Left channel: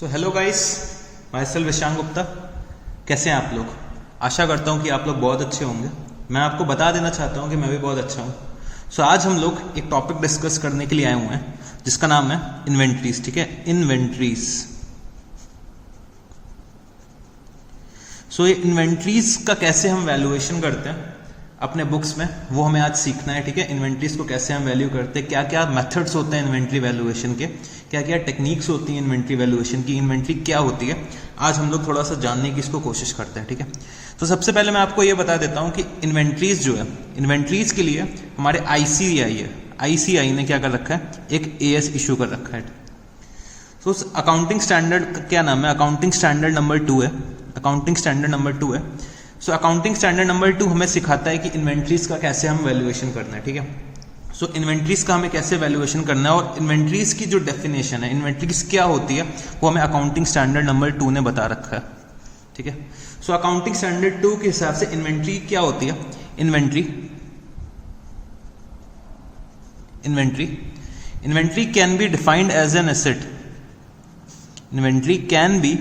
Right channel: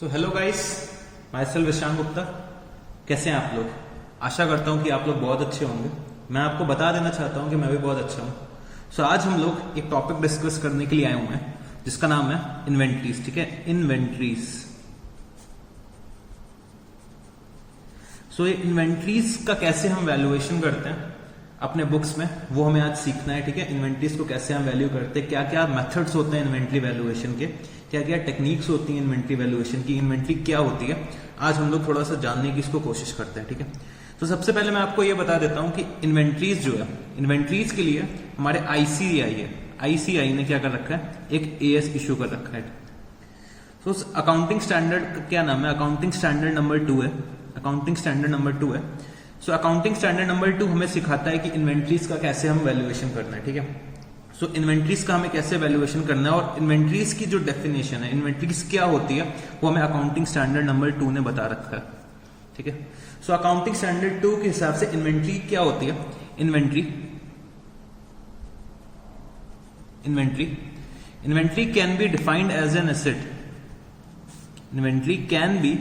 सो hello guys, myself Vishang Gupta. कैसे हैं आप लोग? आशा करता हूं कि आप लोग बहुत अच्छे होंगे। मैं आपको बता देना चाहता हूं कि मैं भी बहुत अच्छा हूं। सो आज हम लोग एक टॉपिक डिस्कस करने के लिए आए हुए हैं जिसका नाम है इन्वेंट्रीज। ठीक है, इन्वेंट्रीज। सो ये इन्वेंट्रीज का कैसे हम वैल्यूएशन करते हैं अपने बुक्स में, वो हमें आज सीखना है। ठीक है, इन्वेंट्रीज को कैसे हम वैल्यू करते हैं, क्या क्या मेथड्स होते हैं इन्वेंट्री वैल्यूएशन के, क्या क्या टेक्निक्स होती हैं इन्वेंट्री वैल्यूएशन की, इन्वेंट्री क्या होती है, आज हम लोग थोड़ा सा जानने की इसको कोशिश करते हैं। ठीक है, तो सबसे पहले मैं आपको ये बता देता हूं कि इन्वेंट्रीज जो है, इन्वेंट्रीज के लिए हमारे आईसीआई है, आईसीआई ने क्या कर रखा है, एक एएस इशू कर रखा है। तो उस अकाउंटिंग स्टैंडर्ड का क्या नाम है, अकाउंटिंग स्टैंडर्ड नंबर 2 है, अकाउंटिंग स्टैंडर्ड नंबर 2 है। सो अकाउंटिंग स्टैंडर्ड नंबर 2 हमें सिखाता है कि इन्वेंट्रीज का कैसे हम वैल्यूएशन करना है। ठीक है, सो इन्वेंट्रीज का हमें कैसे वैल्यूएशन करना है और इन्वेंट्रीज की जो डेफिनेशन है, इन्वेंट्रीज क्या होती है, वो हमें अकाउंटिंग स्टैंडर्ड नंबर 2 ने बता रखा है। ठीक है, सो अकाउंटिंग स्टैंडर्ड 2 के हिसाब से इन्वेंट्री क्या होती है, inventory can be defined as an asset, inventory can be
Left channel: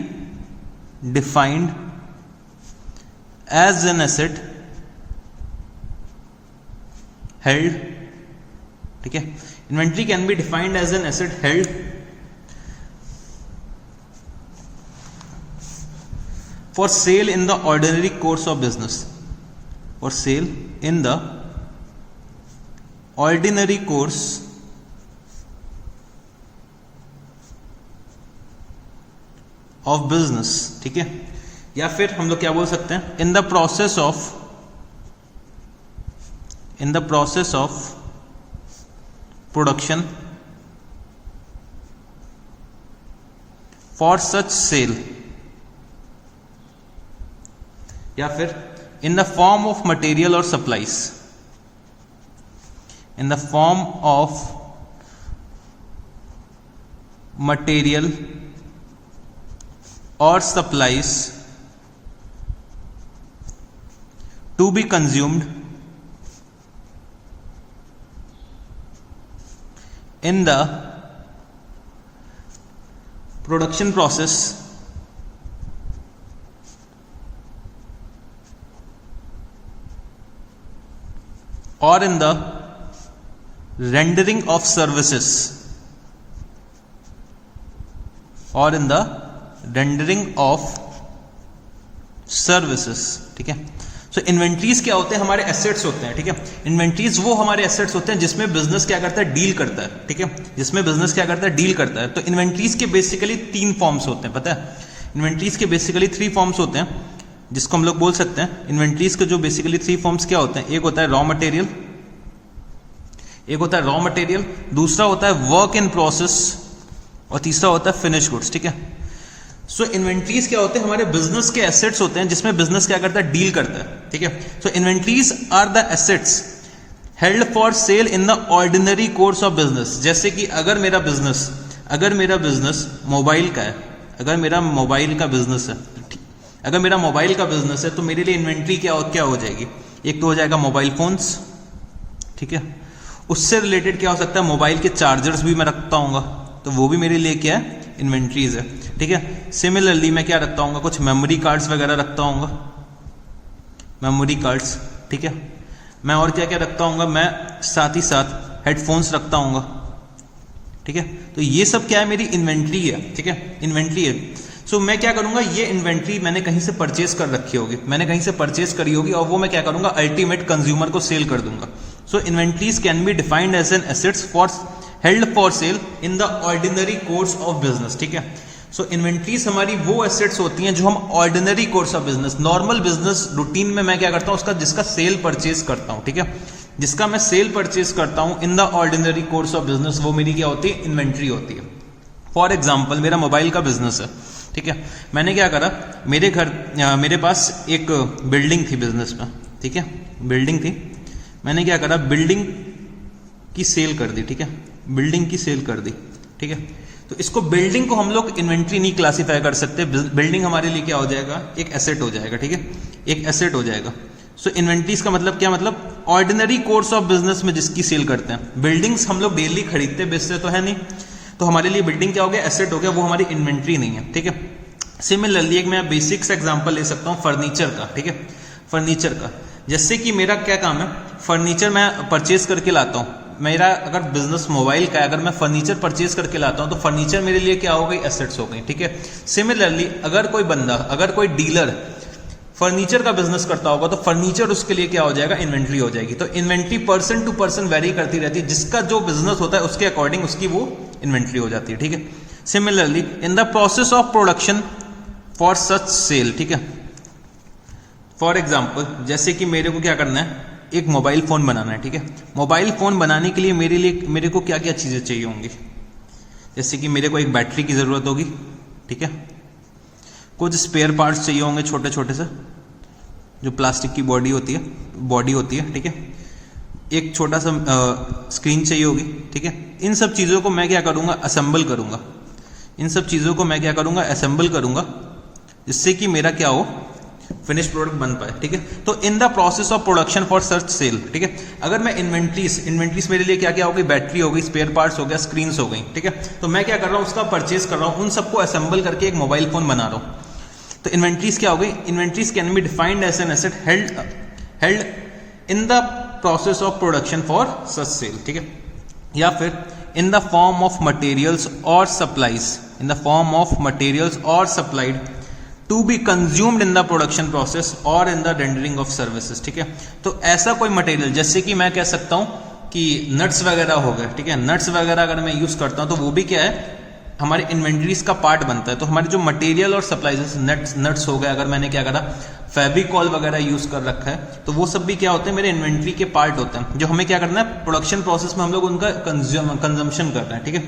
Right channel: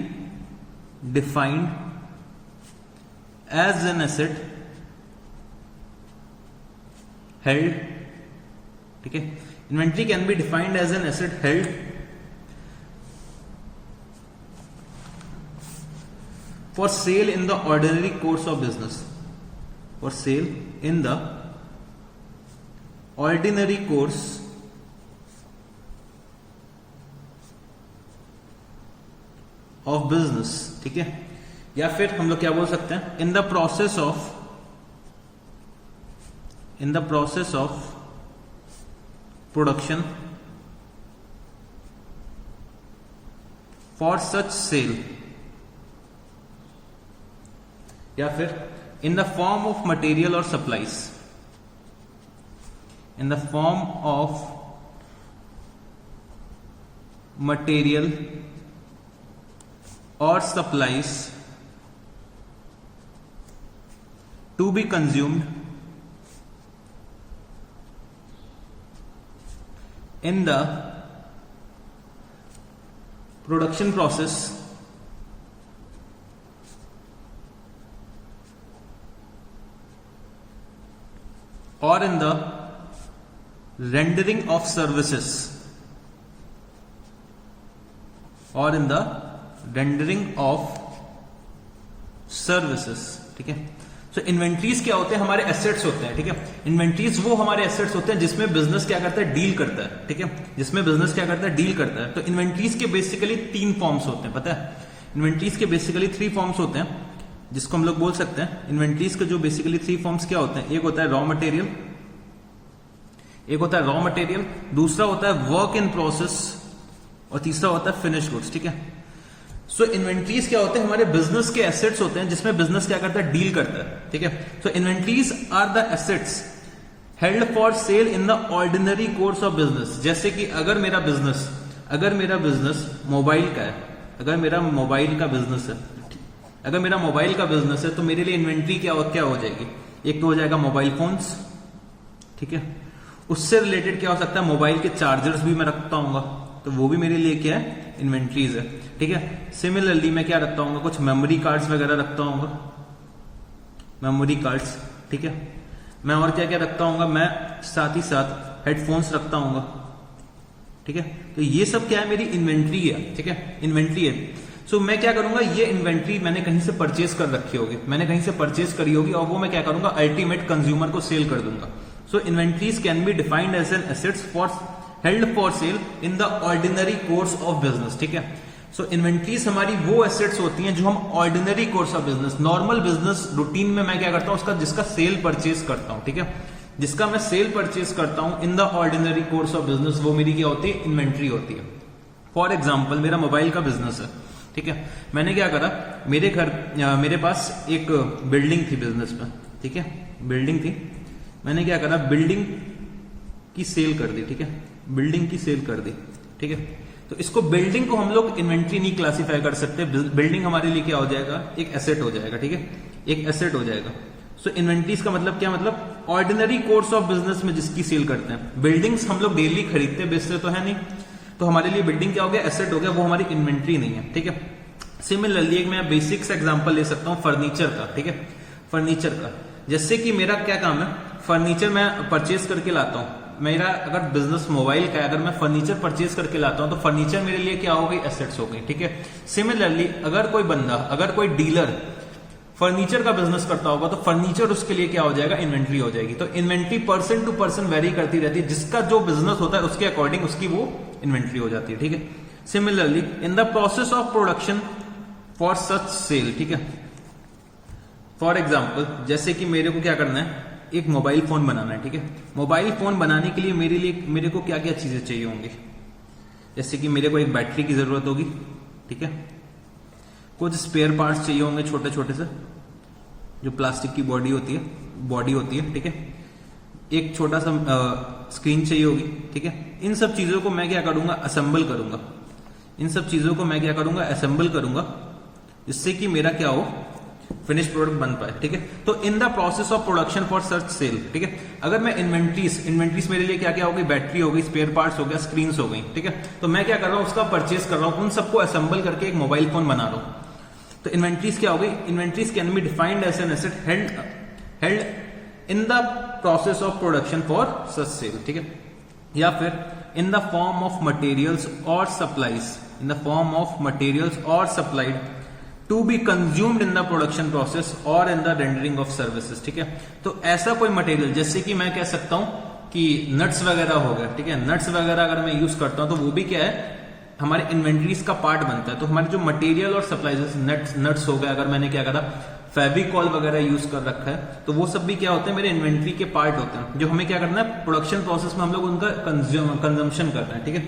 defined as an asset held। ठीक है, inventory can be defined as an asset held for sale in the ordinary course of business, for sale in the ordinary course of business. ठीक है, या फिर हम लोग क्या बोल सकते हैं, in the process of production for such sale, या फिर in the form of material और supplies, in the form of material और supplies to be consumed in the production process or in the rendering of services, or in the rendering of services। ठीक है, so inventories क्या होते हैं, हमारे assets होते हैं। ठीक है, इन्वेंट्रीज वो हमारे एसेट्स होते हैं जिसमें बिजनेस क्या करता है, डील करता है। ठीक है, जिसमें बिजनेस क्या करता है, डील करता है। तो इन्वेंट्रीज के बेसिकली 3 फॉर्म्स होते हैं, पता है, इन्वेंट्रीज के बेसिकली 3 फॉर्म्स होते हैं जिसको हम लोग बोल सकते हैं। इन्वेंट्रीज के जो बेसिकली 3 फॉर्म्स क्या होते हैं, एक होता है रॉ मटेरियल, दूसरा होता है वर्क इन प्रोसेस, और तीसरा होता है फिनिश गुड्स। ठीक है, सो इन्वेंट्रीज क्या होते हैं, हमारे बिजनेस के एसेट्स होते हैं जिसमें बिजनेस क्या करता है, डील करता है। ठीक है, so inventories are the assets held for sale in the ordinary course of business. जैसे कि अगर मेरा बिजनेस मोबाइल का है, अगर मेरा मोबाइल का बिजनेस है, तो मेरे लिए इन्वेंट्री क्या हो जाएगी, एक तो हो जाएगा मोबाइल फोन्स। ठीक है, उससे रिलेटेड क्या हो सकता है, मोबाइल के चार्जर्स भी मैं रखता हूँ, तो वो भी मेरे लिए क्या है, इन्वेंट्रीज है। ठीक है, सिमिलरली मैं क्या रखता हूँ, कुछ मेमोरी कार्ड्स वगैरह रखता हूँ, मेमोरी कार्ड्स। ठीक है, मैं और क्या क्या रखता हूँ, मैं साथ ही साथ हेडफोन्स रखता हूँ। ठीक है, तो ये सब क्या है, मेरी इन्वेंट्री है। ठीक है, इन्वेंट्री है। सो मैं क्या करूंगा, ये इन्वेंट्री मैंने कहीं से परचेज कर रखी होगी, और वो मैं क्या करूंगा, अल्टीमेट कंज्यूमर को सेल कर दूंगा। So inventories can be defined as an assets held for sale in the ordinary course of business. ठीक है, सो इन्वेंट्रीज हमारी वो एसेट्स होती हैं जो हम ordinary course of business, normal business routine में मैं क्या करता हूं, जिसका सेल परचेज करता हूं। ठीक है, जिसका मैं सेल परचेज करता हूं इन the ordinary course of business, वो मेरी क्या होती है, इन्वेंट्री होती है। फॉर एग्जाम्पल, मेरा मोबाइल का बिजनेस है। ठीक है, मैंने क्या करा, मेरे पास एक बिल्डिंग थी बिजनेस में। ठीक है, बिल्डिंग थी, मैंने क्या करा, बिल्डिंग की सेल कर दी। ठीक है, बिल्डिंग की सेल कर दी। ठीक है, तो इसको बिल्डिंग को हम लोग इन्वेंट्री नहीं क्लासिफाई कर सकते, बिल्डिंग हमारे लिए क्या हो जाएगा, एक एसेट हो जाएगा। ठीक है, एक एसेट हो जाएगा। सो इन्वेंट्रीज का मतलब क्या, मतलब ऑर्डिनरी कोर्स ऑफ बिजनेस में जिसकी सेल करते हैं। बिल्डिंग्स हम लोग डेली खरीदते बेचते तो है नहीं, तो हमारे लिए बिल्डिंग क्या हो गया, एसेट हो गया, वो हमारी इन्वेंट्री नहीं है। ठीक है, सिमिलरली एक मैं बेसिक सा एग्जांपल ले सकता हूँ फर्नीचर का। ठीक है, फर्नीचर का, जैसे कि मेरा क्या काम है, फर्नीचर मैं परचेज करके लाता हूँ। मेरा अगर बिजनेस मोबाइल का है, अगर मैं फर्नीचर परचेज करके लाता हूँ तो फर्नीचर मेरे लिए क्या हो गई, एसेट्स हो गई। ठीक है, सिमिलरली अगर कोई बंदा, अगर कोई डीलर फर्नीचर का बिजनेस करता होगा तो फर्नीचर उसके लिए क्या हो जाएगा, इन्वेंट्री हो जाएगी। तो inventory person to person vary करती रहती है, जिसका जो बिजनेस होता है उसके अकॉर्डिंग उसकी वो इन्वेंट्री हो जाती है। ठीक है, similarly in the process of production for such sale. ठीक है, फॉर एग्जाम्पल जैसे कि मेरे को क्या करना है, एक मोबाइल फोन बनाना है। ठीक है, मोबाइल फोन बनाने के लिए मेरे को क्या क्या चीजें चाहिए होंगी, जैसे कि मेरे को एक बैटरी की जरूरत होगी। ठीक है, कुछ स्पेयर पार्ट्स चाहिए होंगे छोटे छोटे से, जो प्लास्टिक की बॉडी होती है। ठीक है, एक छोटा सा स्क्रीन चाहिए होगी। ठीक है, इन सब चीजों को मैं क्या करूंगा, असेंबल करूंगा। इन सब चीजों को मैं क्या करूंगा, असेंबल करूंगा, जिससे कि मेरा क्या हो, फिनिश प्रोडक्ट बन पाए। ठीक है, तो in the process of production for search sale. ठीक है, अगर मैं इन्वेंट्रीज मेरे लिए क्या क्या होगी, बैटरी हो गई, स्पेयर पार्ट्स हो गया, स्क्रीन्स हो गई। ठीक है, तो मैं क्या कर रहा हूं, उसका परचेज कर रहा हूं, उन सबको असेंबल करके एक मोबाइल फोन बना रहा हूं। तो इन्वेंट्रीज क्या हो गई, inventories can be defined as an asset held in the process of production for such sale. ठीक है, या फिर in the form of materials और supplies, in the form of materials और supplied to be consumed in the production process और in the rendering of services. ठीक है, तो ऐसा कोई मटेरियल, जैसे कि मैं कह सकता हूं कि नट्स वगैरह हो गए। ठीक है, नट्स वगैरह अगर मैं यूज करता हूं तो वो भी क्या है, हमारे इन्वेंट्रीज का पार्ट बनता है। तो हमारे जो मटेरियल और सप्लाईज, नट्स हो गए, अगर मैंने क्या करा, फेविकॉल वगैरह यूज कर रखा है, तो वो सब भी क्या होते हैं, मेरे इन्वेंट्री के पार्ट होते हैं, जो हमें क्या करना है, प्रोडक्शन प्रोसेस में हम लोग उनका कंजम्पशन कर रहे हैं। ठीक है,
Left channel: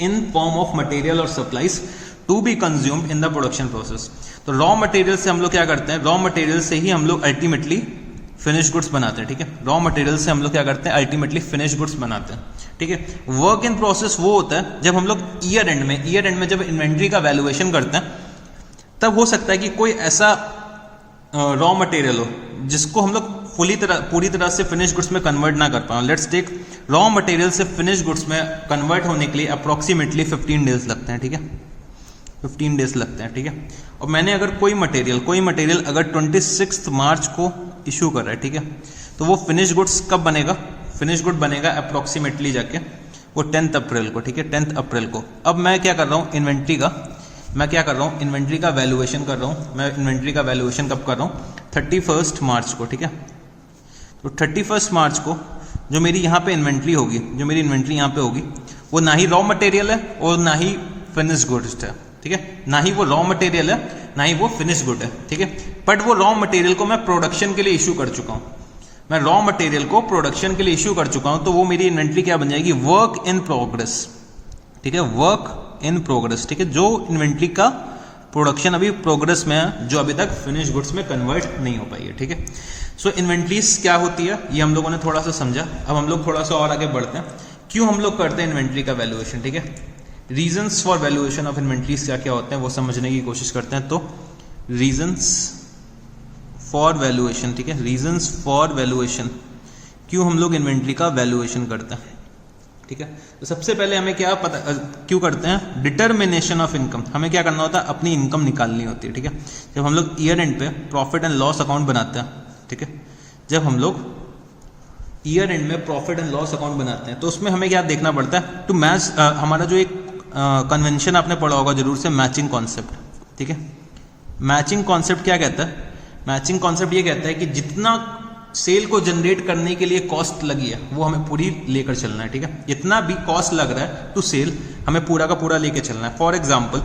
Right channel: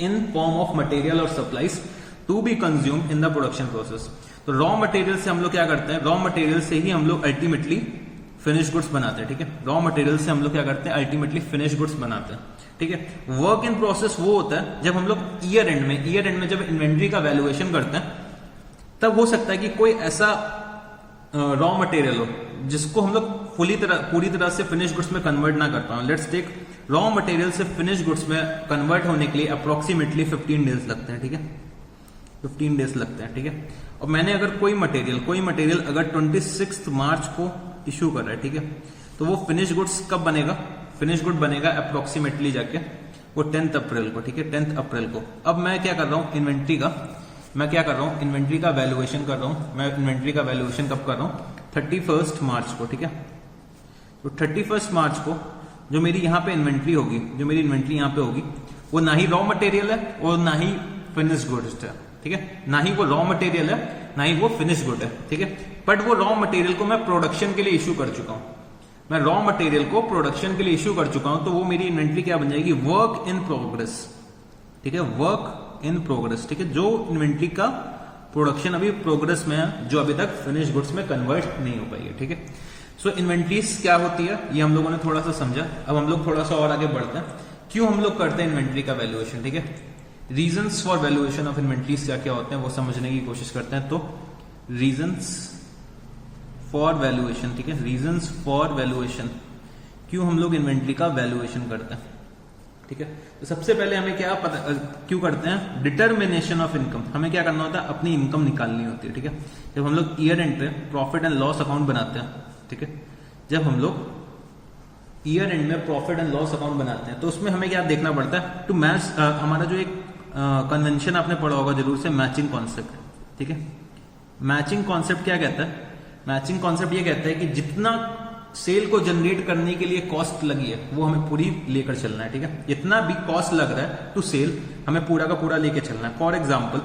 इन फॉर्म ऑफ मटेरियल और supplies to be consumed in the production process. तो रॉ मटेरियल से हम लोग क्या करते हैं, रॉ मटेरियल से ही हम लोग अल्टीमेटली फिनिश गुड्स बनाते हैं। ठीक है, रॉ मटेरियल से हम लोग क्या करते हैं, अल्टीमेटली फिनिश गुड्स बनाते हैं। ठीक है, वर्क इन प्रोसेस वो होता है जब हम लोग ईयर एंड में जब इन्वेंट्री का वैल्यूएशन करते हैं, तब हो सकता है कि कोई ऐसा रॉ मटेरियल हो जिसको हम लोग पूरी तरह से फिनिश गुड्स में कन्वर्ट ना कर पाए। लेट्स टेक, रॉ मटेरियल से फिनिश गुड्स में कन्वर्ट होने के लिए अप्रोक्सीमेटली 15 डेज लगते हैं। ठीक है, 15 डेज लगते हैं। ठीक है, और मैंने अगर कोई मटेरियल अगर 26 मार्च को इशू कर रहा है, ठीक है, तो वो फिनिश गुड्स कब बनेगा, फिनिश गुड बनेगा अप्रोक्सीमेटली जाके वो 10th अप्रैल को। ठीक है, 10th अप्रैल को। अब मैं क्या कर रहा हूँ, इन्वेंट्री का वैल्यूएशन कर रहा हूँ। मैं इन्वेंट्री का वैल्यूएशन कब कर रहा हूँ, 31 मार्च को। ठीक है, तो 31 मार्च को जो मेरी यहाँ पे इन्वेंट्री होगी, यहाँ पे होगी, वो ना ही रॉ मटेरियल है और ना ही फिनिश गुड्स है। ठीक है, ना ही वो रॉ मटेरियल है, ना ही वो फिनिश गुड है। ठीक है, बट वो रॉ मटेरियल को मैं प्रोडक्शन के लिए इशू कर चुका हूँ, मैं रॉ मटेरियल को प्रोडक्शन के लिए इशू कर चुका हूं, तो वो मेरी इन्वेंट्री क्या बन जाएगी, वर्क इन प्रोग्रेस। ठीक है, वर्क इन प्रोग्रेस। ठीक है, जो इन्वेंट्री का प्रोडक्शन अभी प्रोग्रेस में है, जो अभी तक फिनिश गुड्स में कन्वर्ट नहीं हो पाई है। ठीक है, सो इन्वेंट्रीज क्या होती है, ये हम लोगों ने थोड़ा सा समझा। अब हम लोग थोड़ा सा और आगे बढ़ते हैं, क्यों हम लोग करते हैं इन्वेंट्री का वैल्यूएशन। ठीक है, reasons for valuation of inventories क्या क्या होते हैं वो समझने की कोशिश करते हैं। तो रीजंस फॉर वैल्यूएशन, ठीक है, रीजंस फॉर वैल्यूएशन, क्यों हम लोग इन्वेंट्री का वैल्यूएशन करते हैं। ठीक है, तो सबसे पहले हमें क्या पता क्यों करते हैं, डिटर्मिनेशन ऑफ इनकम। हमें क्या करना होता है, अपनी इनकम निकालनी होती है। ठीक है, जब हम लोग ईयर एंड पे प्रॉफिट एंड लॉस अकाउंट बनाते हैं, ठीक है, जब हम लोग ईयर एंड में प्रॉफिट एंड लॉस अकाउंट बनाते हैं, तो उसमें हमें क्या देखना पड़ता है, टू मैच हमारा जो एक कन्वेंशन आपने पढ़ा होगा जरूर से, मैचिंग कॉन्सेप्ट। ठीक है, मैचिंग कॉन्सेप्ट क्या कहता है, मैचिंग कॉन्सेप्ट ये कहता है कि जितना सेल को जनरेट करने के लिए कॉस्ट लगी है वो हमें पूरी लेकर चलना है। ठीक है, जितना भी कॉस्ट लग रहा है टू सेल, हमें पूरा का पूरा लेकर चलना है। फॉर एग्जांपल,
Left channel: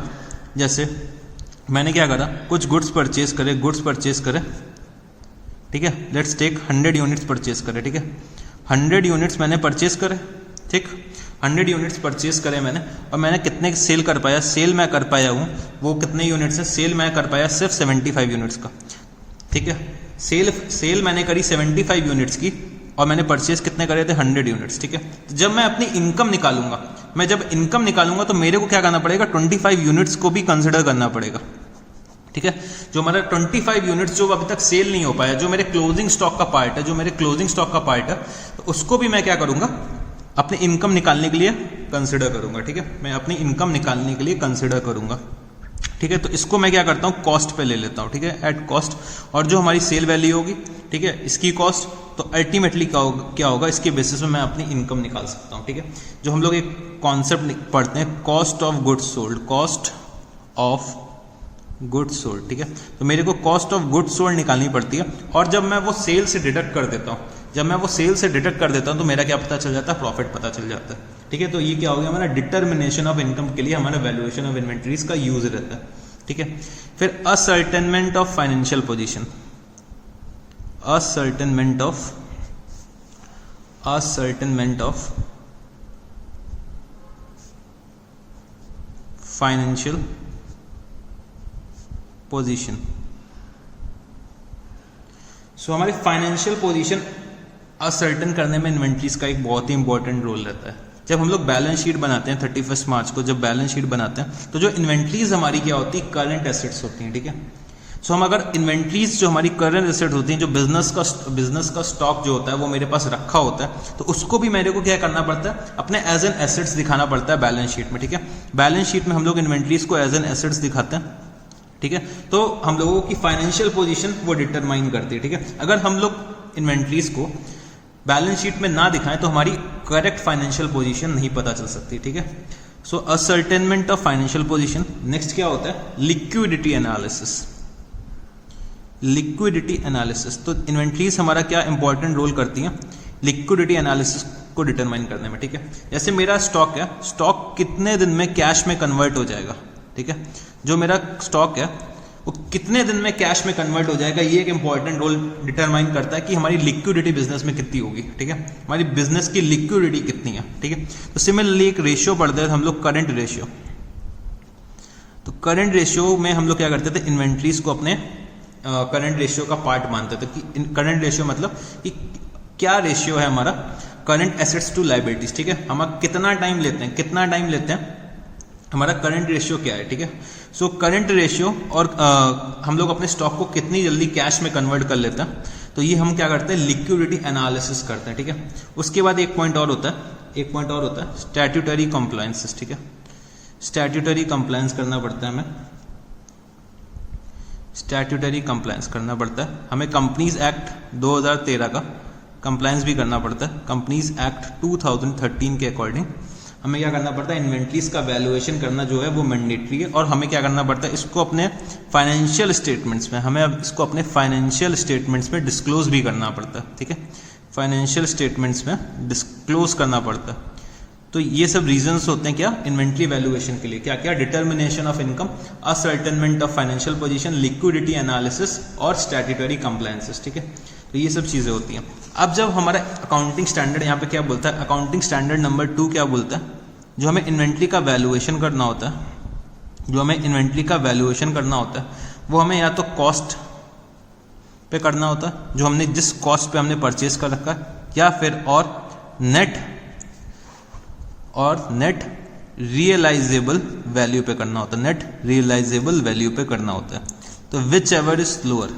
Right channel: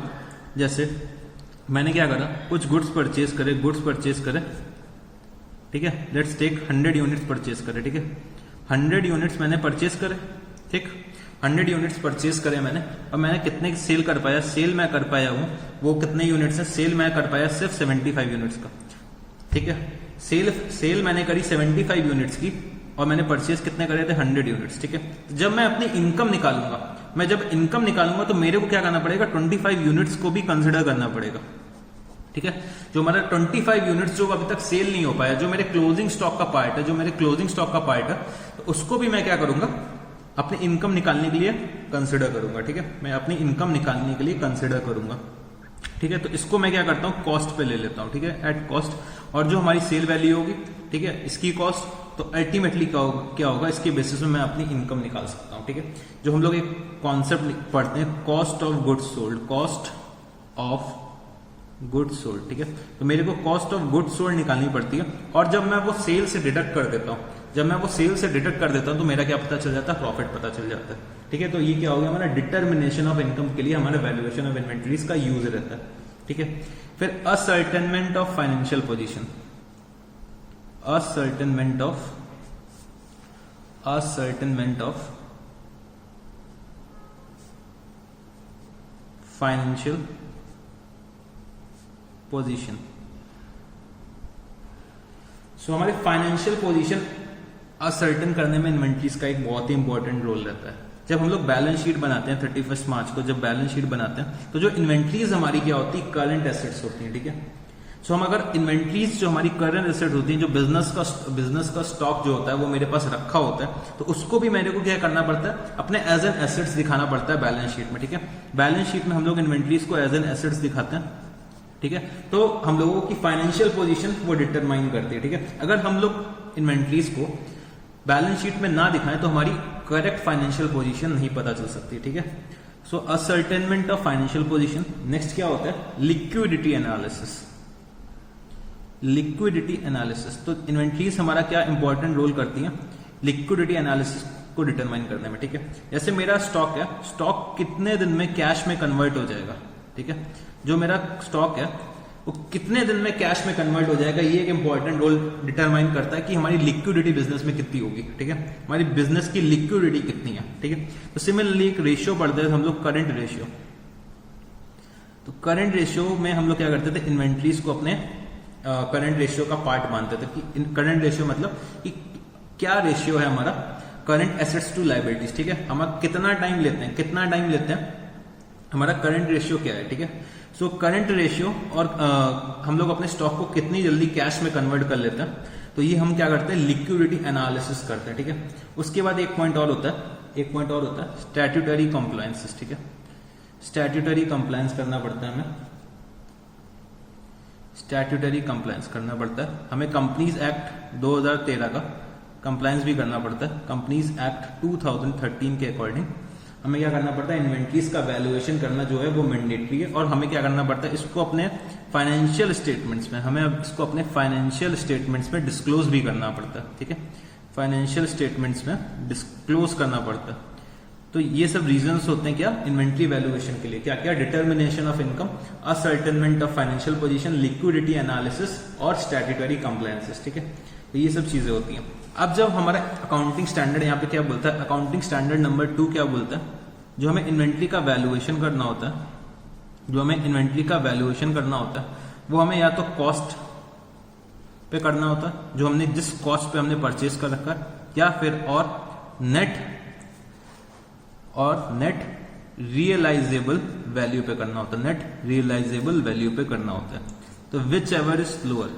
जैसे मैंने क्या करा, कुछ गुड्स परचेज करे। ठीक है, लेट्स टेक 100 यूनिट्स परचेज करे। ठीक है, 100 यूनिट्स मैंने परचेज करे। ठीक, 100 यूनिट्स परचेज करे मैंने, और मैंने कितने सेल कर पाया, सेल मैं कर पाया हूँ वो कितने यूनिट्स है, सेल मैं कर पाया सिर्फ 75 यूनिट्स का। ठीक है, सेल मैंने करी 75 यूनिट्स की, और मैंने परचेज कितने करे थे, 100 यूनिट्स। ठीक है, जब मैं अपनी इनकम निकालूंगा, तो मेरे को क्या करना पड़ेगा, 25 यूनिट्स को भी कंसिडर करना पड़ेगा। ठीक है, जो हमारा 25 यूनिट्स जो अभी तक सेल नहीं हो पाया, जो मेरे क्लोजिंग स्टॉक का पार्ट है, तो उसको भी मैं क्या करूंगा, अपनी इनकम निकालने के लिए कंसिडर करूंगा, ठीक है, मैं अपनी इनकम निकालने के लिए कंसिडर करूंगा, ठीक है। तो इसको मैं क्या करता हूँ, कॉस्ट पे ले लेता हूँ, ठीक है, एट कॉस्ट। और जो हमारी सेल वैल्यू होगी, ठीक है, इसकी कॉस्ट, तो अल्टीमेटली क्या होगा, इसके बेसिस में मैं अपनी इनकम निकाल सकता हूँ, ठीक है। जो हम लोग एक कॉन्सेप्ट पढ़ते हैं, cost of goods sold, cost of goods sold, ठीक है। तो मेरे को कॉस्ट ऑफ गुड्स सोल्ड निकालनी पड़ती है, और जब मैं वो सेल से डिडक्ट कर देता हूँ, तो मेरा क्या पता चल जाता है, प्रॉफिट पता चल जाता है, ठीक है। तो ये क्या हो गया हमारा डिटर्मिनेशन ऑफ इनकम के लिए हमारा वैल्यूएशन ऑफ इन्वेंटरीज का यूज रहता है, ठीक है। फिर ascertainment of financial position, ascertainment of financial position. So हमारी फाइनेंशियल पोजीशन असर्टन करने में इन्वेंटरीज का एक बहुत ही इंपॉर्टेंट रोल रहता है। जब हम लोग बैलेंस शीट बनाते हैं 31 मार्च को, जब बैलेंस शीट बनाते हैं, तो जो इन्वेंटरीज हमारी क्या होती है, करंट एसेट्स होती हैं, ठीक है। सो हम अगर इन्वेंटरीज जो हमारी करंट एसेट होती हैं, जो बिजनेस का स्टॉक जो होता है वो मेरे पास रखा होता है, तो उसको भी मेरे को क्या करना पड़ता है, अपने एज एन एसेट्स दिखाना पड़ता है बैलेंस शीट में, ठीक है। बैलेंस शीट में हम लोग इन्वेंटरीज को एज एन एसेट्स दिखाते हैं, ठीक है। तो हम लोगों की फाइनेंशियल पोजीशन वो डिटरमाइन करती है, ठीक है। अगर हम लोग इन्वेंटरीज को बैलेंस शीट में ना दिखाएं तो हमारी करेक्ट फाइनेंशियल पोजीशन नहीं पता चल सकती, ठीक है। So ascertainment of financial position. Next क्या होता है, लिक्विडिटी एनालिसिस। लिक्विडिटी एनालिसिस, तो इन्वेंटरीज हमारा क्या इंपॉर्टेंट रोल करती है लिक्विडिटी एनालिसिस को डिटरमाइन करने में, ठीक है। जैसे मेरा स्टॉक है, स्टॉक कितने दिन में कैश में कन्वर्ट हो जाएगा, ठीक है। जो मेरा स्टॉक है वो कितने दिन में कैश में कन्वर्ट हो जाएगा, ये एक इंपॉर्टेंट रोल डिटरमाइन करता है कि हमारी लिक्विडिटी बिजनेस में कितनी होगी, ठीक है। हमारी बिजनेस की लिक्विडिटी कितनी है, ठीक है। तो सिमिलरली एक रेशियो पढ़ते हैं हम लोग, करंट रेशियो। तो करंट रेशियो में हम लोग क्या करते थे, इन्वेंटरीज को अपने करंट रेशियो का पार्ट मानते थे कि करंट रेशियो मतलब कि क्या रेशियो है हमारा करंट एसेट्स टू लायबिलिटीज, ठीक है। हम कितना टाइम लेते हैं, हमारा करंट रेशियो क्या है, ठीक है। सो करंट रेशियो और हम लोग अपने स्टॉक को कितनी जल्दी कैश में कन्वर्ट कर लेते हैं, तो ये हम क्या करते हैं, लिक्विडिटी एनालिसिस करते हैं, ठीक है। उसके बाद एक पॉइंट और होता है स्टैट्यूटरी कंप्लायंसेस, ठीक है। स्टैट्यूटरी कंप्लायंस करना पड़ता है हमें, स्टैट्यूटरी कंप्लायंस करना पड़ता है हमें। कंपनीज एक्ट 2013 का कंप्लायंस भी करना पड़ता है। कंपनीज एक्ट 2013 के अकॉर्डिंग हमें क्या करना पड़ता है, इन्वेंटरीज का वैल्यूएशन करना जो है वो मैंडेटरी है, और हमें क्या करना पड़ता है, इसको अपने फाइनेंशियल स्टेटमेंट्स में, हमें इसको अपने फाइनेंशियल स्टेटमेंट्स में डिस्क्लोज भी करना पड़ता है, ठीक है। फाइनेंशियल स्टेटमेंट्स में डिस्क्लोज करना पड़ता है। तो ये सब रीजंस होते हैं क्या, इन्वेंटरी वैल्यूएशन के लिए, क्या क्या, determination of income, ascertainment of financial position, liquidity analysis और स्टैट्यूटरी कंप्लायंसेस, ठीक है। तो ये सब चीजें होती हैं। अब जब हमारा अकाउंटिंग स्टैंडर्ड यहाँ पे क्या बोलता है, अकाउंटिंग स्टैंडर्ड नंबर 2 क्या बोलता है, जो हमें इन्वेंटरी का वैल्यूएशन करना होता है, वो हमें या तो कॉस्ट पे करना होता है, जो हमने जिस कॉस्ट पे हमने परचेज कर रखा है, या फिर और नेट रियलाइजेबल वैल्यू पे करना होता है, नेट रियलाइजेबल वैल्यू पे करना होता है। तो विच एवर इज लोअर,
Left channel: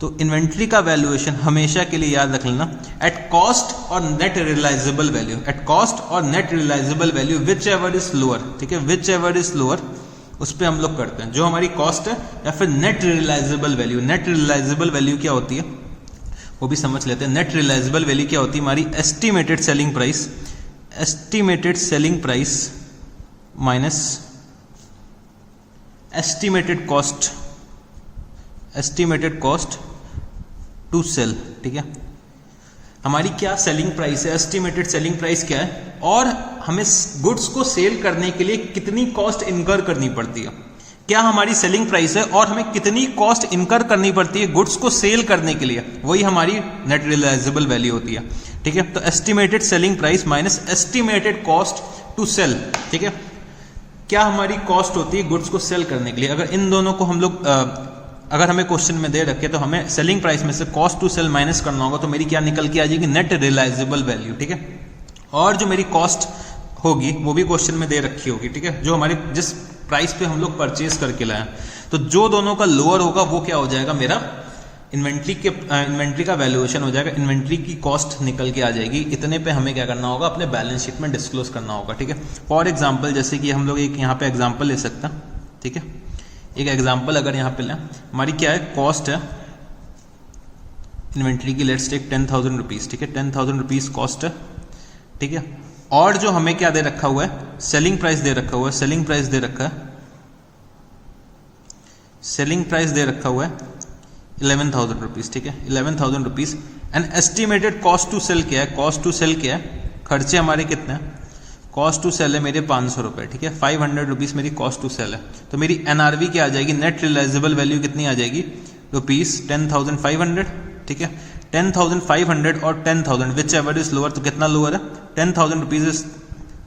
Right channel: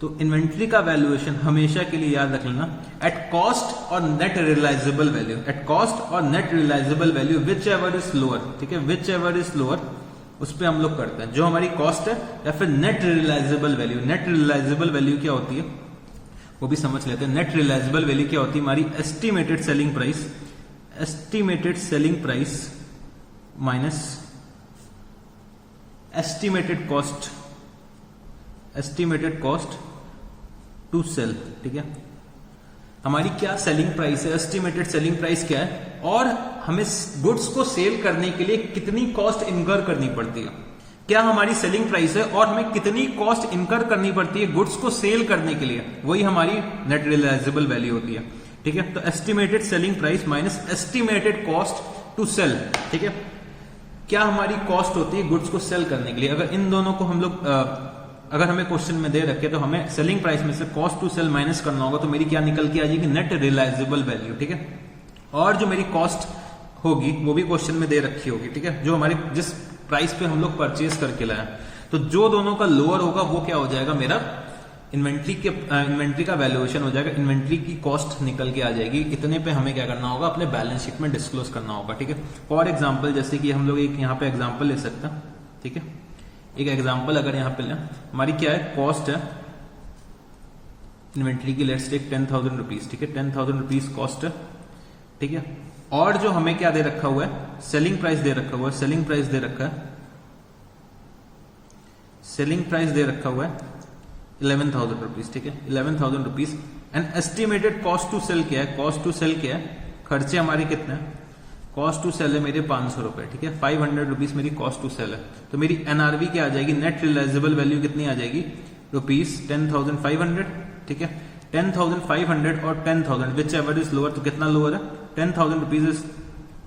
तो इन्वेंट्री का वैल्यूएशन हमेशा के लिए याद रख लेना, एट कॉस्ट और net realisable value, at cost और net realisable value whichever is lower, ठीक है। विच एवर इज लोअर उस पर हम लोग करते हैं, जो हमारी कॉस्ट है या फिर net realisable value. Net realisable value क्या होती है वो भी समझ लेते हैं। नेट रियलाइजेबल वैल्यू क्या होती है, हमारी estimated selling price minus estimated cost to sell, ठीक है। हमारी क्या सेलिंग प्राइस है, एस्टिमेटेड सेलिंग प्राइस क्या है, और हमें गुड्स को सेल करने के लिए कितनी कॉस्ट इनकर करनी पड़ती है, क्या हमारी सेलिंग प्राइस है और हमें कितनी कॉस्ट इनकर करनी पड़ती है गुड्स को सेल करने के लिए, वही हमारी नेट रियलाइजेबल वैल्यू होती है, ठीक है। तो estimated selling price minus estimated cost to sell, ठीक है। क्या हमारी कॉस्ट होती है गुड्स को सेल करने के लिए, अगर इन दोनों को हम लोग अगर हमें क्वेश्चन में दे रखे तो हमें सेलिंग प्राइस में से कॉस्ट टू सेल माइनस करना होगा, तो मेरी क्या निकल के आ जाएगी, नेट रियलाइजेबल वैल्यू, ठीक है। और जो मेरी कॉस्ट होगी वो भी क्वेश्चन में दे रखी होगी, ठीक है, जो हमारे जिस प्राइस पे हम लोग परचेज करके लाए, तो जो दोनों का लोअर होगा वो क्या हो जाएगा, मेरा इन्वेंट्री का वैल्यूएशन हो जाएगा, इन्वेंट्री की कॉस्ट निकल के आ जाएगी, इतने पे हमें क्या करना होगा, अपने बैलेंस शीट में डिस्क्लोज करना होगा, ठीक है। फॉर एग्जांपल जैसे कि हम लोग एक यहाँ पे एग्जांपल ले सकते हैं, ठीक है। एक एग्जांपल अगर यहाँ पे लें, हमारी क्या है, कॉस्ट है इन्वेंट्री की, लेट्स टेक 10,000 रुपीज, ठीक है। 10,000 रुपीज कॉस्ट है, ठीक है। और जो हमें क्या दे रखा हुआ है, सेलिंग प्राइस दे रखा हुआ है, सेलिंग प्राइस दे रखा है, सेलिंग प्राइस दे रखा हुआ है 11,000 रुपीज, ठीक है। 11,000 rupees and estimated cost to sell क्या है, कॉस्ट टू सेल क्या है, खर्चे हमारे कितने हैं, कॉस्ट टू सेल है मेरे 500 रुपए, ठीक है। 500 रुपीज मेरी कॉस्ट टू सेल है, तो मेरी एनआरवी क्या आ जाएगी, नेट रियलाइजेबल वैल्यू कितनी आ जाएगी, रुपीज 10,500, ठीक है। 10,500 और 10,000 विच एवर इज लोअर, तो कितना लोअर है, 10,000 rupees is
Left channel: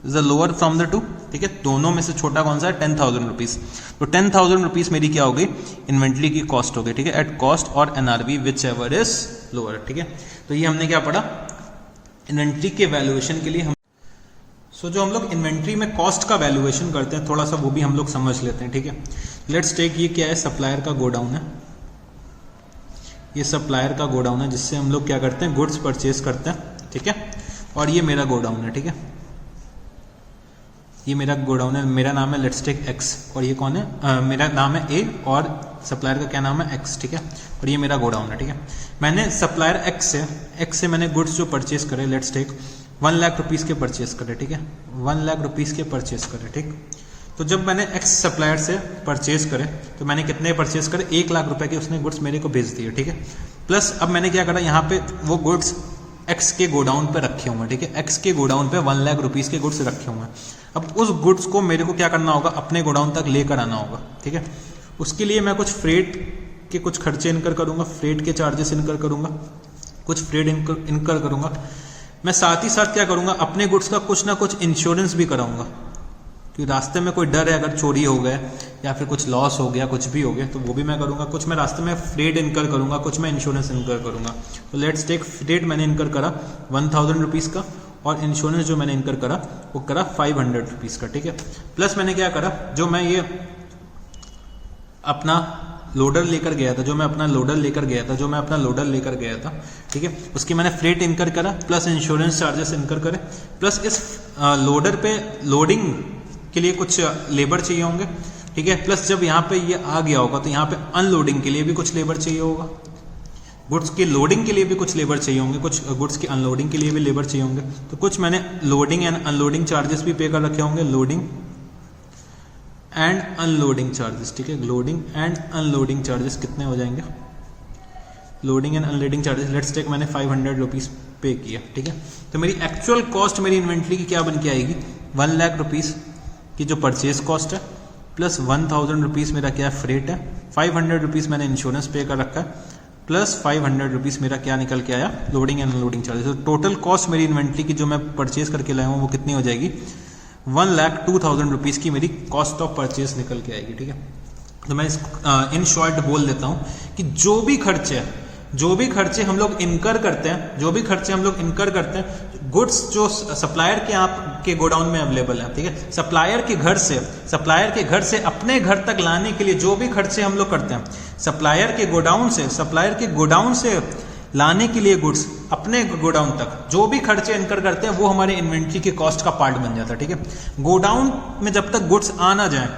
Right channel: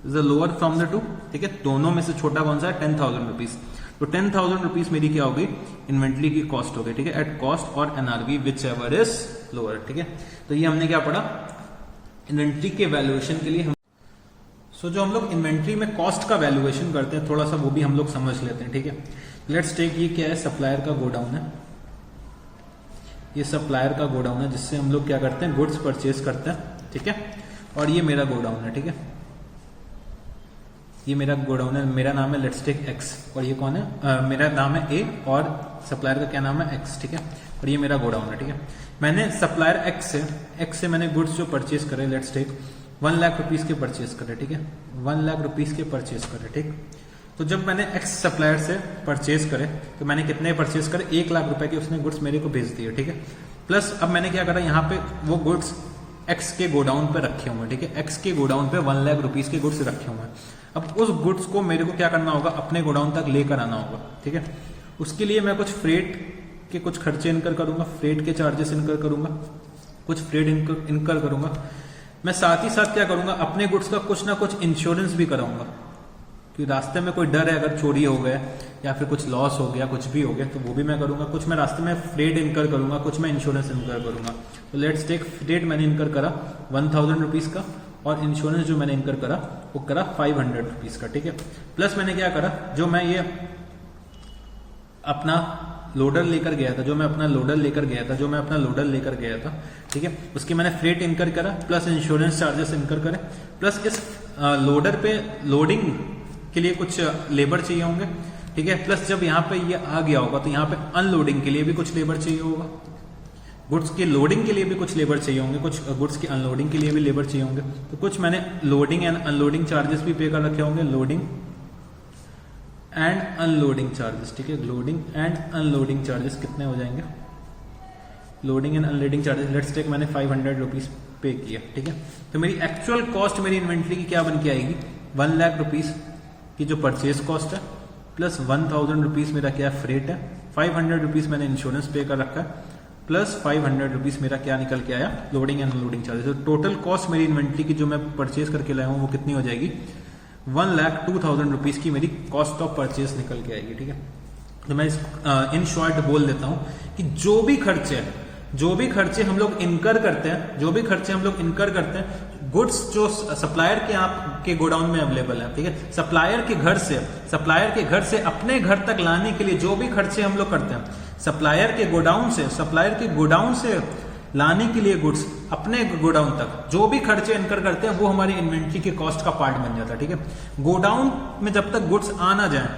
the lower from the two, ठीक है। दोनों में से छोटा कौन सा है, 10,000 रुपीज। तो 10,000 रुपीज मेरी क्या होगी, इन्वेंट्री की कॉस्ट होगी, ठीक है, एट कॉस्ट और NRV which ever is lower, ठीक है। तो ये हमने क्या पढ़ा, इन्वेंट्री के वैल्यूएशन के लिए हम जो हम लोग इन्वेंट्री में कॉस्ट का वैल्यूएशन करते हैं, थोड़ा सा वो भी हम लोग समझ लेते हैं, ठीक है। लेट्स टेक, ये क्या है, सप्लायर का गोडाउन है, ये सप्लायर का गोडाउन है जिससे हम लोग क्या करते हैं, गुड्स परचेज करते हैं, ठीक है। और ये मेरा गोडाउन है, ठीक है, ये मेरा गोडाउन है, मेरा नाम है लेट्स टेक एक्स, और ये कौन है, मेरा नाम है ए और सप्लायर का क्या नाम है, एक्स, ठीक है। और ये मेरा गोडाउन है, ठीक है। मैंने सप्लायर एक्स से मैंने गुड्स जो परचेज करे, लेट्स टेक 1 लाख रुपीज के परचेज करे, ठीक है, 1 लाख रुपीज के परचेज करे, ठीक। तो जब मैंने एक्स सप्लायर से परचेज करे, तो मैंने कितने परचेज करे, 1 लाख रुपए के उसने गुड्स मेरे को भेज दिए, ठीक है। प्लस अब मैंने क्या करा, यहाँ पे वो गुड्स एक्स के गोडाउन पे रखे हुए हैं, ठीक है, एक्स के गोडाउन पे 1 लाख रुपीज के गुड्स रखे हुए हैं। अब उस गुड्स को मेरे को क्या करना होगा, अपने गोडाउन तक लेकर आना होगा, ठीक है। उसके लिए मैं कुछ फ्रेट के कुछ खर्चे इनकर करूंगा, फ्रेट के चार्जेस इनकर करूंगा, कुछ फ्रेट इनकर करूंगा। मैं साथ ही साथ क्या करूंगा, अपने गुड्स का कुछ ना कुछ इंश्योरेंस भी कराऊंगा, क्योंकि रास्ते में कोई डर है अगर चोरी हो गए या फिर कुछ लॉस हो गया, कुछ भी हो गया, तो वो भी मैं करूंगा। कुछ मैं रास्ते में फ्रेट इनकर करूंगा, कुछ मैं इंश्योरेंस इनकर करूंगा। तो लेट्स टेक, फ्रेट मैंने इनकर करा 1,000 रुपीज का, और इंश्योरेंस जो मैंने इनकर करा वो करा 500 रुपीज का, ठीक है। प्लस मैंने क्या करा, जो मैं ये अपना लोडर लेकर गया था, ठीक है, उसकी मैंने फ्रेट इनकर करा, प्लस इंश्योरेंस चार्जेस इनकर करे, प्लस इस लोडर पे लोडिंग के लिए कुछ लेबर चाहिए होंगे, ठीक है। प्लस जब यहाँ पे ये आ गया होगा तो यहाँ पे अनलोडिंग के लिए भी कुछ लेबर चाहिए होगा, गुड्स की लोडिंग के लिए भी कुछ लेबर चाहिए होंगे, कुछ गुड्स की अनलोडिंग के लिए भी लेबर चाहिए होंगे। तो कुछ मैंने लोडिंग एंड अनलोडिंग चार्जेस भी पे कर रखे होंगे, लोडिंग एंड अनलोडिंग चार्जेस, ठीक है। लोडिंग एंड अनलोडिंग चार्जेस कितने हो जाएंगे, loading and unloading charges, let's take मैंने 500 रुपीज पे किया, ठीक है। तो मेरी एक्चुअल कॉस्ट मेरी इन्वेंट्री की क्या बन के आएगी, 1 लाख रुपीज की जो परचेज कॉस्ट है, प्लस 1,000 रुपीज मेरा क्या फ्रेट है, 500 रुपीज मैंने इंश्योरेंस पे कर रखा है, प्लस 500 रुपीज मेरा क्या निकल के आया, लोडिंग एंड अनलोडिंग चार्जेस। तो टोटल कॉस्ट मेरी इन्वेंट्री की जो मैं परचेज करके लाया हूँ वो कितनी हो जाएगी, 1,02,000 रुपीज की मेरी कॉस्ट ऑफ परचेज निकल के आएगी, ठीक है। तो मैं इन शॉर्ट बोल देता हूँ कि जो भी खर्चे हम लोग इनकर करते हैं, गुड्स जो सप्लायर के आपके गोडाउन में अवेलेबल है, ठीक है, सप्लायर के घर से अपने घर तक लाने के लिए जो भी खर्चे हम लोग करते हैं, सप्लायर के गोडाउन से लाने के लिए गुड्स अपने गोडाउन तक जो भी खर्चे इनकर करते हैं वो हमारे इन्वेंट्री के कॉस्ट का पार्ट बन जाता है, ठीक है। गोडाउन में जब तक गुड्स आ ना जाए,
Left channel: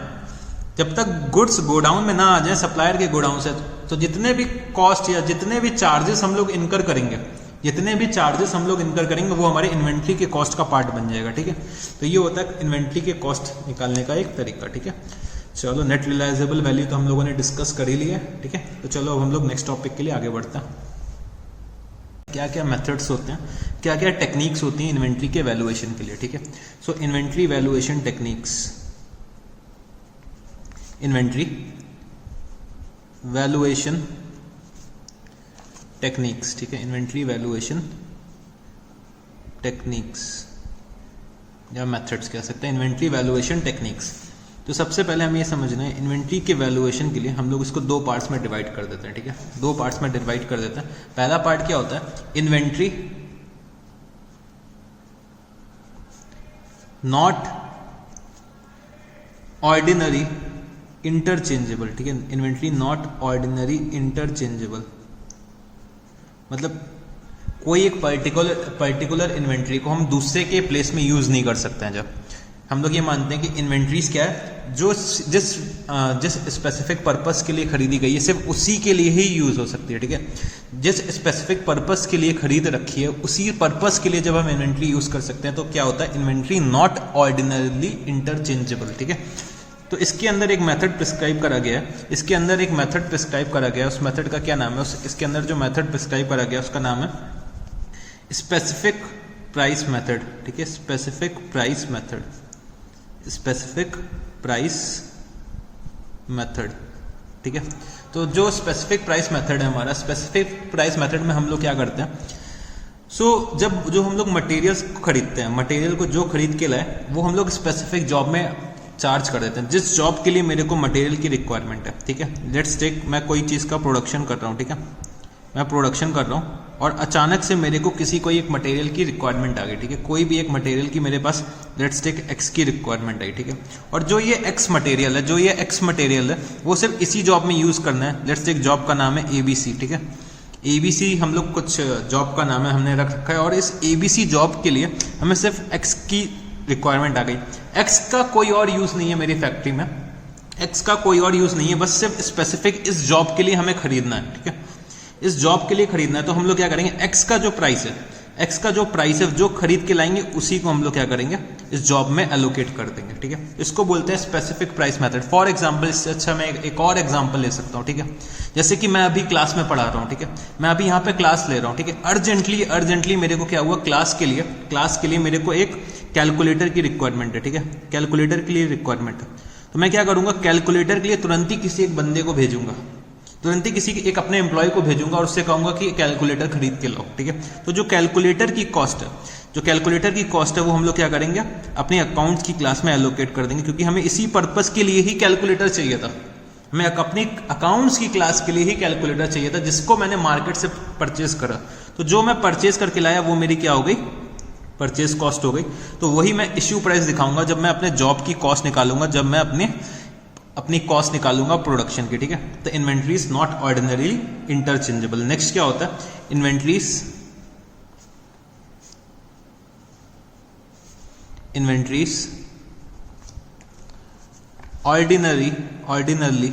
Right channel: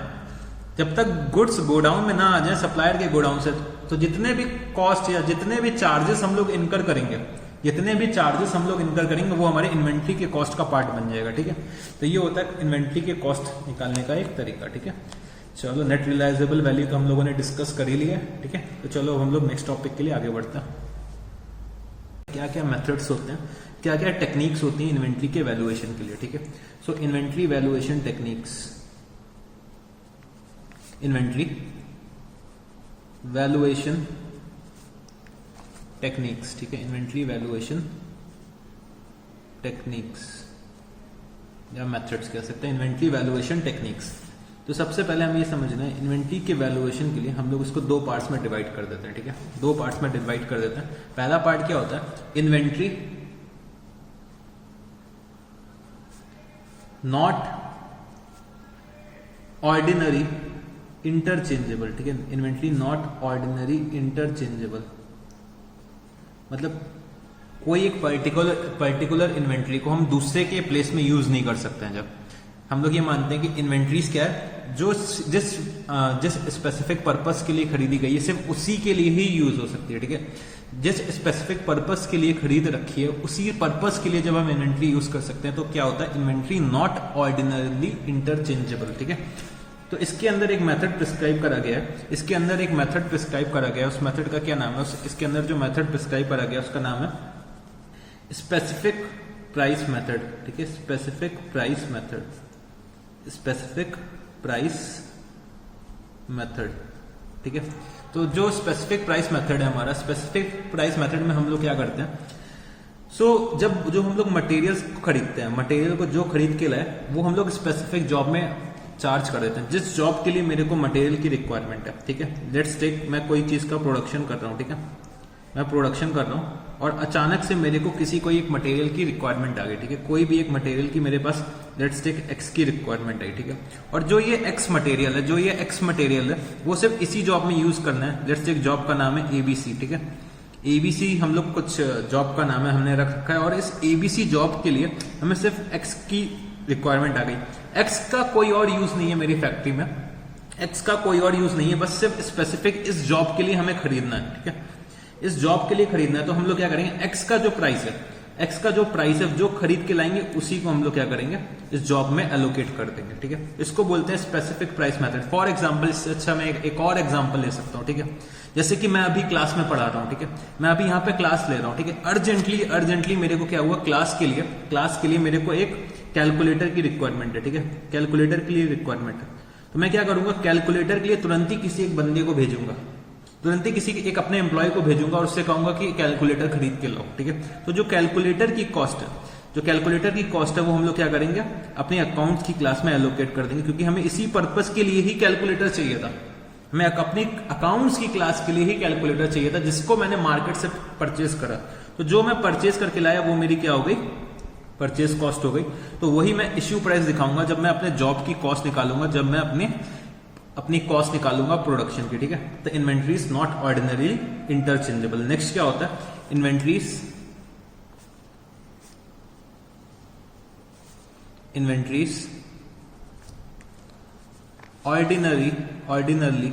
जब तक गुड्स गोडाउन में ना आ जाए सप्लायर के गोडाउन से, तो जितने भी कॉस्ट या जितने भी चार्जेस हम लोग इनकर करेंगे वो हमारे इन्वेंट्री के कॉस्ट का पार्ट बन जाएगा, ठीक है। तो ये होता है इन्वेंट्री के कॉस्ट निकालने का एक तरीका, ठीक है। चलो, नेट रियलाइजेबल वैल्यू तो हम लोगों ने डिस्कस कर ही लिया है, ठीक है। तो चलो अब हम लोग नेक्स्ट टॉपिक के लिए आगे बढ़ते हैं। क्या क्या मेथड्स होते हैं, क्या क्या टेक्निक्स होती हैं इन्वेंट्री के वैल्यूएशन के लिए, ठीक है। So inventory valuation techniques, inventory valuation techniques, ठीक है, इन्वेंट्री वैल्यूएशन टेक्निक्स या मेथड्स कह सकते हैं, इन्वेंट्री वैल्यूएशन टेक्निक्स। तो सबसे पहले हम ये समझना है, इन्वेंट्री के वैल्यूएशन के लिए हम लोग इसको 2 पार्ट्स में डिवाइड कर देते हैं, ठीक है, 2 पार्ट्स में डिवाइड कर देते हैं। पहला पार्ट क्या होता है, इन्वेंट्री नॉट ऑर्डिनरी इंटरचेंजेबल, ठीक है, इन्वेंट्री नॉट ऑर्डिनरी इंटरचेंजेबल, मतलब कोई एक पर्टिकुलर इन्वेंट्री को हम दूसरे के प्लेस में यूज नहीं कर सकते हैं। जब हम लोग ये मानते हैं कि इन्वेंट्रीज क्या है, जो जिस स्पेसिफिक पर्पस के लिए खरीदी गई है सिर्फ उसी के लिए ही यूज हो सकती है, ठीक है। जिस स्पेसिफिक पर्पस के लिए खरीद रखी है उसी पर्पस के लिए जब हम इन्वेंट्री यूज कर सकते हैं तो क्या होता है, इन्वेंट्री नॉट ऑर्डिनरली इंटरचेंजेबल, ठीक है। तो इसके अंदर एक मेथड प्रिस्क्राइब करा गया है, इसके अंदर एक मेथड प्रिस्क्राइब करा गया है, उस मेथड का क्या नाम है, इसके अंदर जो मेथड प्रिस्क्राइब करा गया है उसका नाम है स्पेसिफिक प्राइस मेथड, ठीक है। Specific price method, specific price method, ठीक है। तो जो स्पेसिफिक प्राइस मेथड है हमारा, स्पेसिफिक प्राइस मेथड में हम लोग क्या करते हैं, जब जो हम लोग मटेरियल्स को खरीदते हैं, मटेरियल को जो खरीद के लाए वो हम लोग स्पेसिफिक जॉब में चार्ज कर देते हैं, जिस जॉब के लिए मेरे को मटेरियल की रिक्वायरमेंट है, ठीक है। लेट्स टेक, मैं कोई चीज़ का प्रोडक्शन कर रहा हूँ, ठीक है, मैं प्रोडक्शन कर रहा हूँ और अचानक से मेरे को किसी कोई एक मटेरियल की रिक्वायरमेंट आ गई, ठीक है। कोई भी एक मटेरियल की मेरे पास लेट्स टेक एक्स की रिक्वायरमेंट आई, ठीक है। और जो ये एक्स मटेरियल है वो सिर्फ इसी जॉब में यूज करना है। लेट्स टेक जॉब का नाम है एबीसी, ठीक है। एबीसी हम लोग कुछ जॉब का नाम है हमने रख रखा है और इस एबीसी जॉब के लिए हमें सिर्फ एक्स की रिक्वायरमेंट आ गई। एक्स का कोई और यूज नहीं है मेरी फैक्ट्री में, एक्स का कोई और यूज नहीं है, बस सिर्फ स्पेसिफिक इस जॉब के लिए हमें खरीदना है, ठीक है। इस जॉब के लिए खरीदना है तो हम लोग क्या करेंगे, एक्स का जो प्राइस है जो खरीद के लाएंगे उसी को हम लोग क्या करेंगे, इस जॉब में एलोकेट कर देंगे, ठीक है। इसको बोलते हैं specific price method. For example, इससे अच्छा मैं एक और एग्जांपल ले सकता हूँ, ठीक है। जैसे कि मैं अभी क्लास में पढ़ा रहा हूँ, ठीक है, मैं अभी यहाँ पे क्लास ले रहा हूँ, ठीक है। अर्जेंटली मेरे को क्या हुआ, क्लास के लिए मेरे को एक कैलकुलेटर की रिक्वायरमेंट है, ठीक है। कैलकुलेटर के लिए रिक्वायरमेंट है तो मैं क्या करूंगा, कैलकुलेटर के लिए तुरंत ही किसी एक बंदे को भेजूंगा, तुरंत ही किसी एक अपने एम्प्लॉय को भेजूंगा और उससे कहूंगा कि कैलकुलेटर खरीद के लाओ, ठीक है। तो जो कैलकुलेटर की कॉस्ट है वो हम लोग क्या करेंगे, अपने अकाउंट्स की क्लास में एलोकेट कर देंगे, क्योंकि हमें इसी पर्पस के लिए ही कैलकुलेटर चाहिए था। हमें अपनी अकाउंट्स की क्लास के लिए ही कैलकुलेटर चाहिए था, जिसको मैंने मार्केट से परचेज करा। तो जो मैं परचेज करके लाया वो मेरी क्या हो गई, परचेज कॉस्ट हो गई। तो वही मैं इश्यू प्राइस दिखाऊंगा जब मैं अपने जॉब की कॉस्ट निकालूंगा, जब मैं अपनी कॉस्ट निकालूंगा प्रोडक्शन की, ठीक है। तो inventory is not ordinary interchangeable. Next क्या होता है, इन्वेंट्रीज ऑर्डिनरली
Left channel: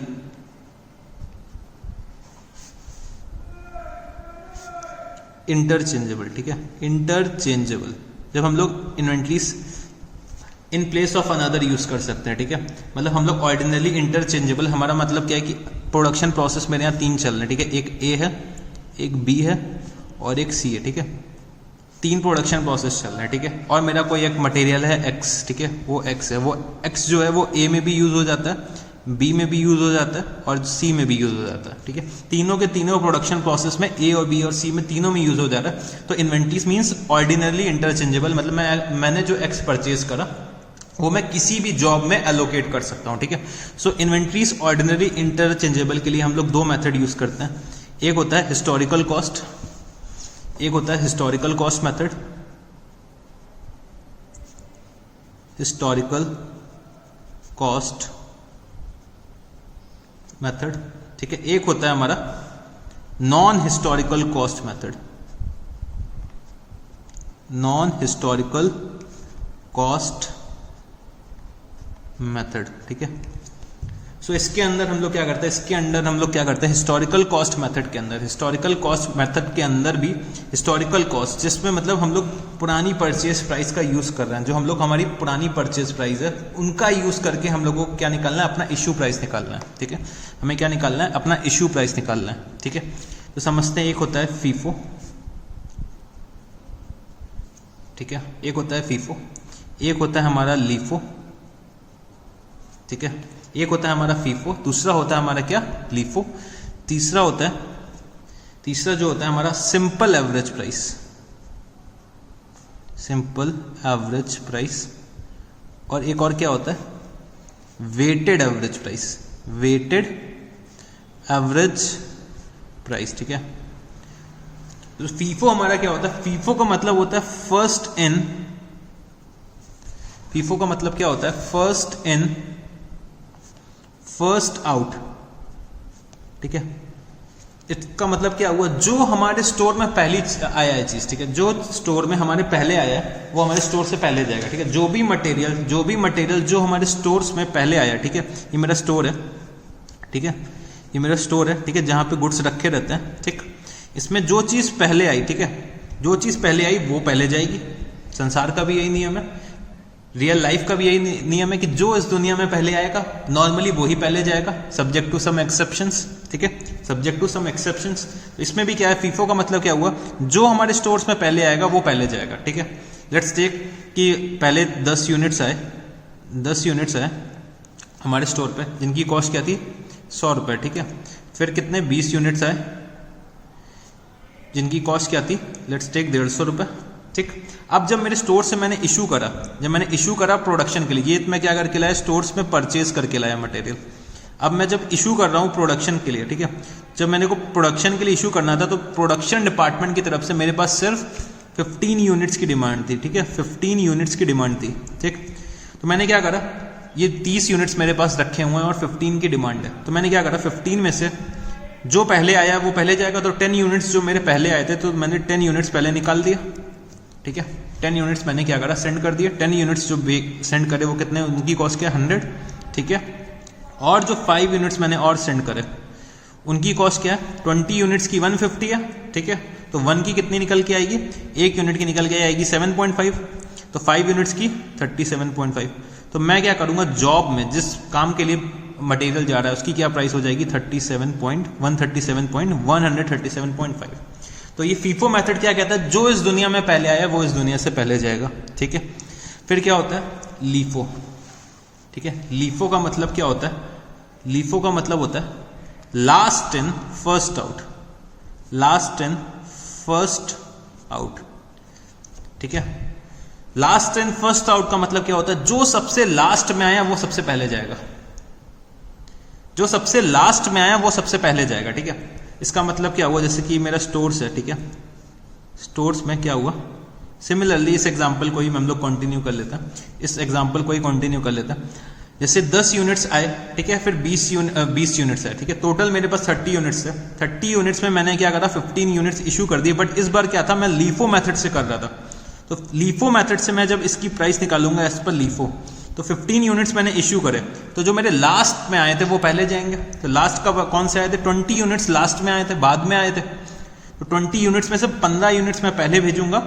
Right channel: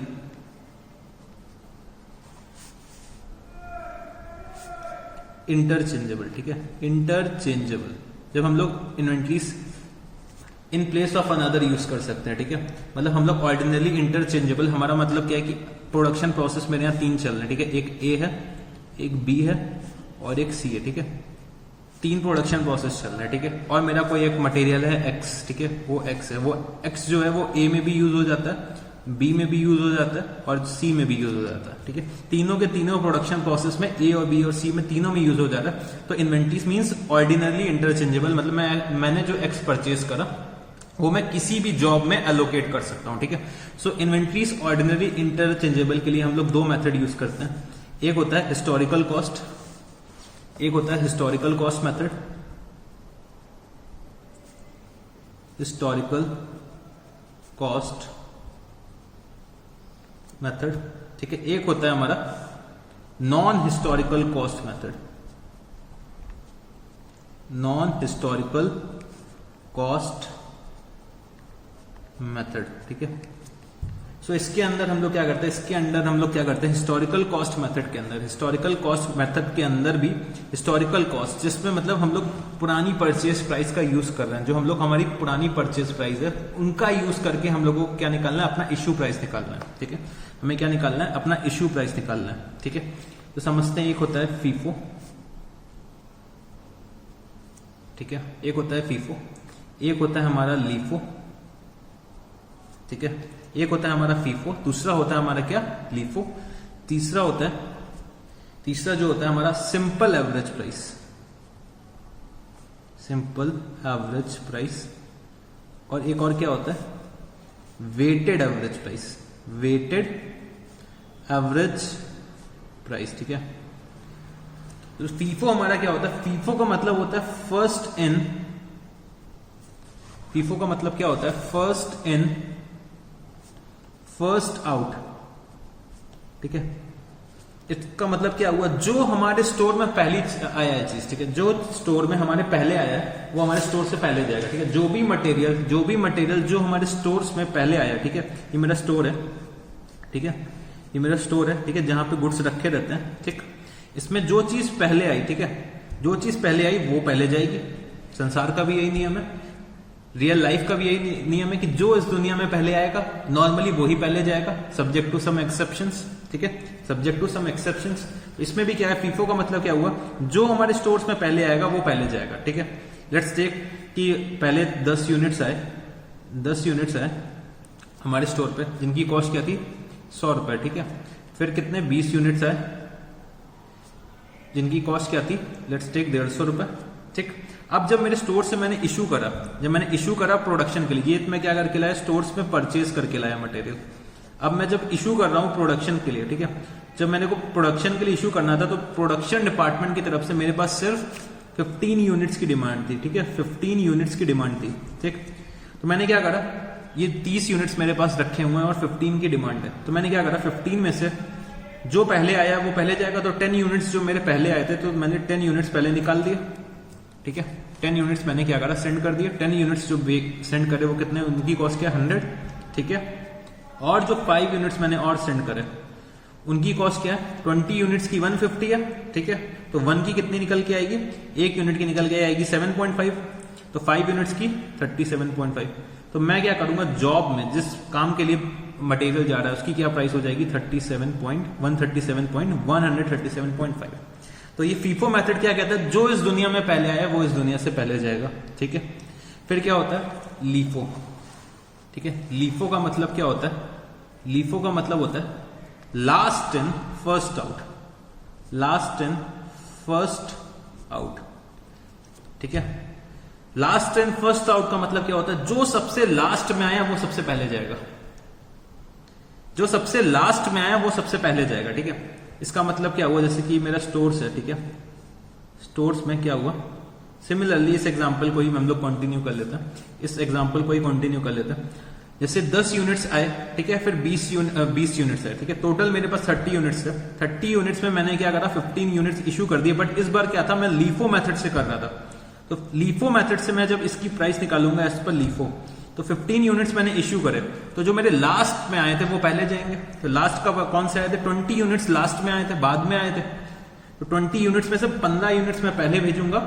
इंटरचेंजेबल, ठीक है। इंटरचेंजेबल, जब हम लोग inventories in place of another use कर सकते हैं, ठीक है। मतलब हम लोग ऑर्डिनरली इंटरचेंजेबल, हमारा मतलब क्या है कि प्रोडक्शन प्रोसेस मेरे यहाँ 3 चल रहे हैं, ठीक है। एक ए है, एक बी है और एक सी है, ठीक है। 3 प्रोडक्शन प्रोसेस चल रहे हैं, ठीक है। और मेरा कोई एक मटेरियल है एक्स, ठीक है, वो एक्स है, वो एक्स जो है वो ए में भी यूज हो जाता है, बी में भी यूज हो जाता है और सी में भी यूज हो जाता है, ठीक है। तीनों के तीनों प्रोडक्शन प्रोसेस में ए और बी और सी में तीनों में यूज हो जाता है। तो इन्वेंट्रीज मींस ऑर्डिनरली इंटरचेंजेबल, मतलब मैंने जो एक्स परचेज करा वो मैं किसी भी जॉब में एलोकेट कर सकता हूं, ठीक है। सो इन्वेंट्रीज ऑर्डिनरी इंटरचेंजेबल के लिए हम लोग 2 मेथड यूज करते हैं। एक होता है हिस्टोरिकल कॉस्ट, एक होता है historical cost method, historical cost method, ठीक है। एक होता है हमारा non historical cost method, non historical cost method, ठीक है। सो इसके अंदर हम लोग क्या करते हैं, हिस्टोरिकल कॉस्ट मेथड के अंदर, हिस्टोरिकल कॉस्ट मेथड के अंदर भी हिस्टोरिकल कॉस्ट, जिसमें मतलब हम लोग पुरानी परचेज प्राइस का यूज कर रहे हैं, जो हम लोग हमारी पुरानी परचेज प्राइस है उनका यूज करके हम लोगों को क्या निकालना है, अपना इश्यू प्राइस निकालना है, ठीक है। हमें क्या निकालना है, अपना इश्यू प्राइस निकालना है, ठीक है। तो समझते हैं, एक होता है फीफो, ठीक है, एक होता है फीफो, एक होता है हमारा लीफो, ठीक है। एक होता है हमारा फीफो, दूसरा होता है हमारा क्या, लीफो, तीसरा जो होता है हमारा simple average price, simple average price, और एक और क्या होता है, weighted average price, weighted average price, ठीक है। तो फीफो हमारा क्या होता है, फीफो का मतलब होता है फर्स्ट इन, फीफो का मतलब क्या होता है, फर्स्ट इन फर्स्ट आउट, ठीक है। इसका मतलब क्या हुआ, जो हमारे स्टोर में पहली आया है चीज, ठीक है, जो स्टोर में हमारे पहले आया है वो हमारे स्टोर से पहले जाएगा, ठीक है। जो भी मटेरियल जो हमारे स्टोर्स में पहले आया, ठीक है, ये मेरा स्टोर है, ठीक है, ये मेरा स्टोर है, ठीक है, जहां पे गुड्स रखे रहते हैं, ठीक। इसमें जो चीज पहले आई, ठीक है, जो चीज पहले आई वो पहले जाएगी। संसार का भी यही नियम है, रियल लाइफ का भी यही नियम है कि जो इस दुनिया में पहले आएगा नॉर्मली वो ही पहले जाएगा, सब्जेक्ट टू सम एक्सेप्शंस, ठीक है, सब्जेक्ट टू सम एक्सेप्शंस। तो इसमें भी क्या है, फीफो का मतलब क्या हुआ, जो हमारे स्टोर्स में पहले आएगा वो पहले जाएगा, ठीक है। लेट्स टेक कि पहले 10 यूनिट्स आए हमारे स्टोर पे, जिनकी कॉस्ट क्या थी 100 रुपए, ठीक है। फिर कितने 20 यूनिट्स आए जिनकी कॉस्ट क्या थी, लेट्स टेक 150 रुपए, ठीक। अब जब मेरे स्टोर से मैंने इशू करा प्रोडक्शन के लिए, ये मैं क्या करके लाया, स्टोर्स में परचेज करके लाया मटेरियल। अब मैं जब इशू कर रहा हूँ प्रोडक्शन के लिए, ठीक है, जब मैंने को प्रोडक्शन के लिए इशू करना था तो प्रोडक्शन डिपार्टमेंट की तरफ से मेरे पास सिर्फ 15 यूनिट्स की डिमांड थी, ठीक है, 15 यूनिट्स की डिमांड थी, ठीक। तो मैंने क्या करा, ये 30 यूनिट्स मेरे पास रखे हुए हैं और 15 की डिमांड है, तो मैंने क्या करा, 15 में से जो पहले आया वो पहले जाएगा, तो 10 यूनिट्स जो मेरे पहले आए थे तो मैंने 10 यूनिट्स पहले निकाल दिया, ठीक है। 10 यूनिट्स मैंने क्या करा, सेंड कर दिया। 10 यूनिट्स जो सेंड करे वो कितने, उनकी कॉस्ट क्या 100, ठीक है। और जो 5 यूनिट्स मैंने और सेंड करे उनकी कॉस्ट क्या है, 20 यूनिट्स की 150 है, ठीक है। तो 1 की कितनी निकल के आएगी, 1 यूनिट की निकल के आएगी 7.5, तो 5 यूनिट्स की 37.5। तो मैं क्या करूंगा, जॉब में जिस काम के लिए मटेरियल जा रहा है उसकी क्या प्राइस हो जाएगी 137.5। तो ये फीफो मेथड क्या कहता है, जो इस दुनिया में पहले आया वो इस दुनिया से पहले जाएगा, ठीक है। फिर क्या होता है लीफो, ठीक है। लीफो का मतलब क्या होता है, लीफो का मतलब होता है last in first out, last in first out, ठीक है। लास्ट इन फर्स्ट आउट का मतलब क्या होता है, जो सबसे लास्ट में आया वो सबसे पहले जाएगा, जो सबसे लास्ट में आया वो सबसे पहले जाएगा, ठीक है। इसका मतलब क्या हुआ, जैसे कि मेरा स्टोर्स है, ठीक है, स्टोर्स में क्या हुआ, सिमिलरली इस एग्जांपल को ही हम लोग कंटिन्यू कर लेते हैं, इस एग्जांपल को ही कंटिन्यू कर लेते हैं। जैसे 10 यूनिट्स आए, ठीक है, फिर 20 यूनिट्स आए, ठीक है, टोटल मेरे पास 30 यूनिट्स है। 30 यूनिट्स में मैंने क्या करा, 15 यूनिट्स इशू कर दिए, बट इस बार क्या था, मैं लीफो मेथड से कर रहा था। तो लीफो मेथड से मैं जब इसकी प्राइस निकालूंगा एज पर लीफो, तो 15 यूनिट्स मैंने इशू करे, तो जो मेरे लास्ट में आए थे वो पहले जाएंगे। तो लास्ट का कौन से आए थे, 20 यूनिट्स लास्ट में आए थे, बाद में आए थे। तो 20 यूनिट्स में से 15 यूनिट्स मैं पहले भेजूंगा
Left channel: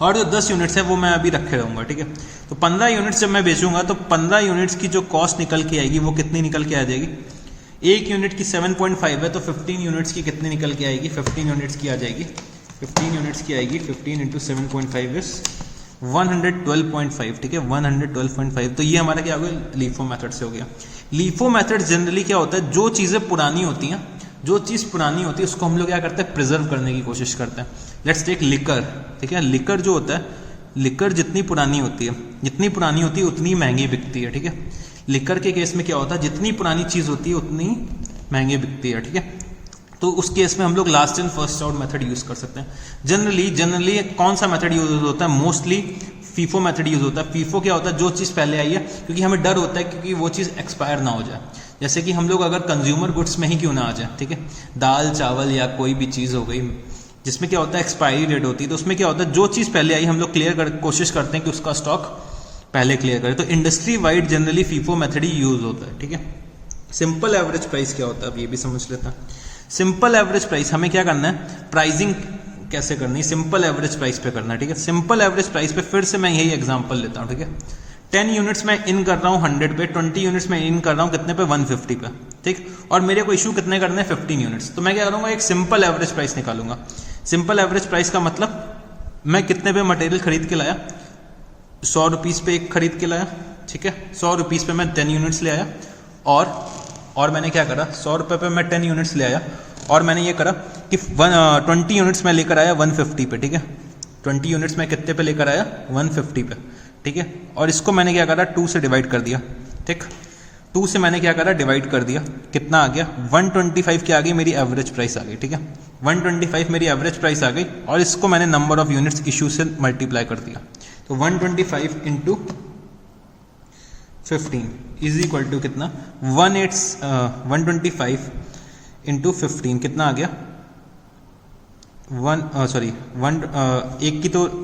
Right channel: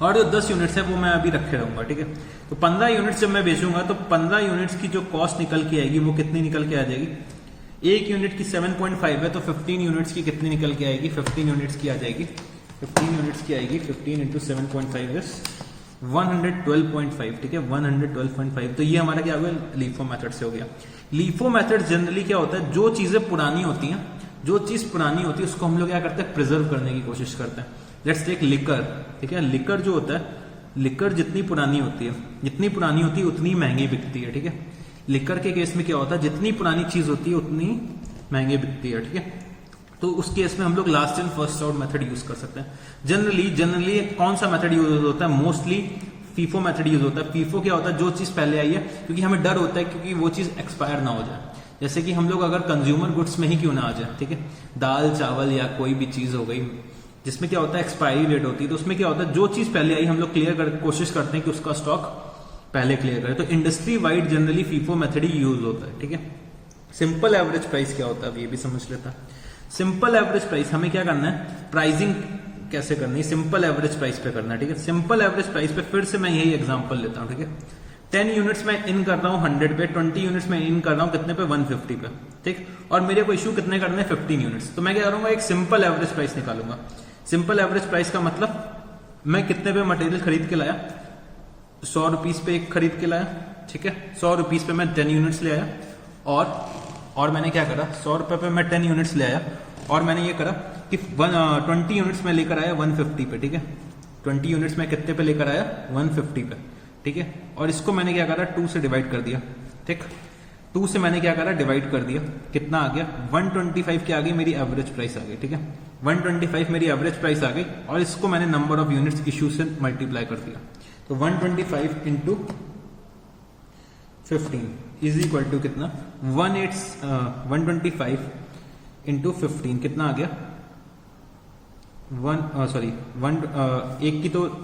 और जो 10 यूनिट्स है वो मैं अभी रखे रहूंगा, ठीक है। तो 15 यूनिट्स जब मैं बेचूंगा तो 15 यूनिट्स की जो कॉस्ट निकल के आएगी वो कितनी निकल के आ जाएगी, 1 यूनिट की 7.5 है, तो 15 यूनिट्स की कितनी निकल के आएगी, 15 यूनिट्स की आ जाएगी, 15 यूनिट्स की आएगी, 15 इंटू 7.5 इज 112.5, ठीक है, 112.5। तो ये हमारा क्या हो गया, लीफो मेथड से हो गया। लीफो मेथड जनरली क्या होता है, जो चीजें पुरानी होती हैं, जो चीज पुरानी होती है उसको हम लोग क्या करते हैं, प्रिजर्व करने की कोशिश करते हैं। लेट्स टेक लिकर, ठीक है, लिकर जो होता है, लिकर जितनी पुरानी होती है उतनी महंगी बिकती है, ठीक है। लिकर के केस में क्या होता है, जितनी पुरानी चीज होती है उतनी महंगी बिकती है, ठीक है। तो उस केस में हम लोग last in first out method use कर सकते हैं। जनरली कौन सा मेथड यूज होता है, मोस्टली फीफो मेथड यूज होता है। फीफो क्या होता है, जो चीज पहले आई है, क्योंकि हमें डर होता है क्योंकि वो चीज एक्सपायर ना हो जाए। जैसे कि हम लोग अगर कंज्यूमर गुड्स में ही क्यों ना आ जाए, ठीक है, दाल चावल या कोई भी चीज हो गई जिसमें क्या होता है एक्सपायरी डेट होती है, तो उसमें क्या होता है जो चीज पहले आई हम लोग कोशिश करते हैं कि उसका स्टॉक पहले क्लियर करें। तो industry wide generally FIFO method ही यूज होता है, ठीक है। सिंपल एवरेज प्राइस क्या होता है, अब ये भी समझ लेते हैं। सिंपल एवरेज प्राइस हमें क्या करना है, प्राइसिंग कैसे करनी है, सिंपल एवरेज प्राइस पे करना है, ठीक है। सिंपल एवरेज प्राइस पे फिर से मैं यही एग्जांपल लेता हूं, ठीक है। 10 यूनिट्स में इन कर रहा हूं 100 पे, 20 यूनिट्स में इन कर रहा हूं कितने पे, 150 पे, ठीक। और मेरे को इशू कितने करने हैं, 15 यूनिट्स। तो मैं क्या करूंगा, एक सिंपल एवरेज प्राइस निकालूंगा। सिंपल एवरेज प्राइस का मतलब मैं कितने पे मटेरियल खरीद के लाया, 100 रुपीज पे एक खरीद के लाया, ठीक है। 100 रुपीज पे मैं 10 यूनिट्स ले आया और मैंने क्या करा, 100 रुपए पे मैं 10 यूनिट्स ले आया और मैंने ये करा कि 20 यूनिट्स में लेकर आया 150 पे, ठीक है। 20 यूनिट्स में कितने पे लेकर आया, 150 पे, ठीक है। और इसको मैंने क्या करा, 2 से डिवाइड कर दिया, ठीक। 2 से मैंने क्या करा, डिवाइड कर दिया, कितना आ गया, 125 की आ गई मेरी एवरेज प्राइस आ गई, ठीक है। 125 मेरी एवरेज प्राइस आ गई और इसको मैंने नंबर ऑफ यूनिट्स इशू से मल्टीप्लाई कर दिया। तो 125 इंटू 15 इज इक्वल टू कितना, 125 इंटू 15 कितना आ गया,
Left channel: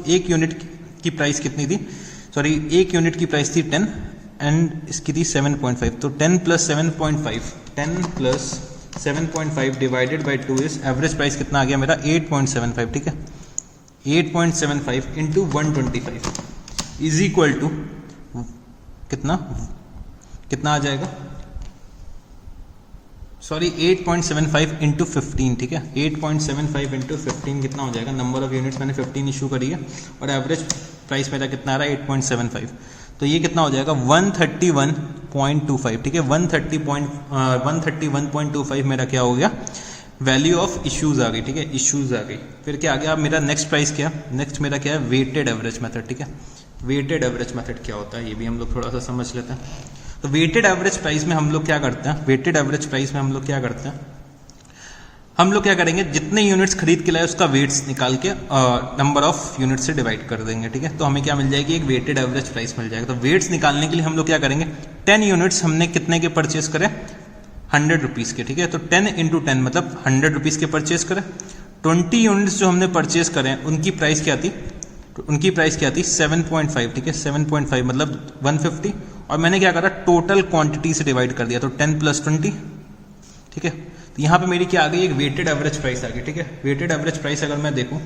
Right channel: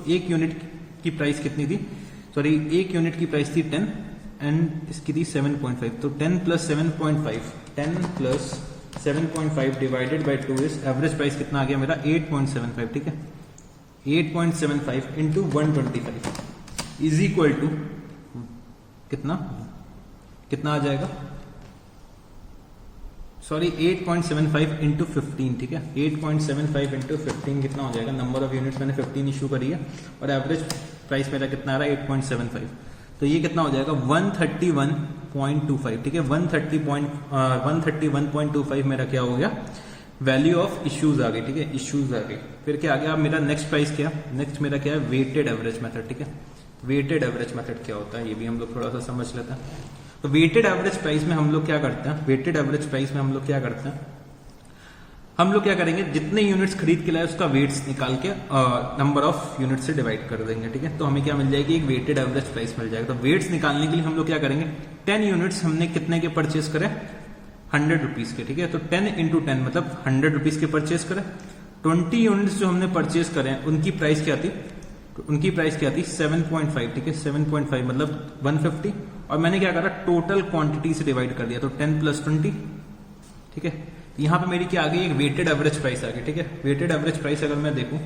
एक यूनिट की प्राइस कितनी थी, सॉरी एक यूनिट की प्राइस थी 10 एंड इसकी थी 7.5, तो 10 plus 7.5 divided by 2 is average price कितना आ गया मेरा 8.75, ठीक है 8.75 इंटू 125 इज इक्वल टू कितना आ जाएगा, सॉरी 8.75 इंटू 15, ठीक है 8.75 इंटू 15 कितना हो जाएगा, नंबर ऑफ यूनिट्स मैंने 15 इशू करी है और एवरेज प्राइस मेरा कितना आ रहा है 8.75, तो ये कितना हो जाएगा 131.25, ठीक है 131.25 मेरा क्या हो गया, वैल्यू ऑफ इश्यूज आ गई, ठीक है इश्यूज आ गई। फिर क्या आ गया, मेरा नेक्स्ट प्राइस क्या, नेक्स्ट मेरा क्या है वेटेड एवरेज मेथड, ठीक है वेटेड एवरेज मेथड क्या होता है ये भी हम लोग थोड़ा सा समझ लेते हैं। तो वेटेड एवरेज प्राइस में हम लोग क्या करते हैं, वेटेड एवरेज प्राइस में हम लोग क्या करते हैं, हम लोग क्या करेंगे जितने यूनिट्स खरीद के लाए उसका वेट्स निकाल के नंबर ऑफ यूनिट से डिवाइड कर देंगे, ठीक है तो हमें क्या मिल जाएगी, एक वेटेड एवरेज प्राइस मिल जाएगा। तो वेट्स निकालने के लिए हम लोग क्या करेंगे, 10 यूनिट्स हमने कितने के परचेस करे, 100 रुपीज़ के, ठीक है तो 10 इंटू 10 मतलब 100 रुपीज़ के परचेस करें। 20 यूनिट्स जो हमने परचेस करें उनकी प्राइस क्या थी, 7.5, ठीक है 7.5 मतलब 150, और मैंने क्या करा टोटल क्वांटिटी से डिवाइड कर दिया, तो 10 प्लस 20, ठीक है तो यहाँ पे मेरी क्या आ गई, एक वेटेड एवरेज प्राइस आ गई, ठीक है वेटेड एवरेज प्राइस अगर मैं देखूँ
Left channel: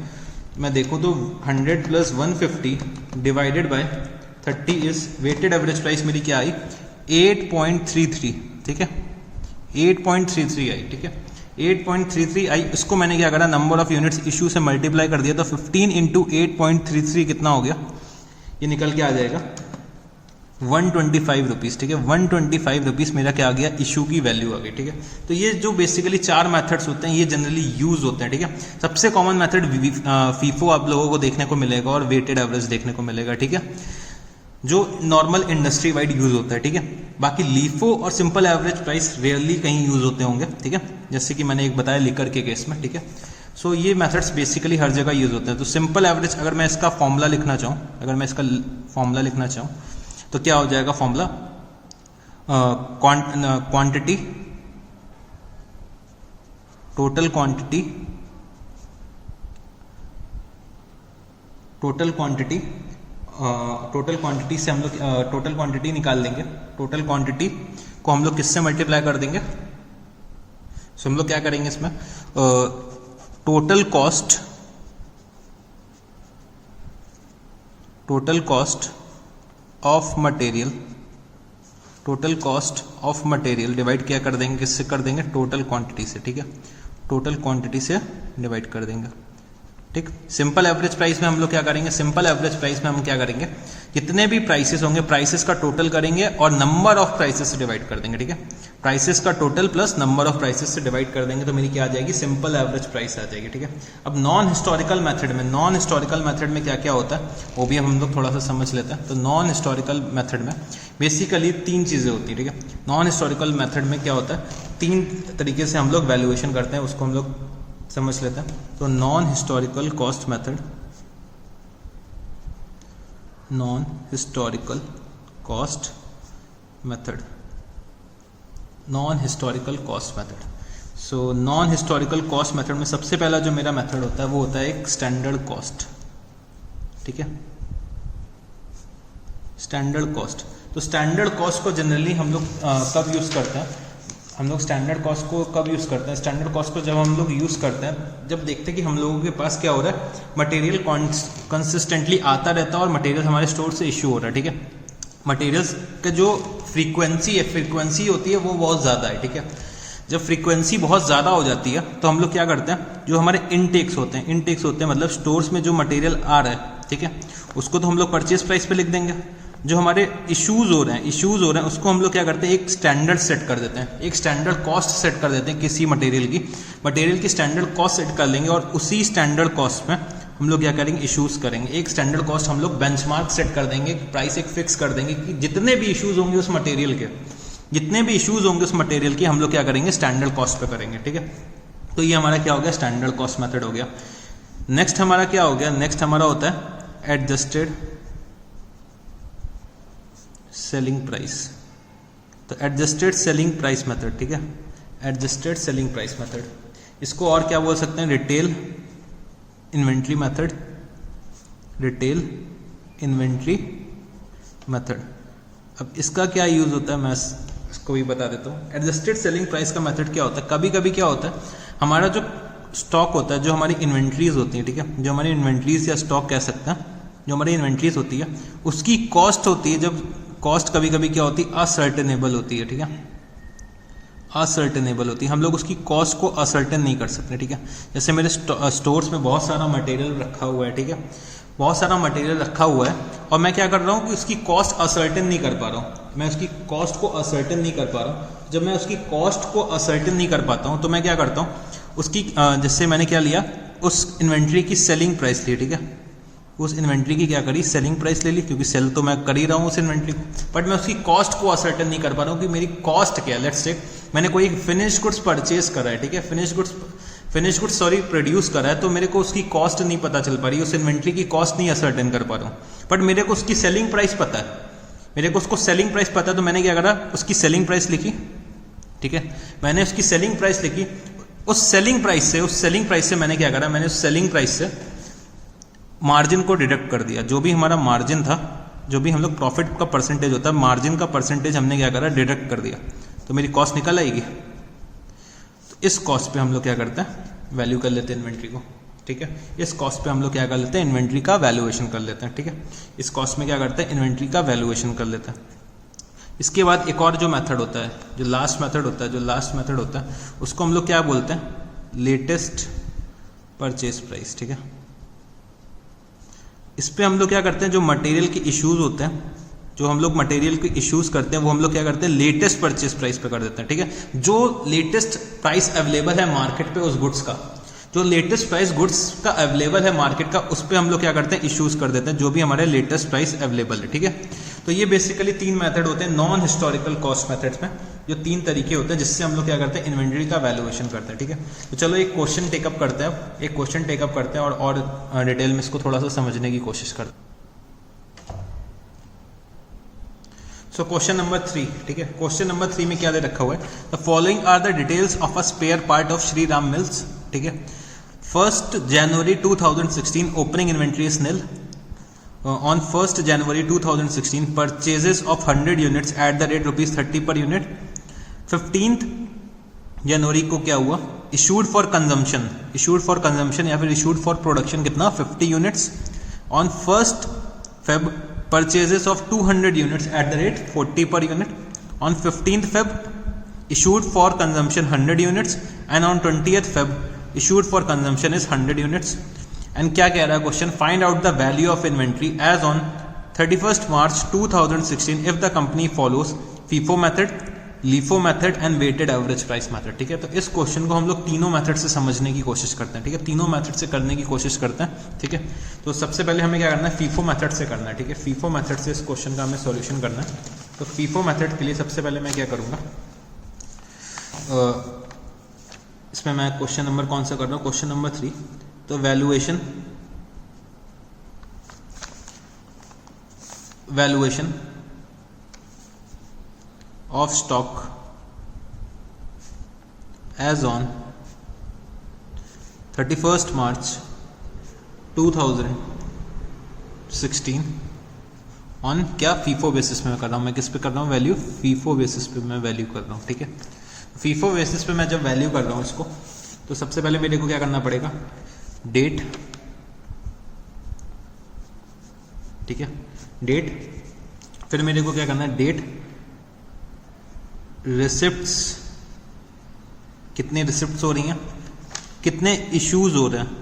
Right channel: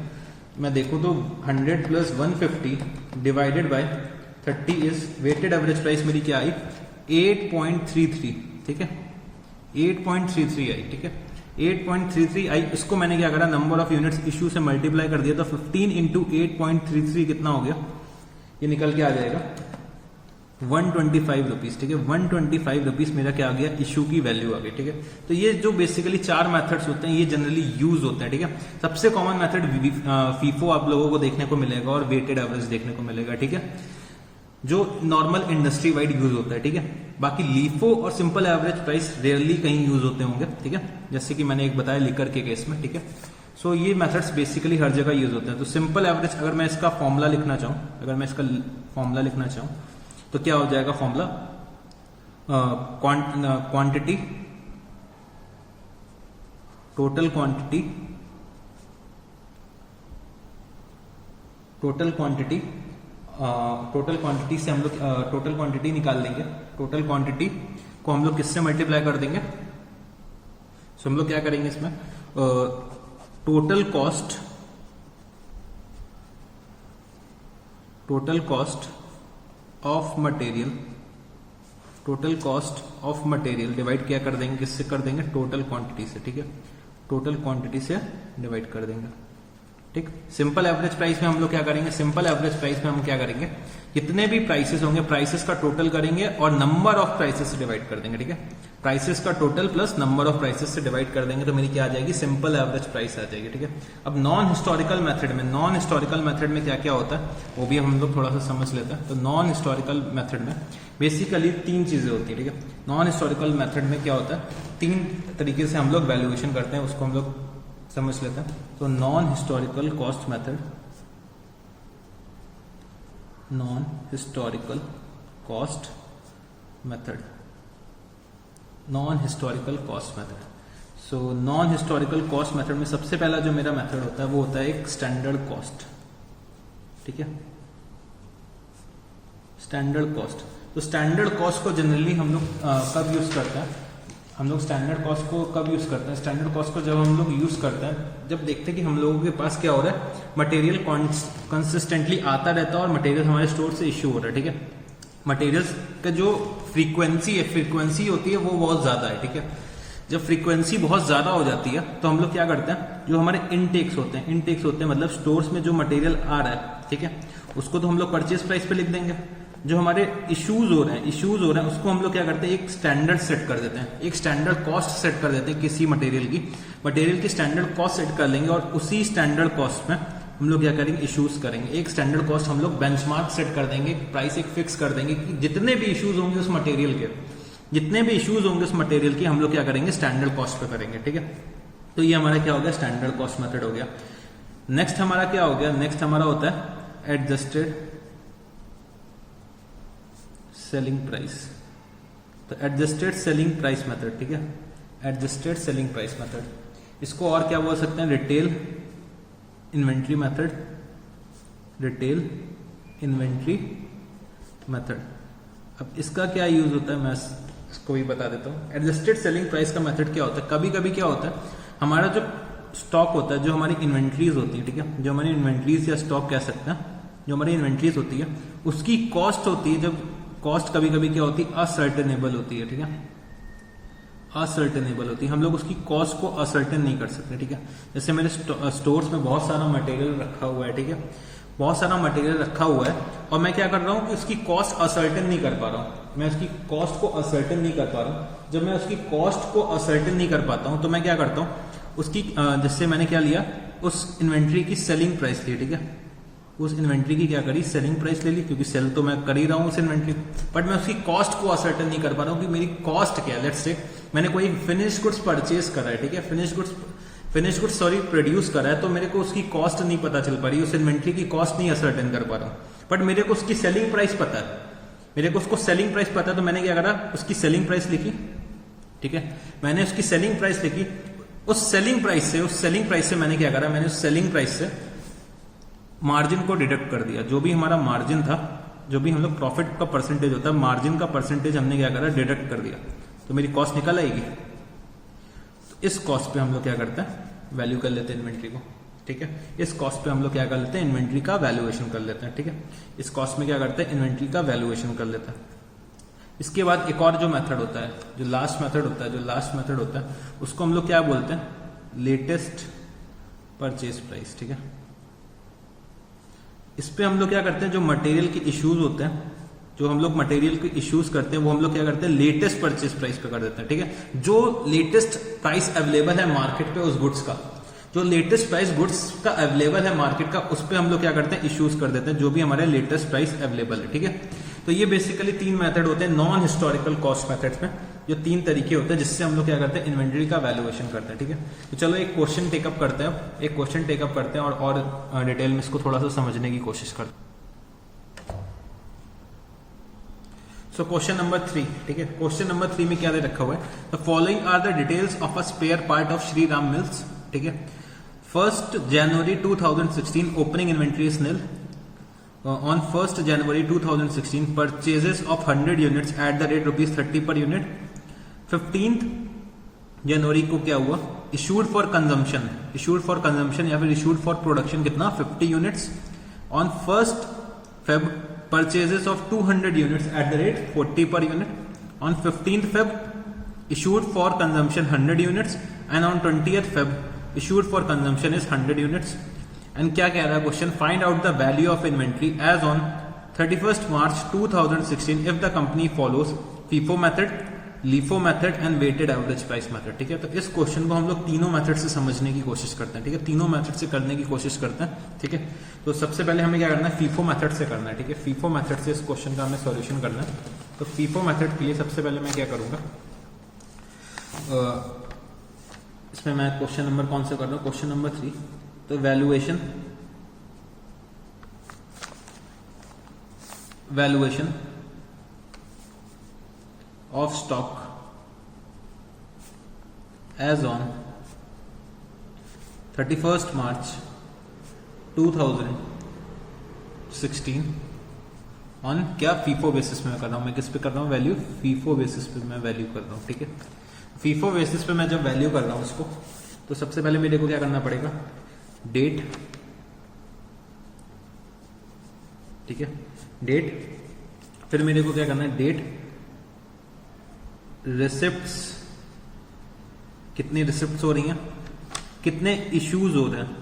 तो 100 plus 150 divided by 30 is weighted average price मेरी क्या आई 8.33, ठीक है 8.33 आई, ठीक है 8.33 आई। उसको मैंने क्या करा, नंबर ऑफ यूनिट्स इशू से मल्टीप्लाई कर दिया, तो 15 इंटू 8.33 कितना हो गया, ये निकल के आ जाएगा 125 रुपीज़, ठीक है 125 रुपीज़ मेरा क्या आ गया, इशू की वैल्यू आ गई, ठीक है। तो ये जो बेसिकली 4 मेथड्स होते हैं ये जनरली यूज होते हैं, ठीक है। सबसे कॉमन मेथड फीफो आप लोगों को देखने को मिलेगा और वेटेड एवरेज देखने को मिलेगा, ठीक है, जो नॉर्मल इंडस्ट्री वाइड यूज होता है, ठीक है। बाकी लीफो और सिंपल एवरेज प्राइस रेयरली कहीं यूज होते होंगे, ठीक है, जैसे कि मैंने एक बताया लिकर के केस में, ठीक है। सो ये मेथड्स बेसिकली हर जगह यूज होते हैं। तो सिंपल एवरेज अगर मैं इसका फॉर्मूला लिखना चाहूँ, तो क्या हो जाएगा फॉर्मूला, क्वांटिटी, टोटल क्वांटिटी से हम लोग टोटल क्वांटिटी निकाल लेंगे। टोटल क्वांटिटी को हम लोग किससे मल्टीप्लाई कर देंगे, सो हम लोग क्या करेंगे इसमें, total cost of material divide क्या कर देंगे, किससे कर देंगे, टोटल क्वांटिटी से, ठीक है, टोटल क्वांटिटी से डिवाइड कर देंगे, ठीक। सिंपल एवरेज प्राइस में हम लोग क्या करेंगे, सिंपल एवरेज प्राइस में हम क्या करेंगे, जितने भी प्राइसेस होंगे प्राइसेस का टोटल करेंगे और नंबर ऑफ प्राइसेस से डिवाइड कर देंगे, ठीक है, प्राइसेस का total plus number of prices से डिवाइड कर देंगे, तो मेरी क्या आ जाएगी, सिंपल एवरेज प्राइस आ जाएगी, ठीक है। अब नॉन हिस्टोरिकल मेथड में क्या क्या होता है वो भी हम लोग थोड़ा सा समझ लेते हैं। तो नॉन हिस्टोरिकल मेथड में बेसिकली 3 चीजें होती है, ठीक है। नॉन हिस्टोरिकल मेथड में क्या होता है, 3 तरीके से हम लोग वैल्यूएशन करते हैं, उसको हम लोग समझ लेते हैं। तो non historical cost method, non historical cost method, non historical cost method. So non historical cost method में सबसे पहला जो मेरा मेथड होता है वो होता है एक स्टैंडर्ड कॉस्ट, ठीक है, स्टैंडर्ड कॉस्ट। तो स्टैंडर्ड कॉस्ट को जनरली हम लोग कब यूज करते हैं, स्टैंडर्ड कॉस्ट को कब यूज करते हैं, स्टैंडर्ड कॉस्ट को जब हम लोग यूज करते हैं जब देखते हैं कि हम लोगों के पास क्या हो रहा है, मटेरियल कंसिस्टेंटली आता रहता है और मटेरियल हमारे स्टोर से इश्यू हो रहा है, ठीक है। मटेरियल्स का जो फ्रीक्वेंसी होती है वो बहुत ज़्यादा है, ठीक है। जब फ्रीक्वेंसी बहुत ज़्यादा हो जाती है तो हम लोग क्या करते हैं, जो हमारे इनटेक्स होते हैं मतलब स्टोर्स में जो मटेरियल आ रहा है, ठीक है, उसको तो हम लोग परचेज प्राइस पे लिख देंगे। जो हमारे इश्यूज हो रहे हैं उसको हम लोग क्या करते हैं, एक स्टैंडर्ड सेट कर देते हैं, एक स्टैंडर्ड कॉस्ट सेट कर देते हैं किसी मटेरियल की स्टैंडर्ड कॉस्ट सेट कर लेंगे और उसी स्टैंडर्ड कॉस्ट में हम लोग क्या करेंगे, इश्यूज करेंगे। एक स्टैंडर्ड कॉस्ट हम लोग बेंचमार्क सेट कर देंगे, प्राइस एक फिक्स कर देंगे कि जितने भी इश्यूज होंगे उस मटेरियल के हम लोग क्या करेंगे, स्टैंडर्ड कॉस्ट पे करेंगे, ठीक है। तो ये हमारा क्या हो गया, स्टैंडर्ड कॉस्ट मेथड हो गया। नेक्स्ट हमारा क्या हो गया, नेक्स्ट हमारा होता है एडजस्टेड सेलिंग प्राइस। तो एडजस्टेड सेलिंग प्राइस मेथड, ठीक है, एडजस्टेड सेलिंग प्राइस मेथड, इसको और क्या बोल सकते हैं, retail inventory method, retail inventory method. अब इसका क्या यूज होता है मैं इसको भी बता देता हूँ। एडजस्टेड सेलिंग प्राइस का मेथड क्या होता है, कभी कभी क्या होता है हमारा जो स्टॉक होता है, जो हमारी इन्वेंट्रीज होती है, ठीक है, जो हमारी इन्वेंट्रीज या स्टॉक कह सकते हैं, जो हमारी इन्वेंट्रीज होती है उसकी कॉस्ट होती है, जब कॉस्ट कभी कभी क्या होती है, असर्टेनेबल होती है, ठीक है, असर्टेनेबल होती है, हम लोग उसकी कॉस्ट को असर्टेन नहीं कर सकते, ठीक है। जैसे मेरे स्टोर्स में बहुत सारा मटेरियल रखा हुआ है, ठीक है, बहुत सारा मटेरियल रखा हुआ है और मैं क्या कर रहा हूँ कि उसकी कॉस्ट असर्टेन नहीं कर पा रहा हूँ, मैं उसकी कॉस्ट को असर्टेन नहीं कर पा रहा हूँ। जब मैं उसकी कॉस्ट को असर्टेन नहीं कर पाता हूँ तो मैं क्या करता हूँ, उसकी जैसे मैंने क्या लिया, उस इन्वेंट्री की सेलिंग प्राइस ली, ठीक है, उस इन्वेंट्री की क्या करी, सेलिंग प्राइस ले ली, क्योंकि सेल तो मैं कर ही रहा हूँ उस इन्वेंट्री, बट मैं उसकी कॉस्ट को असर्टेन नहीं कर पा रहा हूँ कि मेरी कॉस्ट क्या है। लेट्स से मैंने कोई फिनिश गुड्स परचेज करा है, ठीक है, फिनिश गुड्स प्रोड्यूस करा है, तो मेरे को उसकी कॉस्ट नहीं पता चल पा रही, उस इन्वेंट्री की कॉस्ट नहीं असर्टेन कर पा रहा हूँ, बट मेरे को उसकी सेलिंग प्राइस पता है, मेरे को उसको सेलिंग प्राइस पता है, तो मैंने क्या करा, उसकी सेलिंग प्राइस लिखी, ठीक है, मैंने उसकी सेलिंग प्राइस लिखी, उस सेलिंग प्राइस से मैंने क्या करा, मैंने उस सेलिंग प्राइस से मार्जिन को डिडक्ट कर दिया, जो भी हमारा मार्जिन था, जो भी हम लोग प्रॉफिट का परसेंटेज होता है, मार्जिन का परसेंटेज हमने क्या करा, डिडक्ट कर दिया, तो मेरी कॉस्ट निकल आएगी। इस कॉस्ट पे हम लोग क्या करते हैं, वैल्यू कर लेते हैं इन्वेंट्री को, ठीक है, इस कॉस्ट पे हम लोग क्या कर लेते हैं, इन्वेंट्री का वैल्यूएशन कर लेते हैं, ठीक है, इस कॉस्ट में क्या करते हैं, इन्वेंट्री का वैल्यूएशन कर लेते हैं। इसके बाद एक और जो मेथड होता है, जो लास्ट मेथड होता है, उसको हम लोग क्या बोलते हैं, लेटेस्ट परचेज प्राइस, ठीक है। इस पे हम लोग क्या करते हैं, जो मटेरियल के इश्यूज होते हैं, जो हम लोग मटेरियल के इश्यूज करते हैं, वो हम लोग क्या करते हैं, लेटेस्ट परचेज प्राइस पे कर देते हैं, ठीक है, जो लेटेस्ट प्राइस अवेलेबल है मार्केट पे उस गुड्स का, जो लेटेस्ट प्राइस गुड्स का अवेलेबल है मार्केट का, उस पे हम लोग क्या करते हैं, इश्यूज कर देते हैं, जो भी हमारे लेटेस्ट प्राइस अवेलेबल है, ठीक है। तो ये बेसिकली 3 मेथड होते हैं नॉन हिस्टोरिकल कॉस्ट मेथड्स में, जो 3 तरीके होते हैं जिससे हम लोग क्या करते हैं, इन्वेंट्री का वैल्यूएशन करते हैं, ठीक है। तो चलो एक क्वेश्चन टेकअप करते हैं, और डिटेल में इसको थोड़ा सा समझने की कोशिश करते हैं। सो क्वेश्चन नंबर 3, ठीक है, क्वेश्चन नंबर 3 में क्या दे रखा हुआ है, the following are the details of a spare part of Shri Ram mills, ठीक है। 1st January 2016 opening inventory is nil. On 1st January 2016 purchases of 100 units at the rate ₹30 per unit. 15th जनवरी को क्या हुआ, इशूड फॉर कंजम्पशन या फिर issued for production कितना, 50 units. On 1st Feb purchases of 200 units at the rate 40 per unit. On 15th Feb issued for consumption 100 units and on 20th Feb issued for consumption is 100 units. And क्या कह रहा है question, find out the value of inventory as on 31st March 2016 if the company follows FIFO method, LIFO method and weighted average price method, ठीक है। तो इस question को हम लोग तीनों मेथड से समझने की कोशिश करते हैं, ठीक है, तीनों मेथड से करने की कोशिश करते हैं, ठीक है। तो सबसे पहले हमें क्या करना है, फीफो मेथड से करना है, ठीक है, फीफो मेथड से इस क्वेश्चन का हमें सॉल्यूशन करना है। तो फीफो मेथड के लिए सबसे पहले मैं क्या करूंगा, इसमें मैं क्वेश्चन नंबर कौन सा कर रहा हूँ, क्वेश्चन नंबर 3। तो valuation of stock as on 31st March 2016 on क्या, फीफो बेसिस में कर रहा हूं, मैं किस पे कर रहा हूं, वैल्यू, फीफो बेसिस पे मैं वैल्यू कर रहा हूं, ठीक है। फीफो बेसिस पे मैं जब वैल्यू कर रहा हूं इसको, तो सबसे पहले मेरे को क्या करना पड़ेगा, डेट, ठीक है, डेट, फिर मेरे को क्या करना है, डेट, रिसिप्ट्स, कितने रिसिप्ट्स हो रही हैं, कितने इश्यूज हो रहे हैं,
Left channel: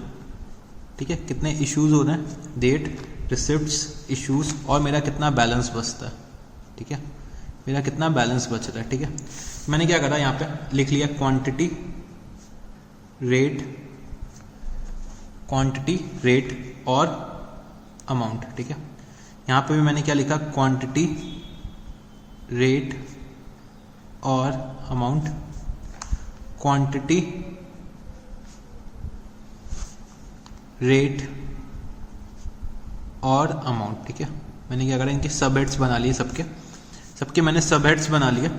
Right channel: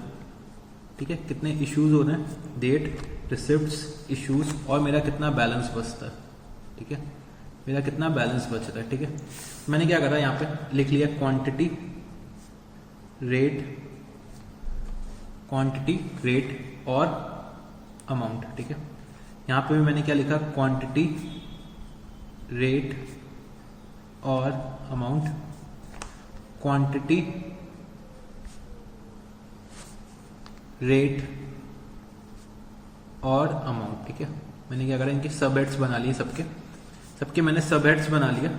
ठीक है, कितने इश्यूज हो रहे हैं, डेट, रिसिप्ट्स, इश्यूज, और मेरा कितना बैलेंस बचता है, ठीक है, मेरा कितना बैलेंस बच रहा है, ठीक है। मैंने क्या करा, यहाँ पे लिख लिया क्वांटिटी रेट और अमाउंट, ठीक है। यहाँ पे भी मैंने क्या लिखा, क्वांटिटी रेट और अमाउंट, क्वांटिटी रेट और अमाउंट, ठीक है। मैंने क्या करा, इनके सब हेड्स बना लिए, सबके मैंने सब हेड्स बना लिए।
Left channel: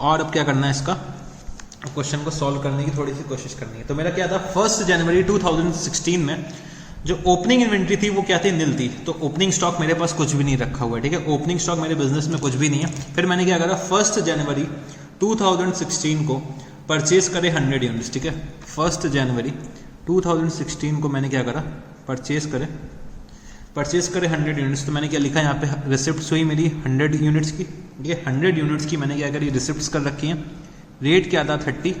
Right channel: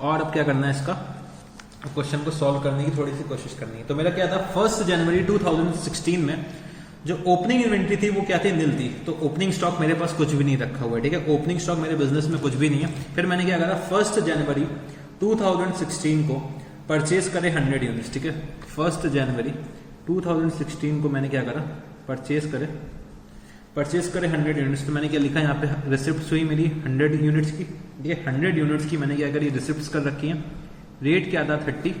और अब क्या करना है, इसका क्वेश्चन को सॉल्व करने की थोड़ी सी कोशिश करनी है। तो मेरा क्या था, 1 जनवरी 2016 में जो ओपनिंग इन्वेंट्री थी वो क्या थी, नील थी। तो ओपनिंग स्टॉक मेरे पास कुछ भी नहीं रखा हुआ है, ठीक है, ओपनिंग स्टॉक मेरे बिजनेस में कुछ भी नहीं है। फिर मैंने क्या करा, 1 जनवरी 2016 को परचेज करे 100 यूनिट्स, ठीक है। 1 जनवरी 2016 को मैंने क्या करा, परचेज करे 100 यूनिट्स। तो मैंने क्या लिखा यहाँ पे, रिसिप्ट हुई मेरी 100 यूनिट्स की, ये 100 यूनिट्स की मैंने क्या करी, रिसिप्ट कर रखी है। रेट क्या था, 30,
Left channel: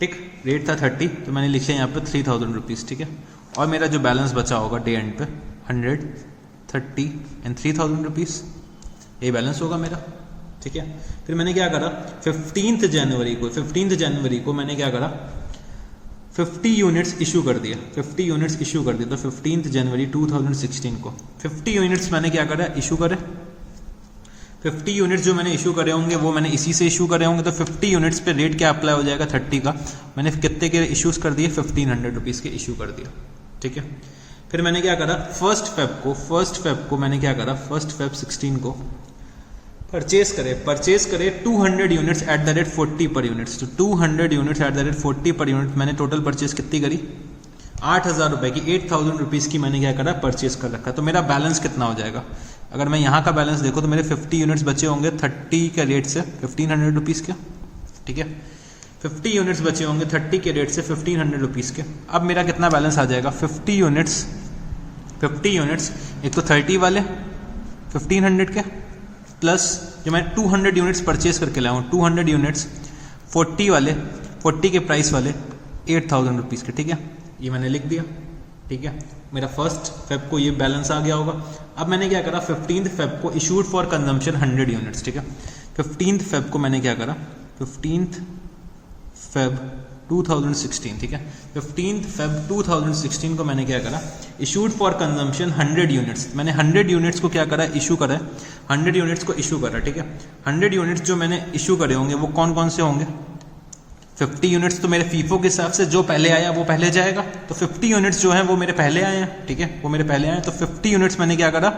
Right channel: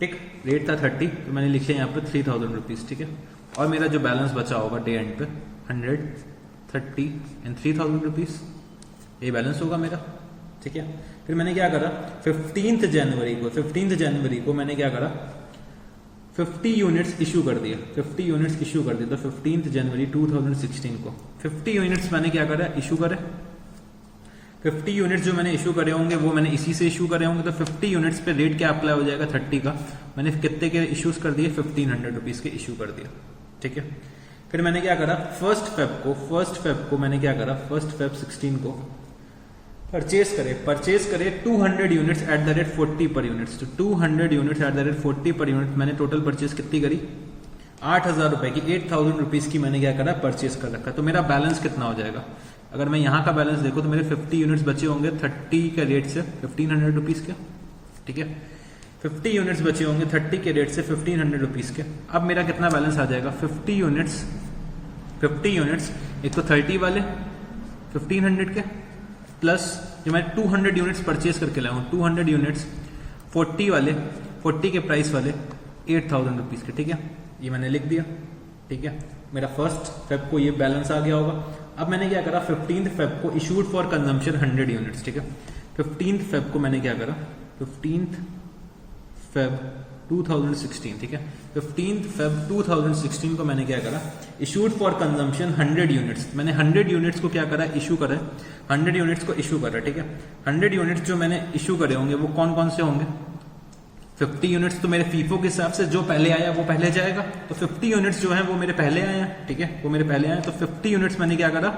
ठीक, रेट था 30, तो मैंने लिखे यहाँ पे 3000 रुपीज़, ठीक है। और मेरा जो बैलेंस बचा होगा डे एंड पे 100, 30 एंड 3000 रुपीज़, ये बैलेंस होगा मेरा, ठीक है। फिर मैंने क्या करा, 15 जनवरी को मैंने क्या करा, 50 यूनिट्स इशू कर दिया, 50 यूनिट्स इशू कर दिया। तो 15 जनवरी 2016 को 50 यूनिट्स मैंने क्या करा, इशू करे। 50 यूनिट्स जो मैंने इशू करे होंगे वो मैंने इसी से इशू करे होंगे। तो 50 यूनिट्स पे रेट क्या अप्लाई हो जाएगा, 30 का। मैंने कितने के इशूज कर दिए, 1500 रुपीज़ के इशू कर दिया, ठीक है। फिर मैंने क्या करा, 1 फेब को मैंने क्या करा, 1 फेब 16 को परचेज करे 200 यूनिट्स एट द रेट 40 पर यूनिट्स। तो 200 units at the rate 40 per unit मैंने टोटल परचेज कितनी करी, 8000 रुपए की, 8000 रुपीज़ की मैंने क्या करा, परचेज कर रखा। तो मेरा बैलेंस कितना हो जाएगा, अगर मैं यहाँ का बैलेंस देखूँ तो मेरे 50 यूनिट्स बचे होंगे 30 के रेट से 1500 रुपीज़ के, ठीक है। 50 यूनिट्स बचे होंगे 30 के रेट से 1500 रुपीज़ के। अब मेरा कितना बैलेंस आ जाएगा, 50 यूनिट्स एक तो 30 वाले 1500 के, प्लस जो मैं 200 यूनिट्स परचेज करके लाया हूँ, 200 यूनिट्स 40 वाले, 40 के प्राइस वाले 8000 रुपीज़ के, ठीक है। ये मैंने लिख दिया, ठीक है। मेरा 1 फेब को ये बैलेंस आ गया होगा। अब मैंने क्या करा, 15 फेब को इशूड फॉर कंजम्पशन 100 यूनिट्स, ठीक है। 15 फेब को मैंने क्या करा, 15 फेब 2016, ठीक है। 15 फेब 2016 को मैंने क्या करा, इशूड फॉर कंजम्पशन 100 यूनिट्स। मैंने 100 यूनिट्स को क्या करा, इशू करा, 100 यूनिट्स को इशू करा, ठीक है। 100 यूनिट्स जो मैंने इशू करे होंगे वो कौन कौन से होंगे, 50 यूनिट्स तो मेरे फीफो के हिसाब से जो पहले आया वो पहले जाएगा। तो 50 यूनिट्स जो हैं वो मेरे पहले आए हैं, ठीक है, वो मेरे पहले आए हैं। तो 50 यूनिट्स मैंने क्या करा,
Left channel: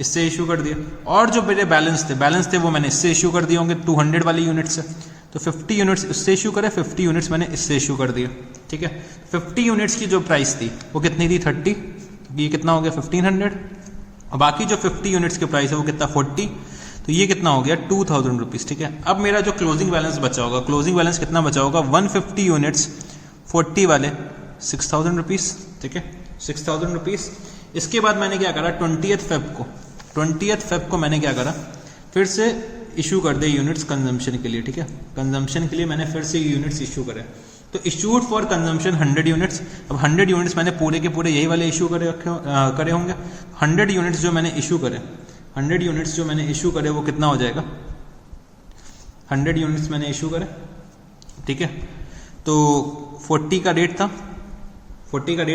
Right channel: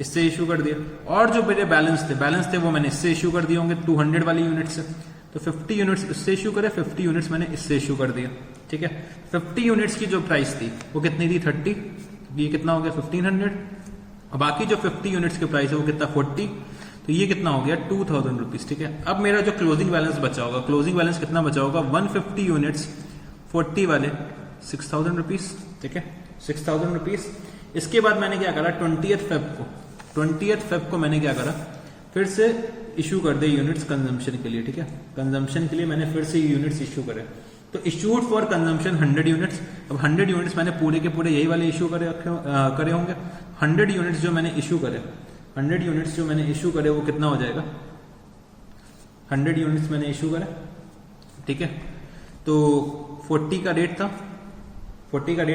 इससे इशू कर दिया। और जो मेरे बैलेंस थे वो मैंने इससे इशू कर दिए होंगे 200 वाली यूनिट से। तो 50 यूनिट्स इससे इशू करे, 50 यूनिट्स मैंने इससे इशू कर दिया, ठीक है। 50 यूनिट्स की जो प्राइस थी वो कितनी थी, 30, ये कितना हो गया 1500। और बाकी जो 50 यूनिट्स की प्राइस है वो कितना, 40, तो ये कितना हो गया 2000 रुपीज़, ठीक है। अब मेरा जो क्लोजिंग बैलेंस बचा होगा, क्लोजिंग बैलेंस कितना बचा होगा, 150 यूनिट्स 40 वाले 6000 रुपीज़, ठीक है, 6000 रुपीज़। इसके बाद मैंने क्या करा, 20th फेब को मैंने क्या करा, फिर से इशू कर दे यूनिट्स कंजम्पशन के लिए, ठीक है। कंजम्पशन के लिए मैंने फिर से यूनिट्स इशू करे। तो इशूड फॉर कंजम्पशन 100 यूनिट्स। अब 100 यूनिट्स मैंने पूरे के पूरे यही वाले इशू करे होंगे। 100 यूनिट्स जो मैंने इशू करे, 100 यूनिट्स जो मैंने इशू करे वो कितना हो जाएगा, 100 यूनिट्स मैंने इशू करे, ठीक है। तो 40 का रेट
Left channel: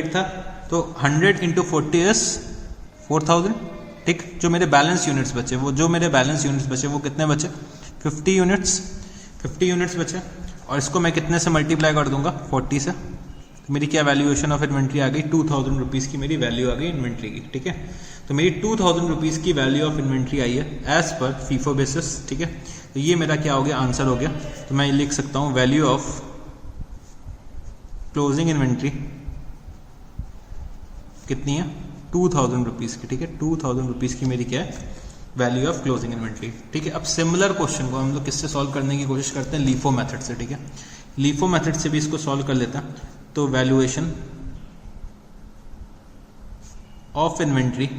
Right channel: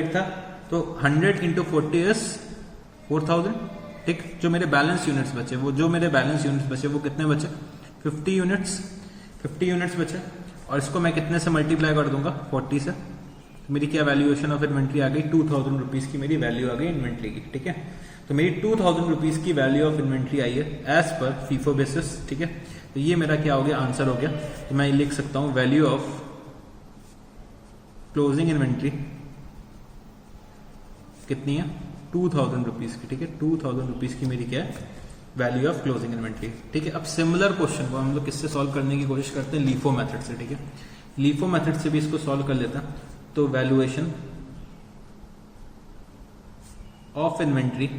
था, तो 100 इंटू 40 इज 4000, ठीक। जो मेरे बैलेंस यूनिट्स बचे वो कितने बचे, 50 यूनिट्स बचे। और इसको मैं कितने से मल्टीप्लाई कर दूंगा, 40 से। मेरी क्या वैल्यूएशन ऑफ इन्वेंट्री आ गई, 2000 रुपीज़ की मेरी वैल्यू आ गई इन्वेंट्री की, ठीक है। तो मेरी 2000 रुपीज़ की वैल्यू ऑफ इन्वेंट्री आई है एज पर फीफो बेसिस, ठीक है। तो ये मेरा क्या हो गया, आंसर हो गया। तो मैं लिख सकता हूँ वैल्यू ऑफ क्लोजिंग इन्वेंट्री कितनी है, 2000 रुपीज़ की, ठीक है। 2000 रुपीज़ की मेरी क्या है, वैल्यू ऑफ क्लोजिंग इन्वेंट्री, ठीक है। अब सिमिलर क्वेश्चन को हम लोग किससे सॉल्व करने की कोशिश करते हैं, लीफो मेथड से, ठीक है। लीफो मेथड से भी इसको सॉल्व कर लेता है। तो valuation of inventory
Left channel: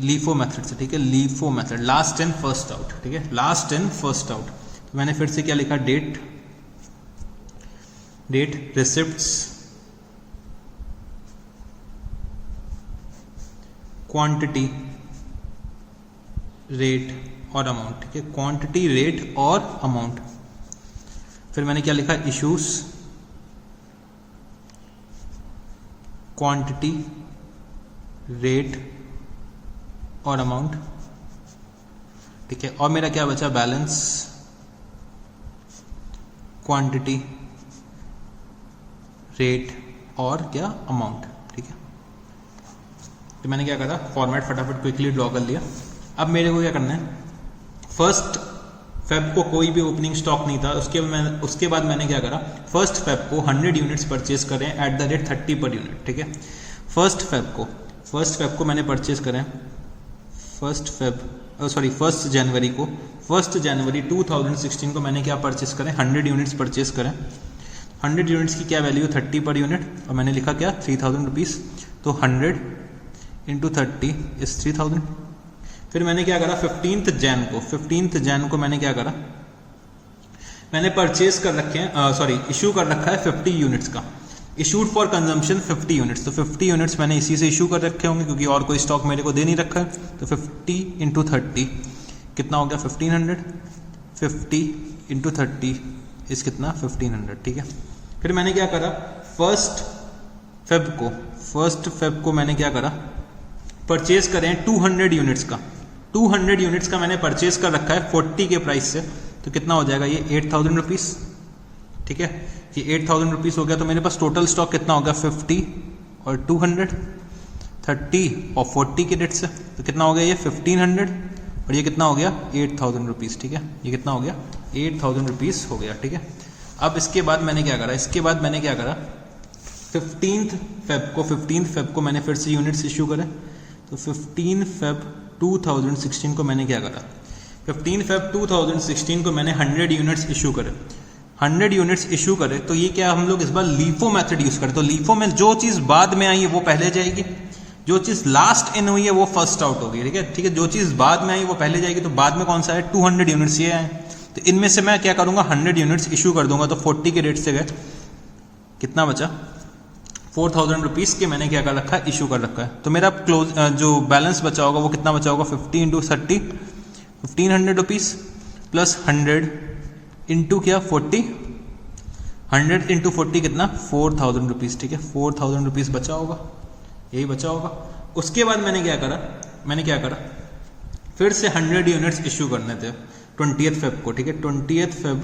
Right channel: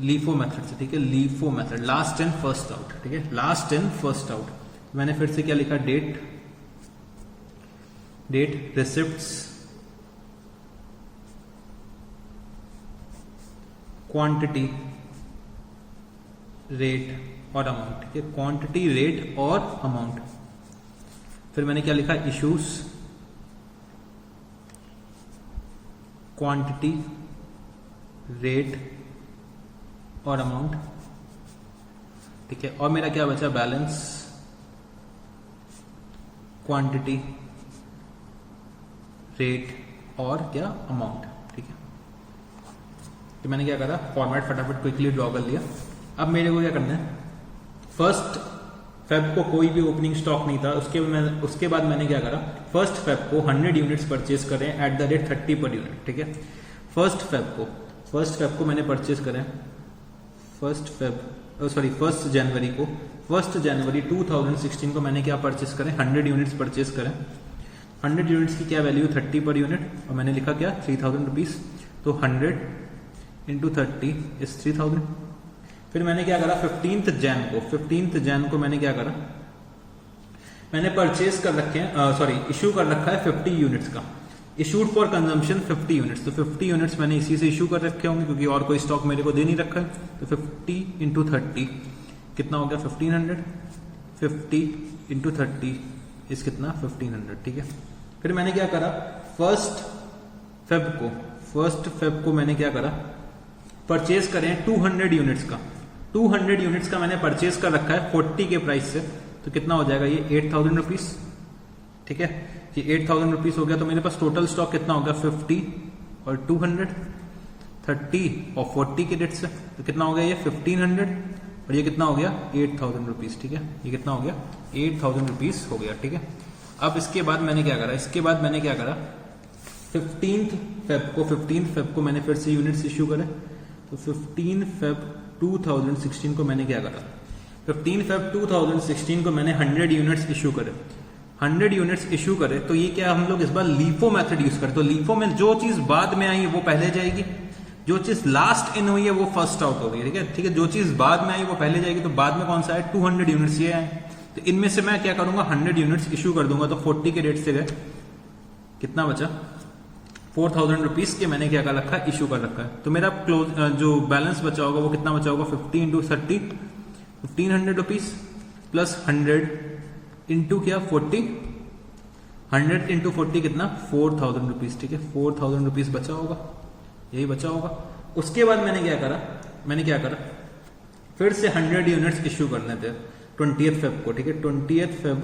LIFO method से, ठीक है। LIFO method, last in first out, ठीक है, लास्ट इन फर्स्ट आउट। तो मैंने फिर से क्या लिखा, डेट रिसिप्ट्स, क्वांटिटी, रेट और अमाउंट, ठीक है। क्वांटिटी, रेट और अमाउंट। फिर मैंने क्या लिखा, इश्यूज, क्वांटिटी, रेट और अमाउंट, ठीक है। और मेरा क्या बचा, बैलेंस, क्वांटिटी, रेट और क्या, अमाउंट, ठीक है। तो मैंने क्या करा, फॉर्मेट फटाफट क्विकली ड्रॉ कर लिया। अब मेरे को क्या करना है, फर्स्ट फेब को कोई भी ओपनिंग स्टॉक नहीं था, उसके बाद मैंने क्या करा, फर्स्ट फेब को 100 यूनिट्स परचेज करें eight the rate 30 per unit, ठीक है। फर्स्ट फेब को मैंने परचेज करें फर्स्ट जनवरी 2016 को मैंने क्या परचेज करें, 100 यूनिट्स परचेज करें। 100 यूनिट्स की क्या वैल्यू, 30 पर यूनिट, और मैंने लिखा क्या, 3000 रुपीज़। तो 100 इंटू 30 इज 3000। फिर मैंने क्या करा, 15th जैन को मैंने क्या करा, मैंने परचेज कर रखे हैं, इशू कर रखा है 50 यूनिट्स का, इशूड फॉर कंजम्पशन 50 यूनिट्स। तो 50 यूनिट्स मैंने इसी से इशू कर रखे होंगे क्योंकि और कोई स्टॉक मेरे को दे नहीं रखा है। तो 50 इंटू 30 कितना हो गया, 1500। 50 इंटू 30 इस कितना, 1500, ठीक है। फिर मैंने क्या करा, फर्स्ट फेब को मैंने क्या करा, परचेज करें 200 यूनिट्स का। 200 यूनिट्स का मैंने परचेज कर रखा है 40 के प्राइस से। तो कितना हो जाएगा ये, 8000 रुपीज़, ठीक है। ये 8000 रुपीज़ हो गया। तो मेरे पास टोटल स्टॉक कितना हो गया, 50 और 200, 30 और 40 के रेट से। तो कितना हो गया ये, 1500, और ये कितना हो गया, 8000 रुपीज़, ठीक है। ये कितना हो गया, 8000 रुपीज़ हो गया, ठीक है। अब इसके बाद मैंने क्या करा, 15th फेब को मैंने फिर से यूनिट्स इशू करे। तो 15 फेब 2016 को मैंने क्या करा, 15 फेब 2016 को मैंने 100 यूनिट्स इशू करे। 100 यूनिट्स इशू करे तो ये क्या, हम लोग इस बार लीफो मेथड यूज करें। तो लीफो में जो चीज बाद में आई है वो पहले जाएगी, जो चीज लास्ट इन हुई है वो फर्स्ट आउट होगी, ठीक है। जो चीज बाद में आई वो पहले जाएगी। तो बाद में कौन सा है, 200 यूनिट्स ये है। तो इनमें से मैं क्या करूंगा, 100 यूनिट्स इशू कर दूंगा। तो 40 के रेट से गए, कितना बचा, 4000 रुपीज़ के मैंने क्या कर रखा है, इशू कर रखा है। तो मेरा जो बैलेंस बचा होगा वो कितना बचा होगा, 50 इंटू 30 1500 रुपीज़ प्लस 100 इंटू क्या 40, 100 इंटू 40 कितना, 4000 रुपीज़, ठीक है। 4000 रुपीज़ बचा होगा, यही बचा होगा। उसके बाद मैंने क्या करा, फिर से 100 यूनिट्स इशू करने थे 20th फेब को, ठीक है। 20th फेब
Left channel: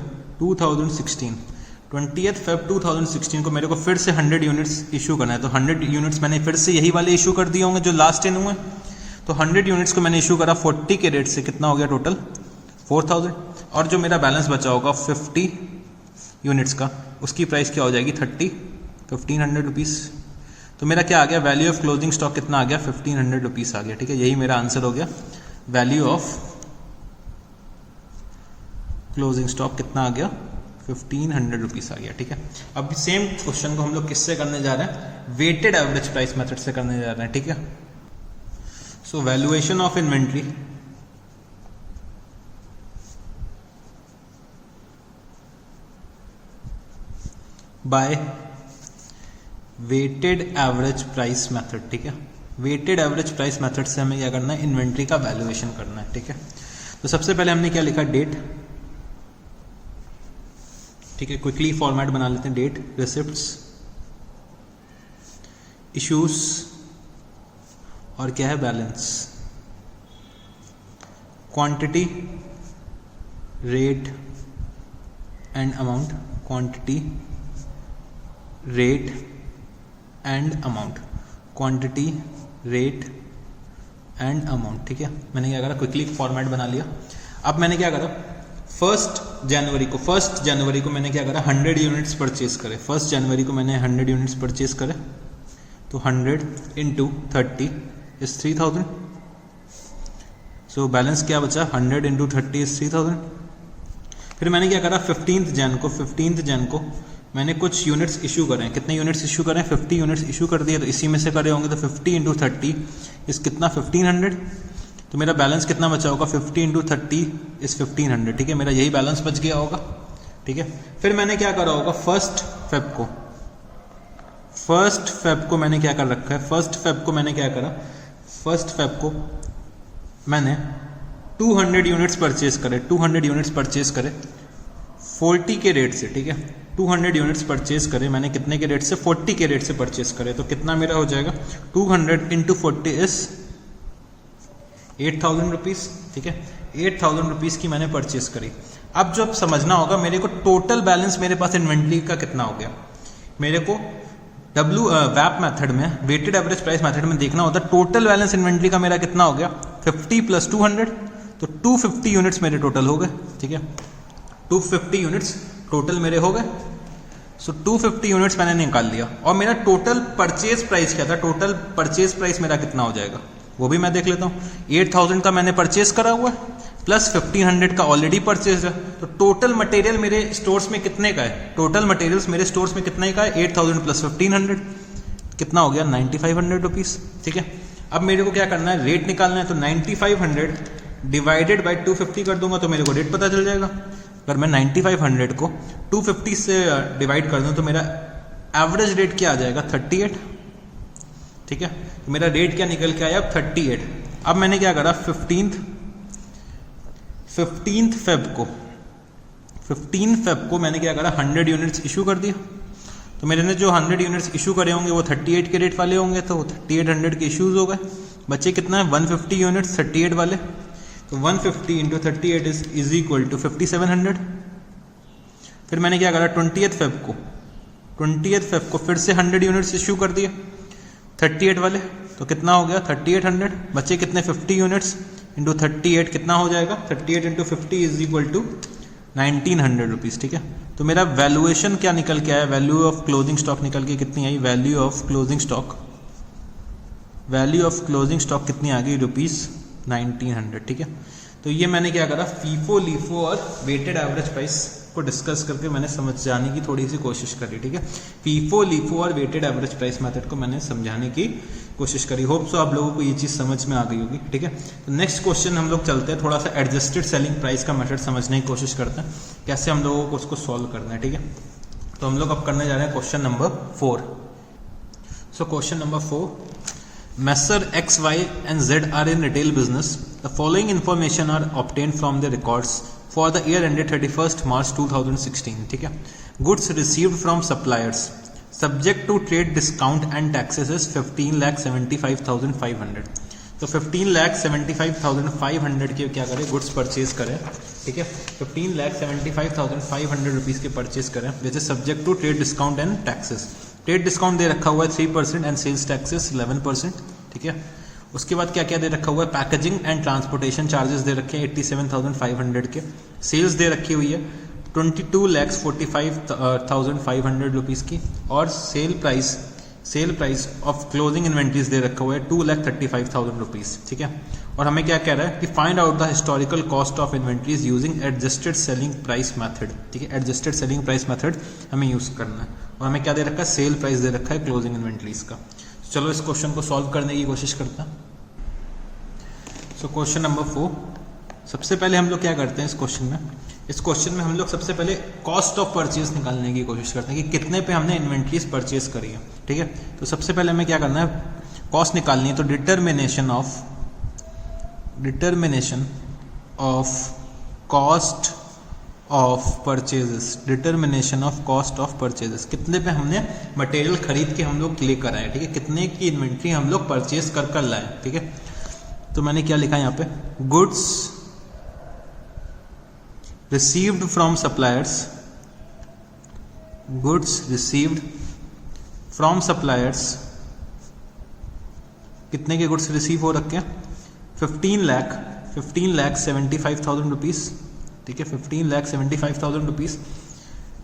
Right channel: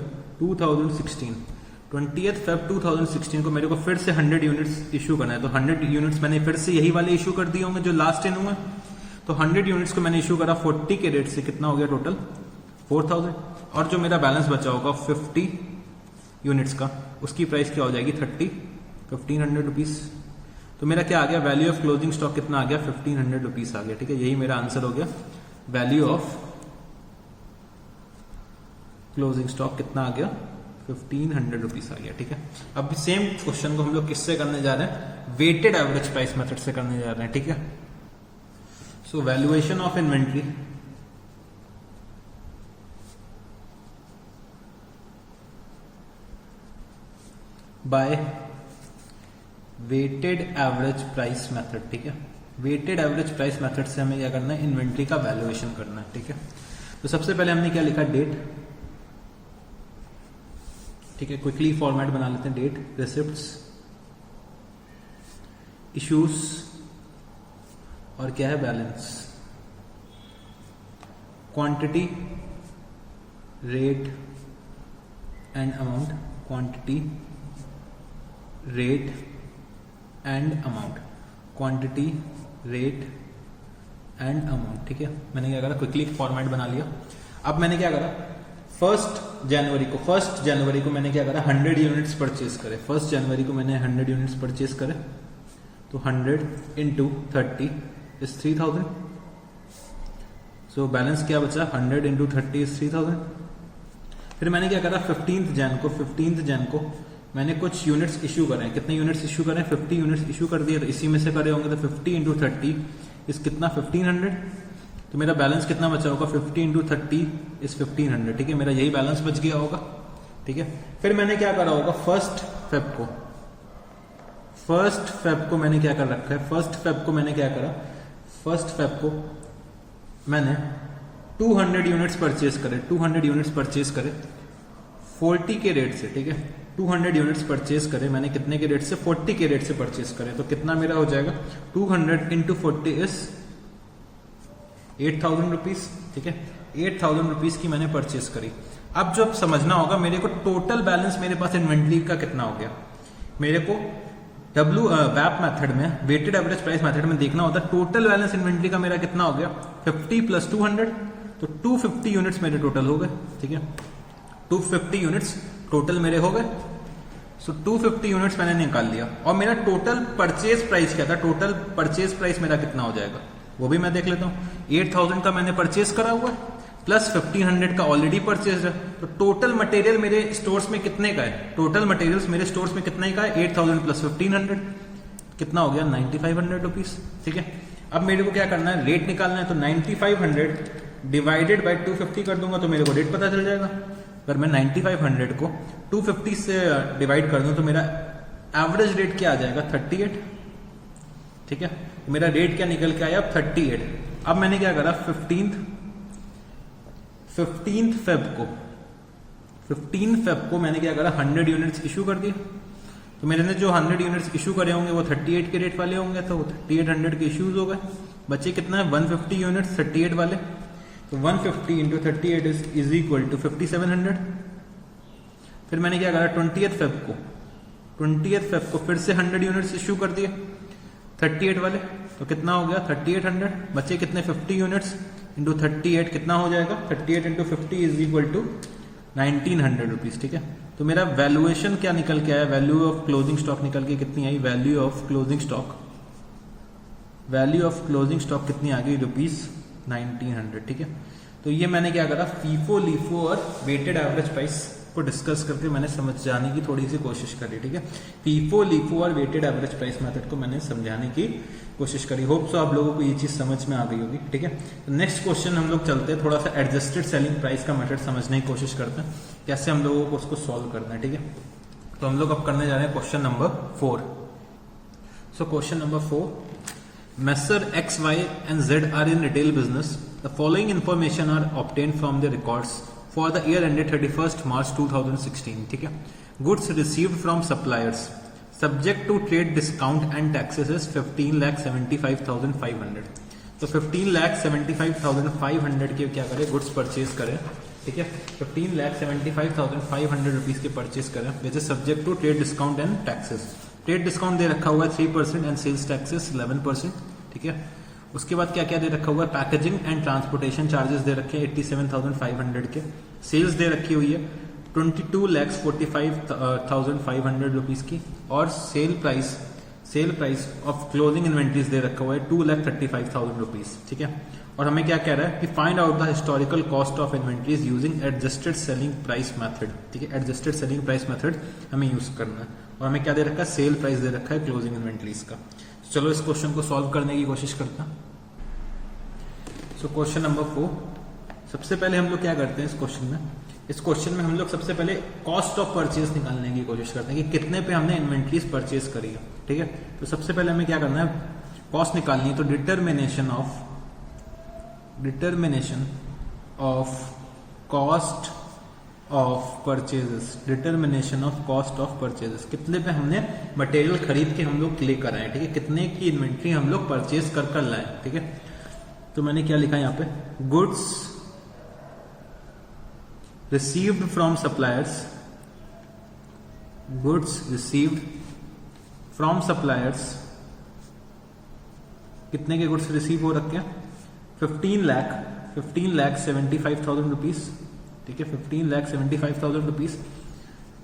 2016 को मेरे को फिर से 100 यूनिट्स इशू करना है। तो 100 यूनिट्स मैंने फिर से यही वाले इशू कर दिए होंगे जो लास्ट इन हुए। तो 100 यूनिट्स को मैंने इशू करा 40 के रेट से, कितना हो गया टोटल, 4000। और जो मेरा बैलेंस बचा होगा 50 यूनिट्स का, उसकी प्राइस क्या हो जाएगी, 1500 रुपीज़। तो मेरा क्या आ गया, वैल्यू ऑफ क्लोजिंग स्टॉक कितना आ गया, 1500 रुपीज़ आ गया, ठीक है। यही मेरा आंसर हो गया, वैल्यू ऑफ क्लोजिंग स्टॉक कितना आ गया, 1500 रुपीज़ आ गया, ठीक है। अब सेम क्वेश्चन को हम लोग किससे करने जा रहे हैं, वेटेड एवरेज प्राइस मेथड से करने जा रहे हैं, ठीक है। So valuation of inventory by weighted average price method, ठीक है। वेटेड एवरेज प्राइस मेथड से हमें क्या करना है, इन्वेंट्री का वैल्यूएशन करना है, ठीक है। तो सबसे पहले हमने क्या लिखा, डेट, ठीक है। क्विकली फॉर्मेट बना लेते हैं, डेट, रिसिप्ट्स, इश्यूज और क्या है, balance, quantity, rate and amount, quantity, rate and amount, quantity, rate and amount, ठीक है। मैंने क्या करा, क्विकली फॉर्मेट बना लिया। अब मैंने क्या करा, फर्स्ट जनवरी को मैंने क्या करा, 100 यूनिट्स परचेज करे। फर्स्ट जनवरी को मैंने 100 यूनिट्स परचेज करे। तो 100 इंटू 30 इज 3000। सो बैलेंस क्या बचा, 100 इंटू 30 इज 3000। फिर मैंने क्या करा, 15th जैन को मैंने कुछ यूनिट्स इशू करें। कितने यूनिट्स इशू करें, 50 यूनिट्स इशू कर दिए। तो इसी में से करे होंगे। तो 50 इंटू 30 इस कितना, 1500। तो मेरा बैलेंस कितना बचा होगा, 50 इंटू 30 इस 1500, ठीक है। मेरा यही बैलेंस बच गया होगा, ठीक है। फिर मैंने क्या करा होगा, फर्स्ट फेब को मैंने क्या कर रखा है, फर्स्ट फेब को मैंने 200 यूनिट्स परचेज करे। 200 यूनिट्स परचेज करे 40 के रेट से, ठीक है। 200 यूनिट्स परचेज करे मैंने, कितने के रेट से, 40 के रेट से परचेज करे। तो कितना मेरा हो जाएगा, 200 इंटू 40 इज 8000 रुपीज़, ठीक है। 8000 रुपीज़ की मैंने परचेज करी। अब जो समझना होगा मेरे को, टोटल बैलेंस मेरे पास इन्वेंट्री का कितना हो गया। मेरे को वैप मेथड में, वेटेड एवरेज प्राइस मेथड में देखना होता है टोटल बैलेंस इन्वेंट्री का मेरा कितना हो गया, 50 प्लस 200। तो 250 यूनिट्स मेरे टोटल हो गए, ठीक है, 250 यूनिट्स टोटल मेरे हो गए। सो 250 यूनिट्स मैंने निकाल लिया, और मेरा टोटल परचेज प्राइस क्या था, टोटल परचेज प्राइस मेरा कितना हो जाएगा वो भी मैं देख लेता हूँ। 8000 का मैंने परचेज करा हुआ है, प्लस 1500 का ऑलरेडी परचेज है, तो टोटल मटेरियल मेरे स्टोर्स में कितने का है, टोटल मटेरियल्स मेरे स्टोर्स में कितने का है, 8000 प्लस 1500 कितना हो गया, 9500 रुपीज, ठीक है। अब मेरे को क्या करना है, रेट निकालना है, तो 9500 डिवाइडेड बाई 250 कर दूंगा तो मेरे को रेट पता चल जाएगा। अगर मैं 9500 को 250 से डिवाइड कर दूं तो मेरा एवरेज रेट क्या आ जाएगा, 38, ठीक है। तो मेरा रेट क्या निकल के आया, 38। अब मैंने क्या करा, 15 फेब को मैंने क्या करा, 100 यूनिट्स इशू कर दिया। तो मेरे ने जो 100 यूनिट्स इशू करे होंगे वो 38 के रेट वाले होंगे, तो 3800 के इश्यूज हो गए। बच्चे कितना है, 150 यूनिट्स 38 वाले, तो 150 इंटू 38 इज इक्वल टू 5700। फिर मैंने क्या करा, 20th फेब को फिर से 100 यूनिट्स इशू कर दिए 38 वाले, तो कितना हो गया, 3800। बच्चे कितने, 50 यूनिट्स इंटू 38 कितना हो जाएगा, 38 into 50 is equal to 1900 rupees, ठीक है। तो मेरा वैल्यूएशन क्या निकल के आया, वैल्यू ऑफ क्लोजिंग स्टॉक निकल के कितनी आई, वैल्यू ऑफ क्लोजिंग स्टॉक कितनी आ गई, ₹1900, ठीक है। तो ये मैंने क्या करा, फीफो लीफो और वेटेड एवरेज प्राइस को डिस्कस करके मैंने समझ जाने की थोड़ी सी कोशिश करी, ठीक है। फीफो लीफो और वेटेड एवरेज प्राइस मेथड को मैंने समझाने की कोशिश करी। होप सो आप लोगों को ये चीज समझ में आ गई होगी, ठीक है। तो नेक्स्ट क्वेश्चन हम लोग चलते हैं, थोड़ा सा एडजस्टेड सेलिंग प्राइस का मेथड समझने की कोशिश करते हैं, कैसे हम लोगों को उसको सॉल्व करना है, ठीक है। तो हम लोग अब करने जा रहे हैं question number 4। So question number 4, Messer X, Y and Z are in retail business. The following information are obtained from the records for the year ended 31st March 2016, ठीक है। Goods received from suppliers subject to trade discount and taxes is 15,75,500। तो 15,75,500 के क्या करें, goods purchase करें, ठीक है। 15,75,500 rupees के परचेज करें, which is subject to trade discount and taxes. Trade discount दे रखा हुआ है 3% एंड सेल्स टैक्सेस 11%, ठीक है। उसके बाद क्या क्या दे रखा हुआ है, पैकेजिंग एंड ट्रांसपोर्टेशन चार्जेस दे रखे हैं 87,500 के। सेल्स दे रखी हुई है 22,45,500 रुपीज की, और sale price of closing inventories दे रखा हुआ है 2,35,000 रुपीज, ठीक है। और हमें क्या कह रहा है कि find out the historical cost of inventories using adjusted selling price method, ठीक है। एडजस्टेड सेलिंग प्राइस मेथड हमें यूज करना है, और हमें क्या दे रखा है, सेल प्राइस दे रखा है क्लोजिंग इन्वेंट्रीज का। चलो इस क्वेश्चन को सॉल्व करने की कोशिश करता। सो क्वेश्चन नंबर 4, सबसे पहले हम लोग क्या करते हैं इस क्वेश्चन में हम लोग सबसे पहले कॉस्ट ऑफ परचेज निकालने की कोशिश करते हैं कि कितने पे हमने इन्वेंट्रीज परचेज करी है, ठीक है। तो सबसे पहले हमें क्या करना है, कॉस्ट निकालनी है। तो determination of cost of purchases, कितने पे हमने मटेरियल खरीद के हम लोग लेकर आए, ठीक है। कितने की इन्वेंट्री हम लोग परचेज कर लाए, ठीक है। तो मैंने क्या लिखा यहाँ पे, गुड्स रिसीव्ड फ्रॉम सप्लायर्स, कितने के गुड्स रिसीव हो रखे हैं, 15,75,000 रुपीज, ठीक है। 15,75,000 rupees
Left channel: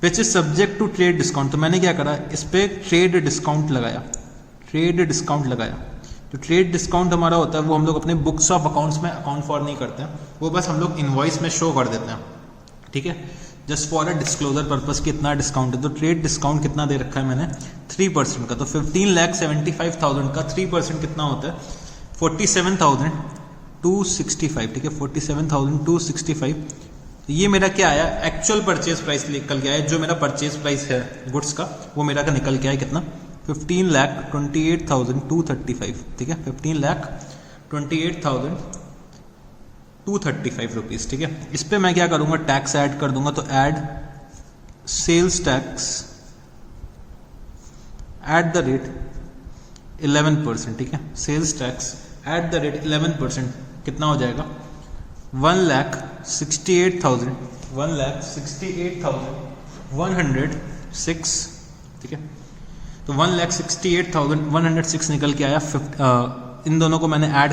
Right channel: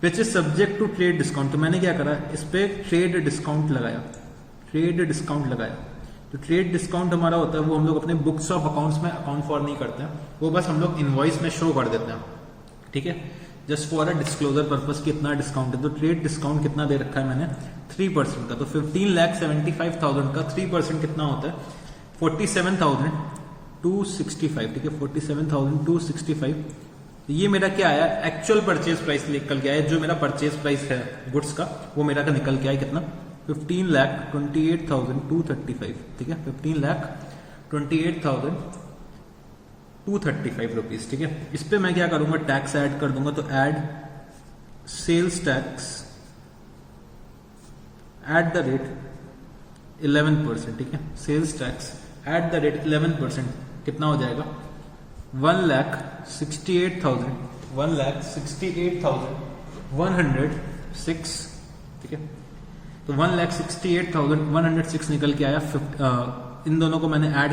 which is subject to trade discount. तो मैंने क्या करा, इस पे ट्रेड डिस्काउंट लगाया। तो ट्रेड डिस्काउंट हमारा होता है वो हम लोग अपने बुक्स ऑफ अकाउंट्स में अकाउंट फॉर नहीं करते हैं, वो बस हम लोग इनवॉइस में शो कर देते हैं, ठीक है, just for a disclosure purpose कि इतना डिस्काउंट है। तो ट्रेड डिस्काउंट कितना दे रखा है मैंने, 3% का। तो 15,75,000 का 3% कितना होता है, 47,265, ठीक है, 47,265। ये मेरा क्या आया, एक्चुअल परचेज प्राइस निकल गया है, जो मेरा परचेज प्राइस है गुड्स का वो मेरा का निकल गया है कितना, 15,28,235, ठीक है, 15,28,235 रुपीज, ठीक है। इस पे मैं क्या करूंगा, टैक्स ऐड कर दूंगा। तो add sales tax at the rate 11%, ठीक है। Sales tax at the rate 11% कितना हो जाएगा, 1,68,106, ठीक है। तो 1,68,106 निकल के आया। इन दोनों को मैंने ऐड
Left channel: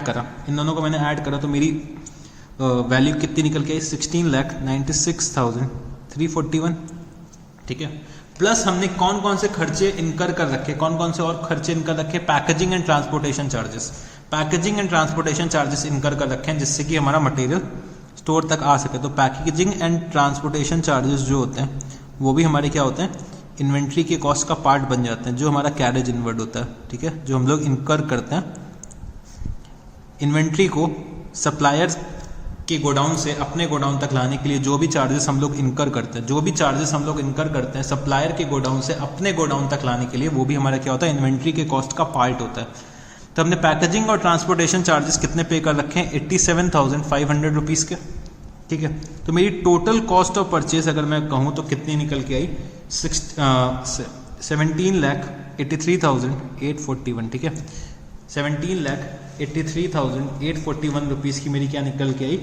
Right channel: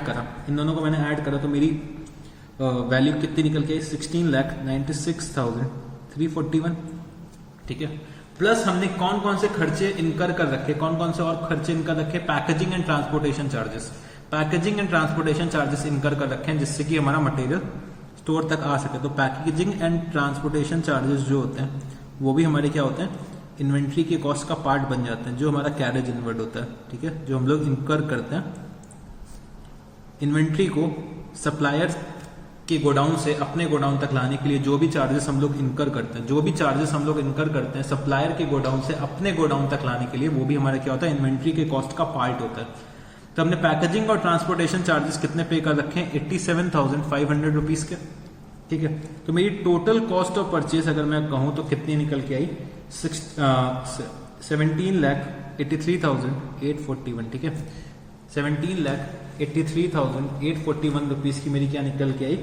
करा तो मेरी वैल्यू कितनी निकल के आई 16,96,341, ठीक है। प्लस हमने कौन कौन से खर्चे इनकर कर रखे, कौन कौन से और खर्चे इनकर रखे, packaging and transportation charges, packaging and transportation charges इनकर कर रखे हैं जिससे कि हमारा मटेरियल स्टोर तक आ सके। तो पैकेजिंग एंड ट्रांसपोर्टेशन चार्जेस जो होते हैं वो भी हमारे क्या होते हैं, इन्वेंट्री के कॉस्ट का पार्ट बन जाते हैं, जो हमारा कैरेज इनवर्ड होता है, ठीक है, जो हम लोग इनकर करते हैं इन्वेंट्री को सप्लायर्स के गोडाउन से अपने गोडाउन तक लाने के लिए। जो भी चार्जेस हम लोग इनकर करते हैं, जो भी चार्जेस हम लोग इनकर करते हैं सप्लायर के गोडाउन से अपने गोडाउन तक लाने के लिए, वो भी हमारा क्या होता है, इन्वेंट्री के कॉस्ट का पार्ट होता है। तो हमने पैकेजिंग और ट्रांसपोर्टेशन चार्जेस कितने पे कर रखे हैं, 87,500 रुपीज़ के, ठीक है। तो मेरी टोटल कॉस्ट ऑफ परचेज अगर मैं कहूँ तो कितनी निकल के आई, 17,83,841, ठीक है। 17,83,841 रुपीज़ की मेरी क्या निकल के आई,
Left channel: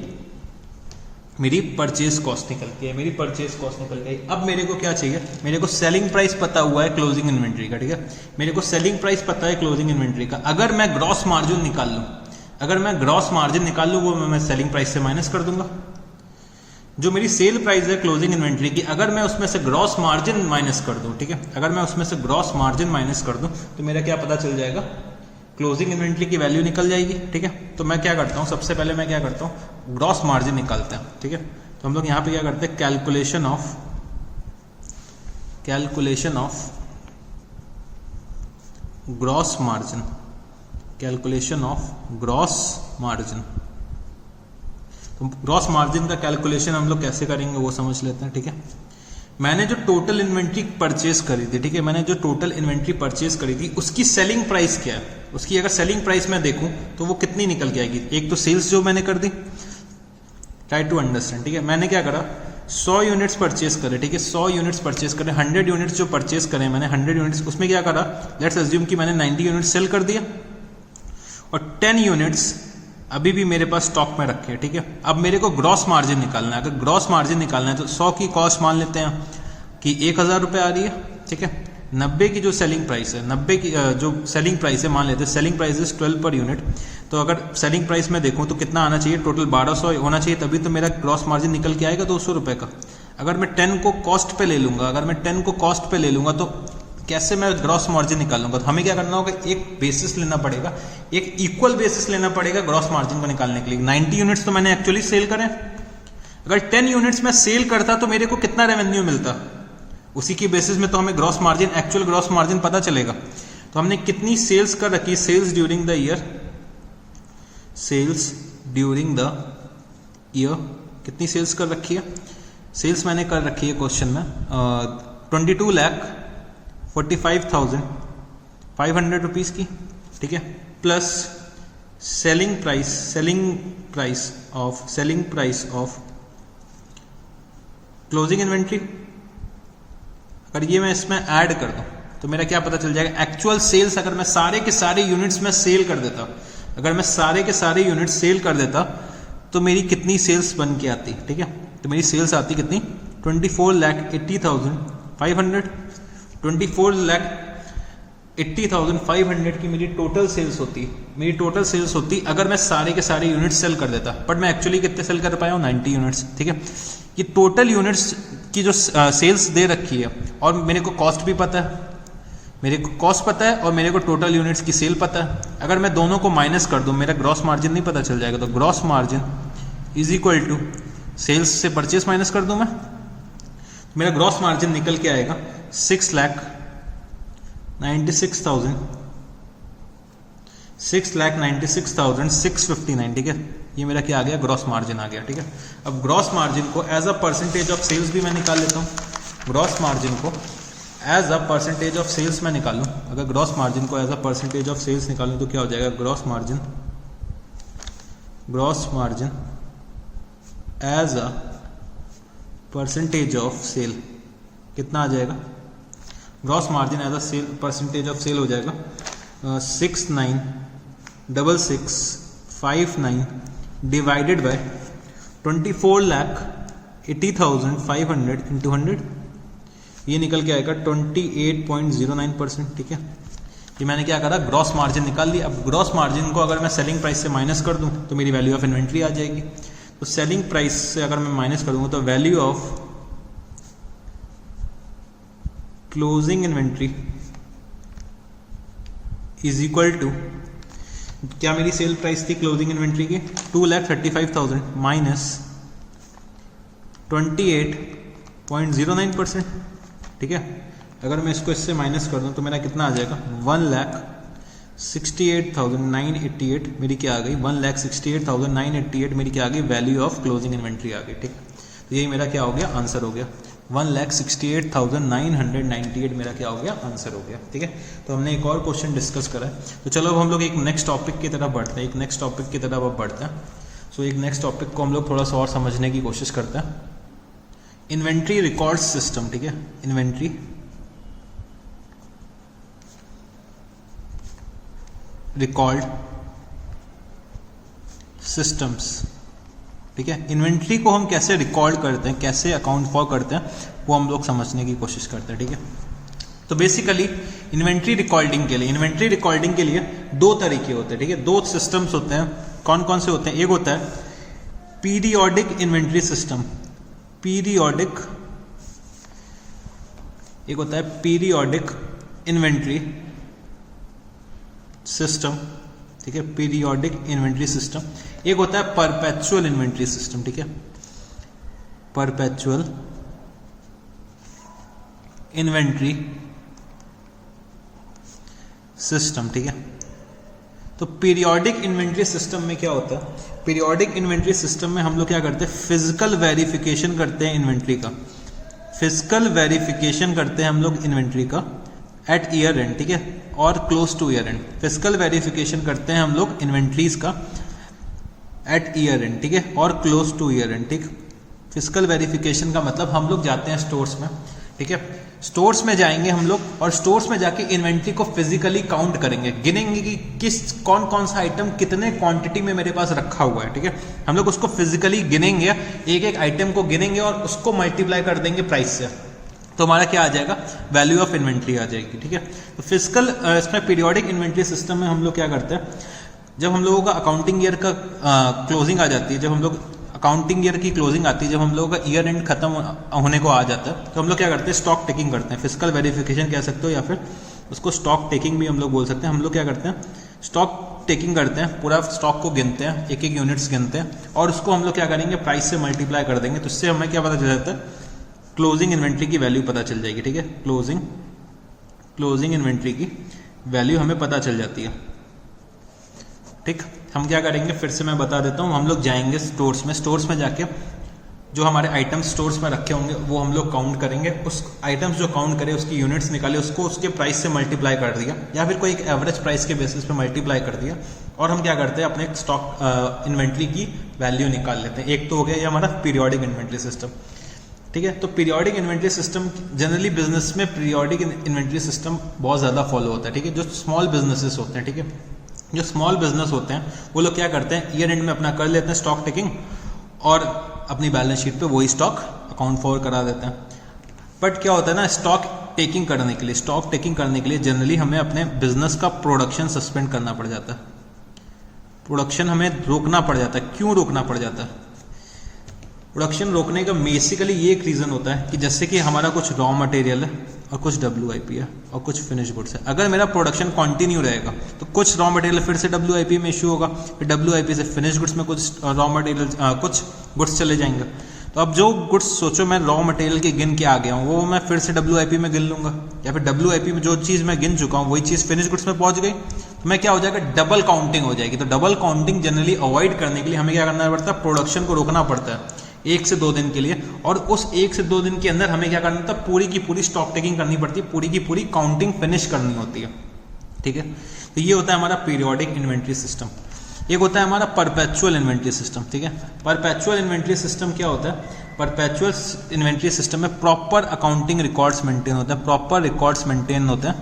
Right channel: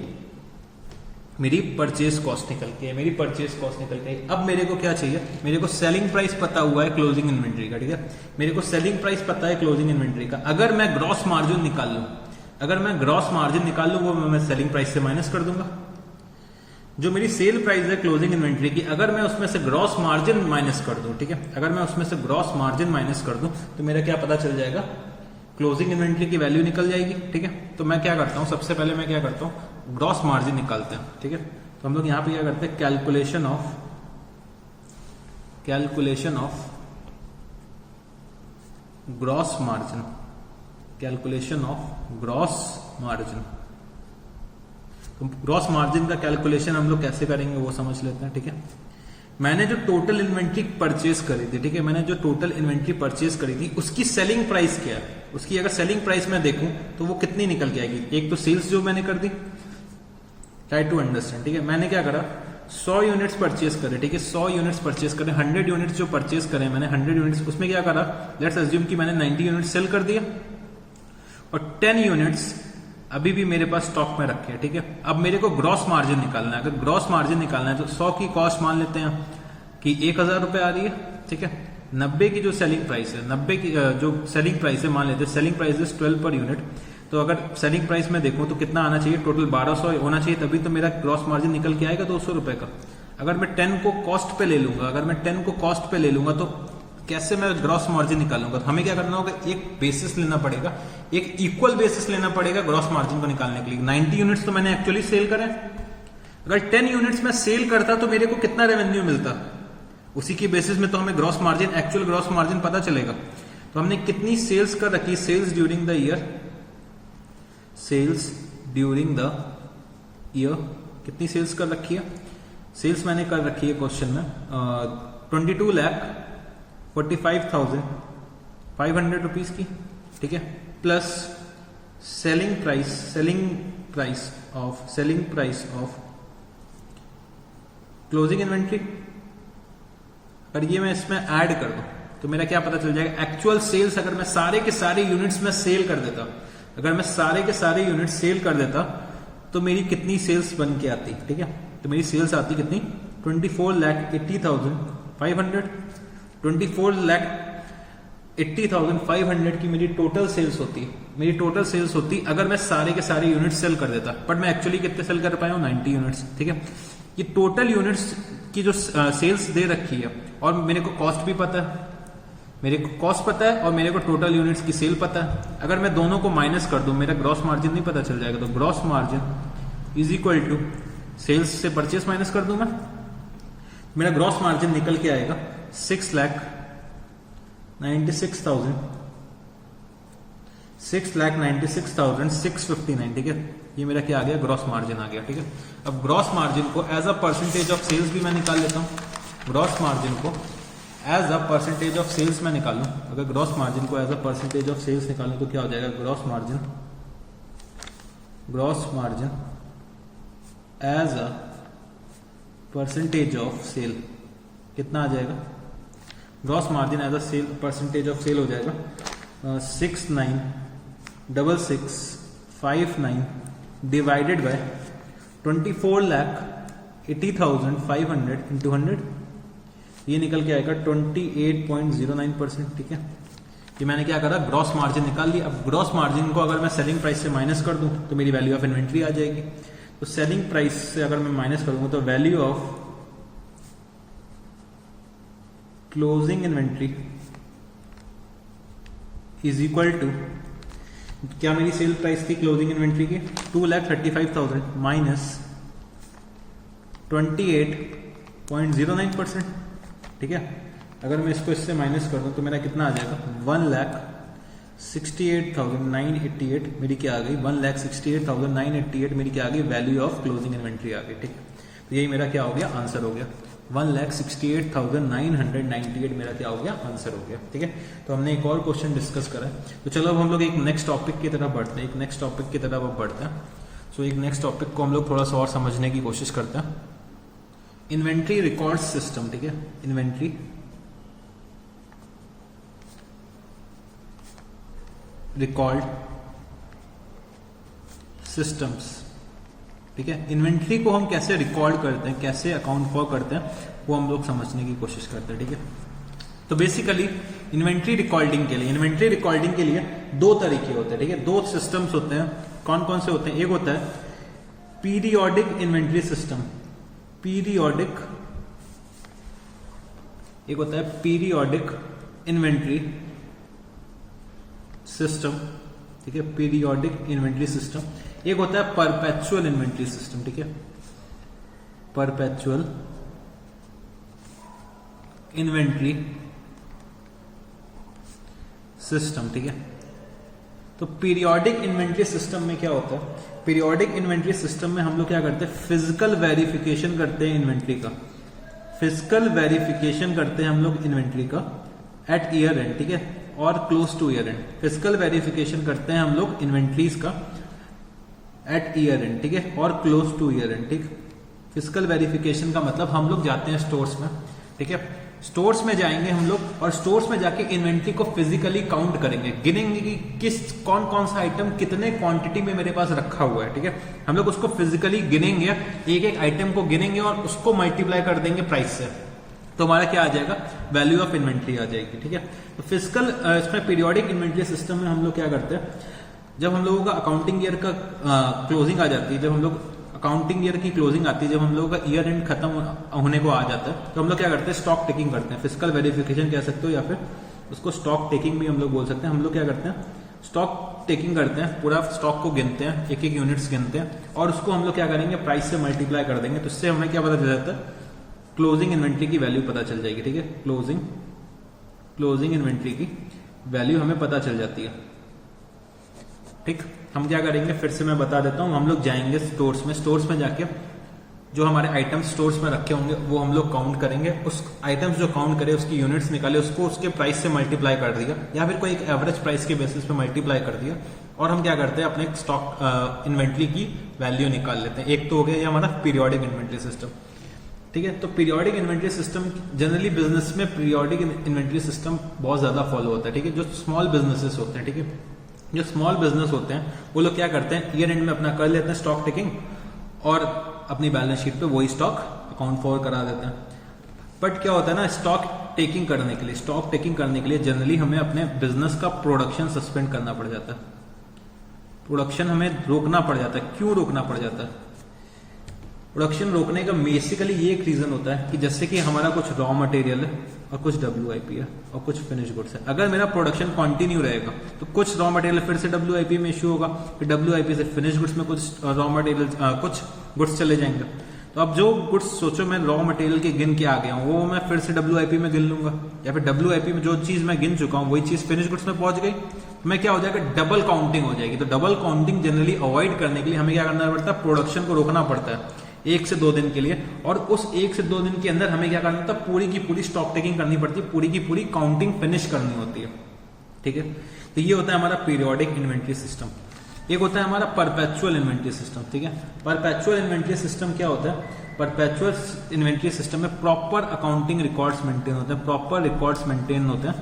मेरी परचेज कॉस्ट निकल के आई, मेरी परचेज कॉस्ट निकल के आई। अब मेरे को क्या चाहिए, मेरे को सेलिंग प्राइस पता हुआ है क्लोजिंग इन्वेंट्री का, ठीक है। मेरे को सेलिंग प्राइस पता है क्लोजिंग इन्वेंट्री का। अगर मैं ग्रॉस मार्जिन निकाल लूँ, अगर मैं ग्रॉस मार्जिन निकाल लूँ वो मैं सेलिंग प्राइस से माइनस कर दूंगा। जो मेरी सेल प्राइस है क्लोजिंग इन्वेंट्री की, अगर मैं उसमें से ग्रॉस मार्जिन माइनस कर दूं, ठीक है, अगर मैं उसमें से ग्रॉस मार्जिन माइनस कर दूं तो मेरा क्या पता चल जाएगा, क्लोजिंग इन्वेंट्री की वैल्यू निकल जाएगी, ठीक है। तो मैं क्या करता हूं, सबसे पहले मैं क्या करता हूं, ग्रॉस मार्जिन निकालते हैं, ठीक है। तो हम लोग यहां पे क्या करते हैं, calculation of gross margin, calculation of gross margin. Gross margin का कैलकुलेशन हम लोग कैसे करेंगे वो समझ लेते हैं, ठीक है। मैंने जो टोटल इन्वेंट्री परचेज करी थी, ठीक है, मैंने जो टोटल इन्वेंट्री परचेज करी थी उसकी सेलिंग प्राइस क्या है, उसकी अगर सेलिंग प्राइस मैं देखूं तो वो कितनी निकल के आएगी। एक तो सेल्स जो मैंने कर दी, ट्राई टू अंडरस्टैंड, ठीक है। मैंने क्या करा, 100 यूनिट्स परचेज करे, ठीक है, 100 यूनिट्स परचेज करे, 100 यूनिट्स जो परचेज करे मैंने, 100 यूनिट्स, उसमें क्या करा, लेट्स अज्यूम कि मैंने 90 यूनिट्स सेल कर दिया और 10 यूनिट्स अभी भी मेरे पास स्टॉक में रखे हैं, ठीक है। अब मेरे को ग्रॉस मार्जिन निकालना है। अगर ग्रॉस मार्जिन निकालना है तो 100 की कॉस्ट मान लेते हैं कि 1,000 रुपये आ रही है, ठीक है। 90 की जो सेलिंग प्राइस है, 90 की जो सेलिंग प्राइस है, मान लेते हैं selling price is 12 per unit. तो अगर सेलिंग प्राइस में देखूं तो कितना आना चाहिए, टोटल 1200 होना चाहिए, तभी तो मेरा ग्रॉस मार्जिन निकल के आएगा 200 रुपये का। अगर मैं 10 को कॉस्ट पे ले लूंगा, अगर मैं 10 को कॉस्ट पे ले लूंगा तो कैसे मैं ग्रॉस मार्जिन निकालूंगा। तो हमें क्या करना होगा, एक बेसिस लेना पड़ेगा, एक इक्वल बेसिस लेना पड़ेगा ग्रॉस मार्जिन को निकालने के लिए। 90 यूनिट्स तो मैंने एक्चुअली सेल करे, अगर 10 यूनिट्स में सेल करता तो मेरे को कितना रेवेन्यू मिलता, उसी की बेसिस में तो हमें gross margin, actual gross margin पता चलेगा। तो हमने कितनी सेल्स कर रखी, sales during the year, sales during the year कितनी सेल्स कर रखी है, सेल्स मैंने कर रखी है क्वेश्चन में 22,45,500 रुपीज़ की, ठीक है, plus selling price of closing inventory. अगर ये मैं इसमें ऐड कर दूं तो मेरा क्या पता चल जाएगा, एक्चुअल सेल्स अगर मैं सारे के सारे यूनिट्स में सेल कर देता, अगर मैं सारे के सारे यूनिट्स सेल कर देता तो मेरी कितनी सेल्स बन के आती, ठीक है। तो मेरी सेल्स आती कितनी, 24,80,500, 24,80,500 की मेरी टोटल सेल्स होती, मेरी टोटल सेल्स होती अगर मैं सारे के सारे यूनिट्स सेल कर देता। बट मैं एक्चुअली कितने सेल कर पाया हूँ, 90 यूनिट्स, ठीक है। ये टोटल यूनिट्स की जो सेल्स दे रखी है और मेरे को कॉस्ट भी पता है, मेरे को कॉस्ट पता है और मेरे को टोटल यूनिट्स की सेल पता है। अगर मैं दोनों को माइनस कर दूं मेरा ग्रॉस मार्जिन नहीं पता चल जाएगा। तो gross margin is equal to sales से परचेस माइनस कर दूं मैं, मेरा ग्रॉस मार्जिन निकल के आएगा 6,96,659, ठीक है। ये मेरा क्या आ गया, ग्रॉस मार्जिन आ गया, ठीक है। अब ग्रॉस मार्जिन को as a percentage of sales भी मैं निकाल लेता हूँ। ग्रॉस मार्जिन को as a percentage of sales मैं निकालूं, अगर ग्रॉस मार्जिन को as a percentage of sales निकालूं तो क्या हो जाएगा, gross margin as a percentage of sale कितना आ जाएगा, gross margin as a percentage of sale हो जाएगा 696659 डिवाइडेड बाय 24,80,500 इंटू 100, ये निकल के आएगा 28.09%, ठीक है। ये मैंने क्या करा, ग्रॉस मार्जिन निकाल लिया। अब ग्रॉस मार्जिन को अगर मैं सेलिंग प्राइस से माइनस कर दूं तो मेरी वैल्यू ऑफ इन्वेंट्री आ जाएगी। तो सेलिंग प्राइस से अगर मैं माइनस करूंगा तो value of closing inventory is equal to, क्या मेरी सेल प्राइस थी क्लोजिंग इन्वेंट्री की 2,35,000 माइनस 28.09%। ठीक है, अगर मैं इसको इससे माइनस कर दूं तो मेरा कितना आ जाएगा 1,68,988 मेरी क्या आ गई 1,68,988 मेरी क्या आ गई वैल्यू ऑफ क्लोजिंग इन्वेंट्री आ गई। ठीक, तो यही मेरा क्या हो गया आंसर हो गया 1,68,998 मेरा क्या हो गया आंसर हो गया। ठीक है, तो हमने एक और क्वेश्चन डिस्कस करा है। तो चलो अब हम लोग एक नेक्स्ट टॉपिक की तरफ बढ़ते हैं, एक नेक्स्ट टॉपिक की तरफ अब बढ़ते हैं। सो एक नेक्स्ट टॉपिक को हम लोग थोड़ा सा और समझने की कोशिश करते हैं, इन्वेंट्री रिकॉर्ड सिस्टम। ठीक है, इन्वेंट्री रिकॉर्ड सिस्टम्स। ठीक है, इन्वेंट्री को हम कैसे रिकॉर्ड करते हैं, कैसे अकाउंट फॉर करते हैं, वो हम लोग समझने की कोशिश करते हैं। ठीक है, तो बेसिकली इन्वेंट्री रिकॉर्डिंग के लिए दो तरीके होते हैं। ठीक है, दो सिस्टम्स होते हैं। कौन कौन से होते हैं? एक होता है पीरियोडिक इन्वेंट्री सिस्टम, एक होता है पीरियोडिक इन्वेंट्री सिस्टम। ठीक है, पीरियोडिक इन्वेंट्री सिस्टम। एक होता है परपेचुअल इन्वेंट्री सिस्टम। ठीक है, परपेचुअल इन्वेंट्री सिस्टम। ठीक है, तो पीरियोडिक इन्वेंट्री सिस्टम में क्या होता है? पीरियोडिक इन्वेंट्री सिस्टम में हम लोग क्या करते हैं? फिजिकल वेरिफिकेशन करते हैं इन्वेंट्री का, फिजिकल वेरिफिकेशन करते हैं हम लोग इन्वेंट्री का एट ईयर एंड। ठीक है, और close two year and. Physical verification करते हैं हम लोग इन्वेंट्रीज का एट ईयर एंड। ठीक है, और क्लोज टू ईयर एंड। ठीक, फिजिकल वेरिफिकेशन का मतलब हम लोग जाते हैं स्टोर्स में। ठीक है, स्टोर्स में जाएंगे हम लोग और स्टोर्स में जाके इन्वेंट्री को फिजिकली काउंट करेंगे, गिनेंगे कि किस कौन कौन सा आइटम कितने क्वांटिटी में मेरे पास रखा हुआ है। ठीक है, हम लोग उसको फिजिकली गिनेंगे, एक एक आइटम को गिनेंगे और उसको मल्टीप्लाई कर देंगे प्राइस से, तो हमारा क्या आ जाएगा? वैल्यू ऑफ इन्वेंट्री आ जाएगी। ठीक है, तो फिजिकल इसमें पीरियोडिक इन्वेंट्री सिस्टम में हम लोग क्या करते हैं, जब हम लोगों का अकाउंटिंग ईयर का क्लोजिंग आ जाती है, जब हम लोग अकाउंटिंग ईयर की क्लोजिंग आती है, जब हम लोगों का ईयर एंड खत्म होने को आ जाता है, तो हम लोग क्या करते हैं? स्टॉक टेकिंग करते हैं। फिजिकल वेरिफिकेशन कह सकते हो या फिर उसको स्टॉक टेकिंग भी हम लोग बोल सकते हैं। हम लोग क्या करते हैं? स्टॉक टेकिंग करते हैं, पूरा स्टॉक को गिनते हैं, एक एक यूनिट्स गिनते हैं और उसको हम लोग क्या करेंगे? प्राइस से मल्टीप्लाई कर देंगे, तो उससे हमें क्या पता चल जाता है? क्लोजिंग इन्वेंट्री की वैल्यू पता चल जाएगी। ठीक है, क्लोजिंग इन्वेंट्री की वैल्यू हमें पता चल जाती है। ठीक, हम क्या करेंगे? फिर से मैं बता देता हूँ। हम लोग जाएंगे स्टोर्स में जाके जो हमारे आइटम्स स्टोर्स में रखे होंगे वो हम लोग काउंट करेंगे। उस आइटम्स जो काउंट करे उसकी यूनिट्स निकाले, उसको उसके प्राइस से मल्टीप्लाई कर दिया या फिर कोई एक एवरेज प्राइस के बेसिस पे मल्टीप्लाई कर दिया और हम क्या करते हैं? अपने स्टॉक इन्वेंट्री की वैल्यू निकाल लेते हैं। एक तो हो गया ये हमारा पीरियोडिक इन्वेंट्री सिस्टम। ठीक है, तो periodic inventory system generally business में पीरियोडिक इन्वेंट्री सिस्टम बहुत ज़्यादा फॉलो होता है। ठीक है, जो स्मॉल बिजनेसेस होते हैं, ठीक है, जो स्मॉल बिजनेस होते हैं वो लोग क्या करते हैं? ईयर एंड में अपना कर लेते हैं स्टॉक टेकिंग और अपनी बैलेंस शीट पे वही स्टॉक अकाउंट फॉर करा देते हैं। बट क्या होता है ना, स्टॉक टेकिंग करने के लिए जनरली हमें अपने बिजनेस का प्रोडक्शन सस्पेंड करना पड़ जाता है, प्रोडक्शन हमें रोकना पड़ जाता है। क्यों रोकना पड़ जाता है? प्रोडक्शन रोकने का बेसिकली ये एक रीज़न होता है कि जैसे कि हमारा कुछ रॉ मटेरियल है और कुछ WIP है और कुछ फिनिश गुड्स है। अगर मेरा प्रोडक्शन कंटिन्यू रहेगा तो कुछ रॉ मटेरियल फिर से WIP में इशू होगा, फिर WIP से फिनिश गुड्स में कुछ रॉ मटेरियल कुछ गुड्स चले जाएंगे। तो अब जो गुड्स सोचो मैं रॉ मटेरियल के गिन के आ गया हूँ वो मैं फिर से WIP में गिन लूंगा, या फिर WIP में जो चीज़ मैं गिन चुका हूँ वही चीज़ फिनिश गुड्स में पहुंच गई, तो मैं क्या हो जाएगा? डबल काउंटिंग हो जाएगी। तो डबल काउंटिंग जनरली अवॉइड करने के लिए हमें क्या करना पड़ता है? प्रोडक्शन को रोकना पड़ता है 1 से 2 दिन के लिए, और उस 1 से 2 दिन के अंदर हमें क्या करना था? पूरी की पूरी स्टॉक टेकिंग करनी पड़ती है, पूरी की पूरी काउंटिंग फिनिश करनी होती है। ठीक है, तो ये होता है हमारा पीरियोडिक इन्वेंट्री सिस्टम। एक होता है हमारा परपेचुअल इन्वेंट्री सिस्टम। ठीक है, परपेचुअल इन्वेंट्री सिस्टम क्या होता है? परपेचुअल इन्वेंट्री सिस्टम में प्रॉपर अकाउंटिंग रिकॉर्ड्स मेंटेन होते हैं, प्रॉपर रिकॉर्ड्स मेंटेन होते हैं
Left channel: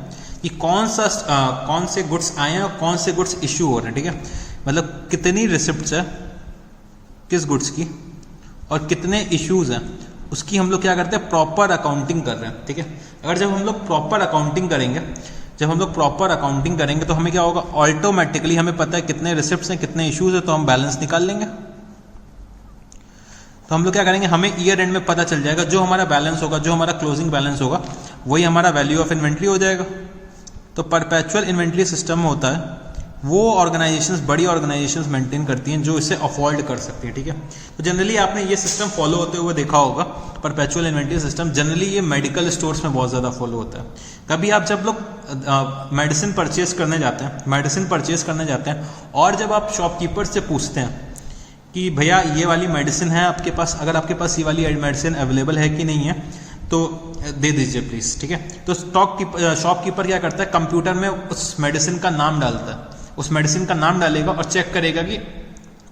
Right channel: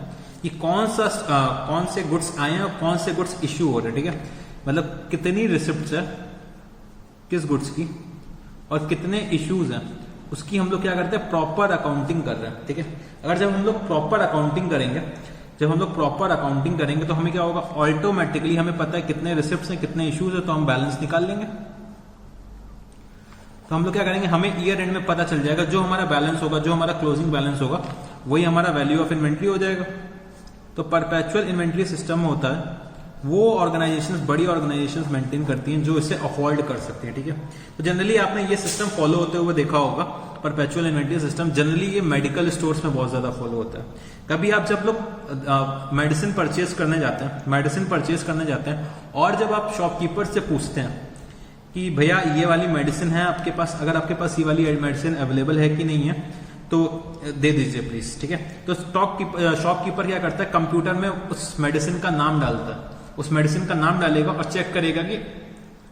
कि कौन से गुड्स आए हैं और कौन से गुड्स इश्यू हो रहे हैं। ठीक है, मतलब कितनी रिसिप्ट्स है किस गुड्स की और कितने इश्यूज हैं उसकी हम लोग क्या करते हैं? प्रॉपर अकाउंटिंग कर रहे हैं। ठीक है, अगर जब हम लोग प्रॉपर अकाउंटिंग करेंगे तो हमें क्या होगा? ऑटोमेटिकली हमें पता है कितने रिसिप्ट्स हैं कितने इश्यूज हैं, तो हम बैलेंस निकाल लेंगे। तो हम लोग क्या करेंगे, हमें ईयर एंड में पता चल जाएगा, जो हमारा बैलेंस होगा, जो हमारा क्लोजिंग बैलेंस होगा, वही हमारा वैल्यू ऑफ इन्वेंट्री हो जाएगा। तो परपेचुअल इन्वेंट्री सिस्टम में होता है, वो ऑर्गेनाइजेशंस, बड़ी ऑर्गेनाइजेशंस मेंटेन करती हैं जो इसे अफोर्ड कर सकती हैं, ठीक है। तो जनरली आपने ये सिस्टम फॉलो होते हुए देखा होगा, परपेचुअल इन्वेंट्री सिस्टम। जनरली ये मेडिकल स्टोर्स में बहुत ज़्यादा फॉलो होता है। कभी आप जब लोग मेडिसिन परचेज करने जाते हैं, और जब आप शॉपकीपर से पूछते हैं कि भैया ये वाली मेडिसिन है आपके पास, अगर आपके पास ये वाली मेडिसिन अवेलेबल है कि नहीं है तो दे दीजिए प्लीज़, ठीक है। तो शॉपकीपर क्या करता है, कंप्यूटर में उस मेडिसिन का नाम डालता है, उस मेडिसिन का नाम डालेगा और चेक करेगा कि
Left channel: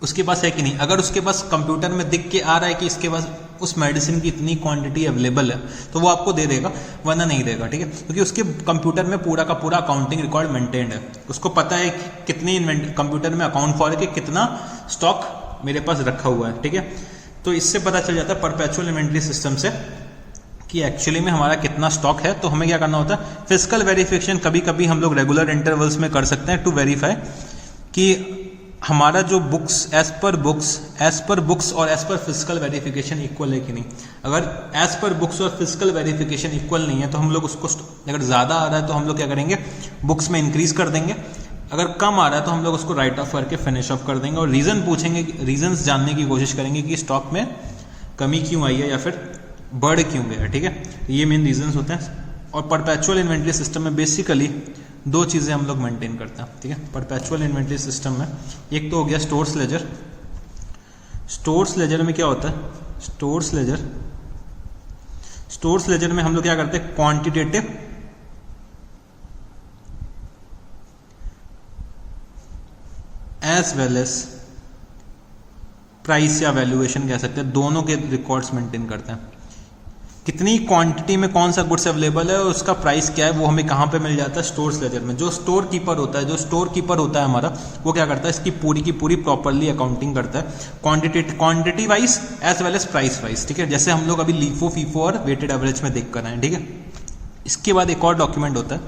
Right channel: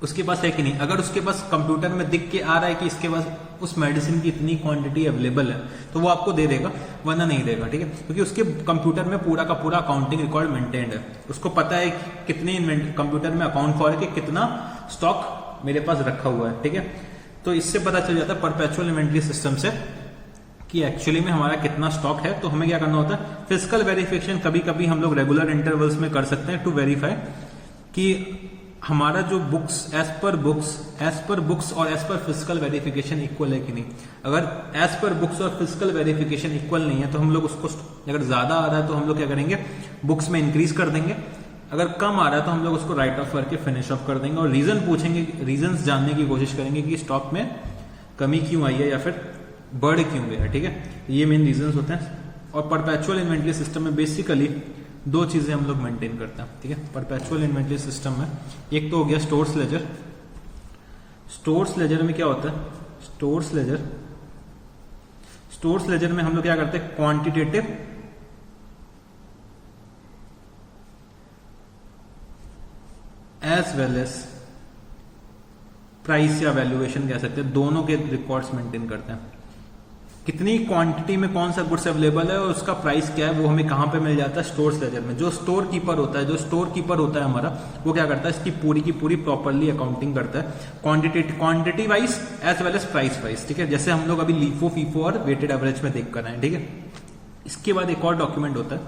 उसके पास है कि नहीं। अगर उसके पास कंप्यूटर में दिख के आ रहा है कि इसके पास उस मेडिसिन की इतनी क्वांटिटी अवेलेबल है तो वो आपको दे देगा, वरना नहीं देगा, ठीक है। क्योंकि उसके कंप्यूटर में पूरा का पूरा अकाउंटिंग रिकॉर्ड मेंटेन्ड है, उसको पता है कि कितनी कंप्यूटर में अकाउंट फॉर है कि कितना स्टॉक मेरे पास रखा हुआ है, ठीक है। तो इससे पता चल जाता है परपेचुअल इन्वेंट्री सिस्टम से कि एक्चुअली में हमारा कितना स्टॉक है। तो हमें क्या करना होता है, फिजिकल वेरिफिकेशन कभी कभी हम लोग रेगुलर इंटरवल्स में कर सकते हैं टू वेरीफाई कि हमारा जो बुक्स एज पर बुक्स और as per physical verification equal है कि नहीं। अगर एज पर बुक्स और फिजिकल वेरिफिकेशन इक्वल नहीं है तो हम लोग उसको, अगर ज़्यादा आ रहा है तो हम लोग क्या करेंगे, बुक्स में इंक्रीज कर देंगे। अगर कम आ रहा है तो हम लोग उसको राइट ऑफ करके फिनिश ऑफ कर देंगे और रीज़न पूछेंगे, रीजंस जानने की कोशिश करेंगे कि स्टॉक में कमी क्यों आई है या फिर बढ़ क्यों गया, ठीक है। तो ये मेन रीजंस होते हैं। और परपेचुअल इन्वेंट्री सिस्टम में बेसिकली दो चीज़ें हम लोग मेंटेन करते हैं, ठीक है। परपेचुअल इन्वेंट्री सिस्टम में एक तो हो गया स्टोर्स लेजर। स्टोर्स लेजर में क्या होता है, स्टोर्स लेजर में हम लोग क्या करते हैं, quantitative as well as price या वैल्यूएशन कह सकते हैं, दोनों के रिकॉर्ड्स मेंटेन करते हैं। कितनी क्वांटिटी में कौन सा गुड्स अवेलेबल है और उसका प्राइस क्या है, वो हमें कहाँ पे मिल जाता है, स्टोर्स लेजर में। जो स्टोर कीपर होता है हमारा, वो क्या करता है, इसकी पूरी की पूरी प्रॉपरली अकाउंटिंग करता है, quantity wise as well as price wise, ठीक है। जैसे हम लोग अभी लीफो, फीफो और वेटेड एवरेज में देख कर आए, ठीक है। इसके बाद एक और डॉक्यूमेंट होता है,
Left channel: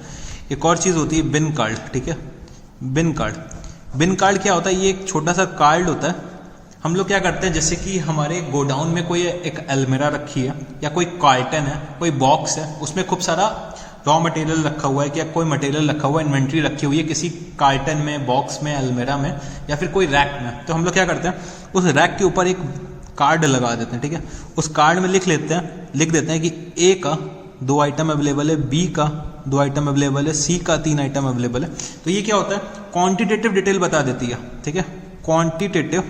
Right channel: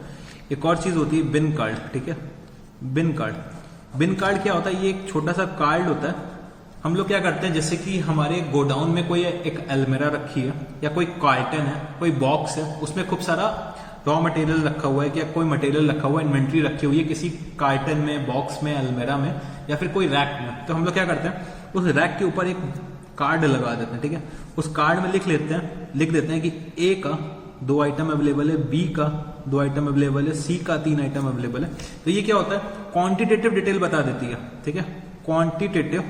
एक और चीज़ होती है बिन कार्ड, ठीक है। बिन कार्ड क्या होता है, ये एक छोटा सा कार्ड होता है। हम लोग क्या करते हैं, जैसे कि हमारे गोडाउन में कोई एक अलमीरा रखी है या कोई कार्टन है, कोई बॉक्स है, उसमें खूब सारा रॉ मटेरियल रखा हुआ है, या कोई मटेरियल रखा हुआ है, इन्वेंट्री रखी हुई है किसी कार्टन में, बॉक्स में, अलमीरा में या फिर कोई रैक में। तो हम लोग क्या करते हैं, उस रैक के ऊपर एक कार्ड लगा देते हैं, ठीक है। उस कार्ड में लिख देते हैं कि ए का 2 आइटम अवेलेबल है, बी का 2 आइटम अवेलेबल है, सी का 3 आइटम अवेलेबल है। तो ये क्या होता है, क्वांटिटेटिव डिटेल बता देती है, ठीक है। क्वांटिटेटिव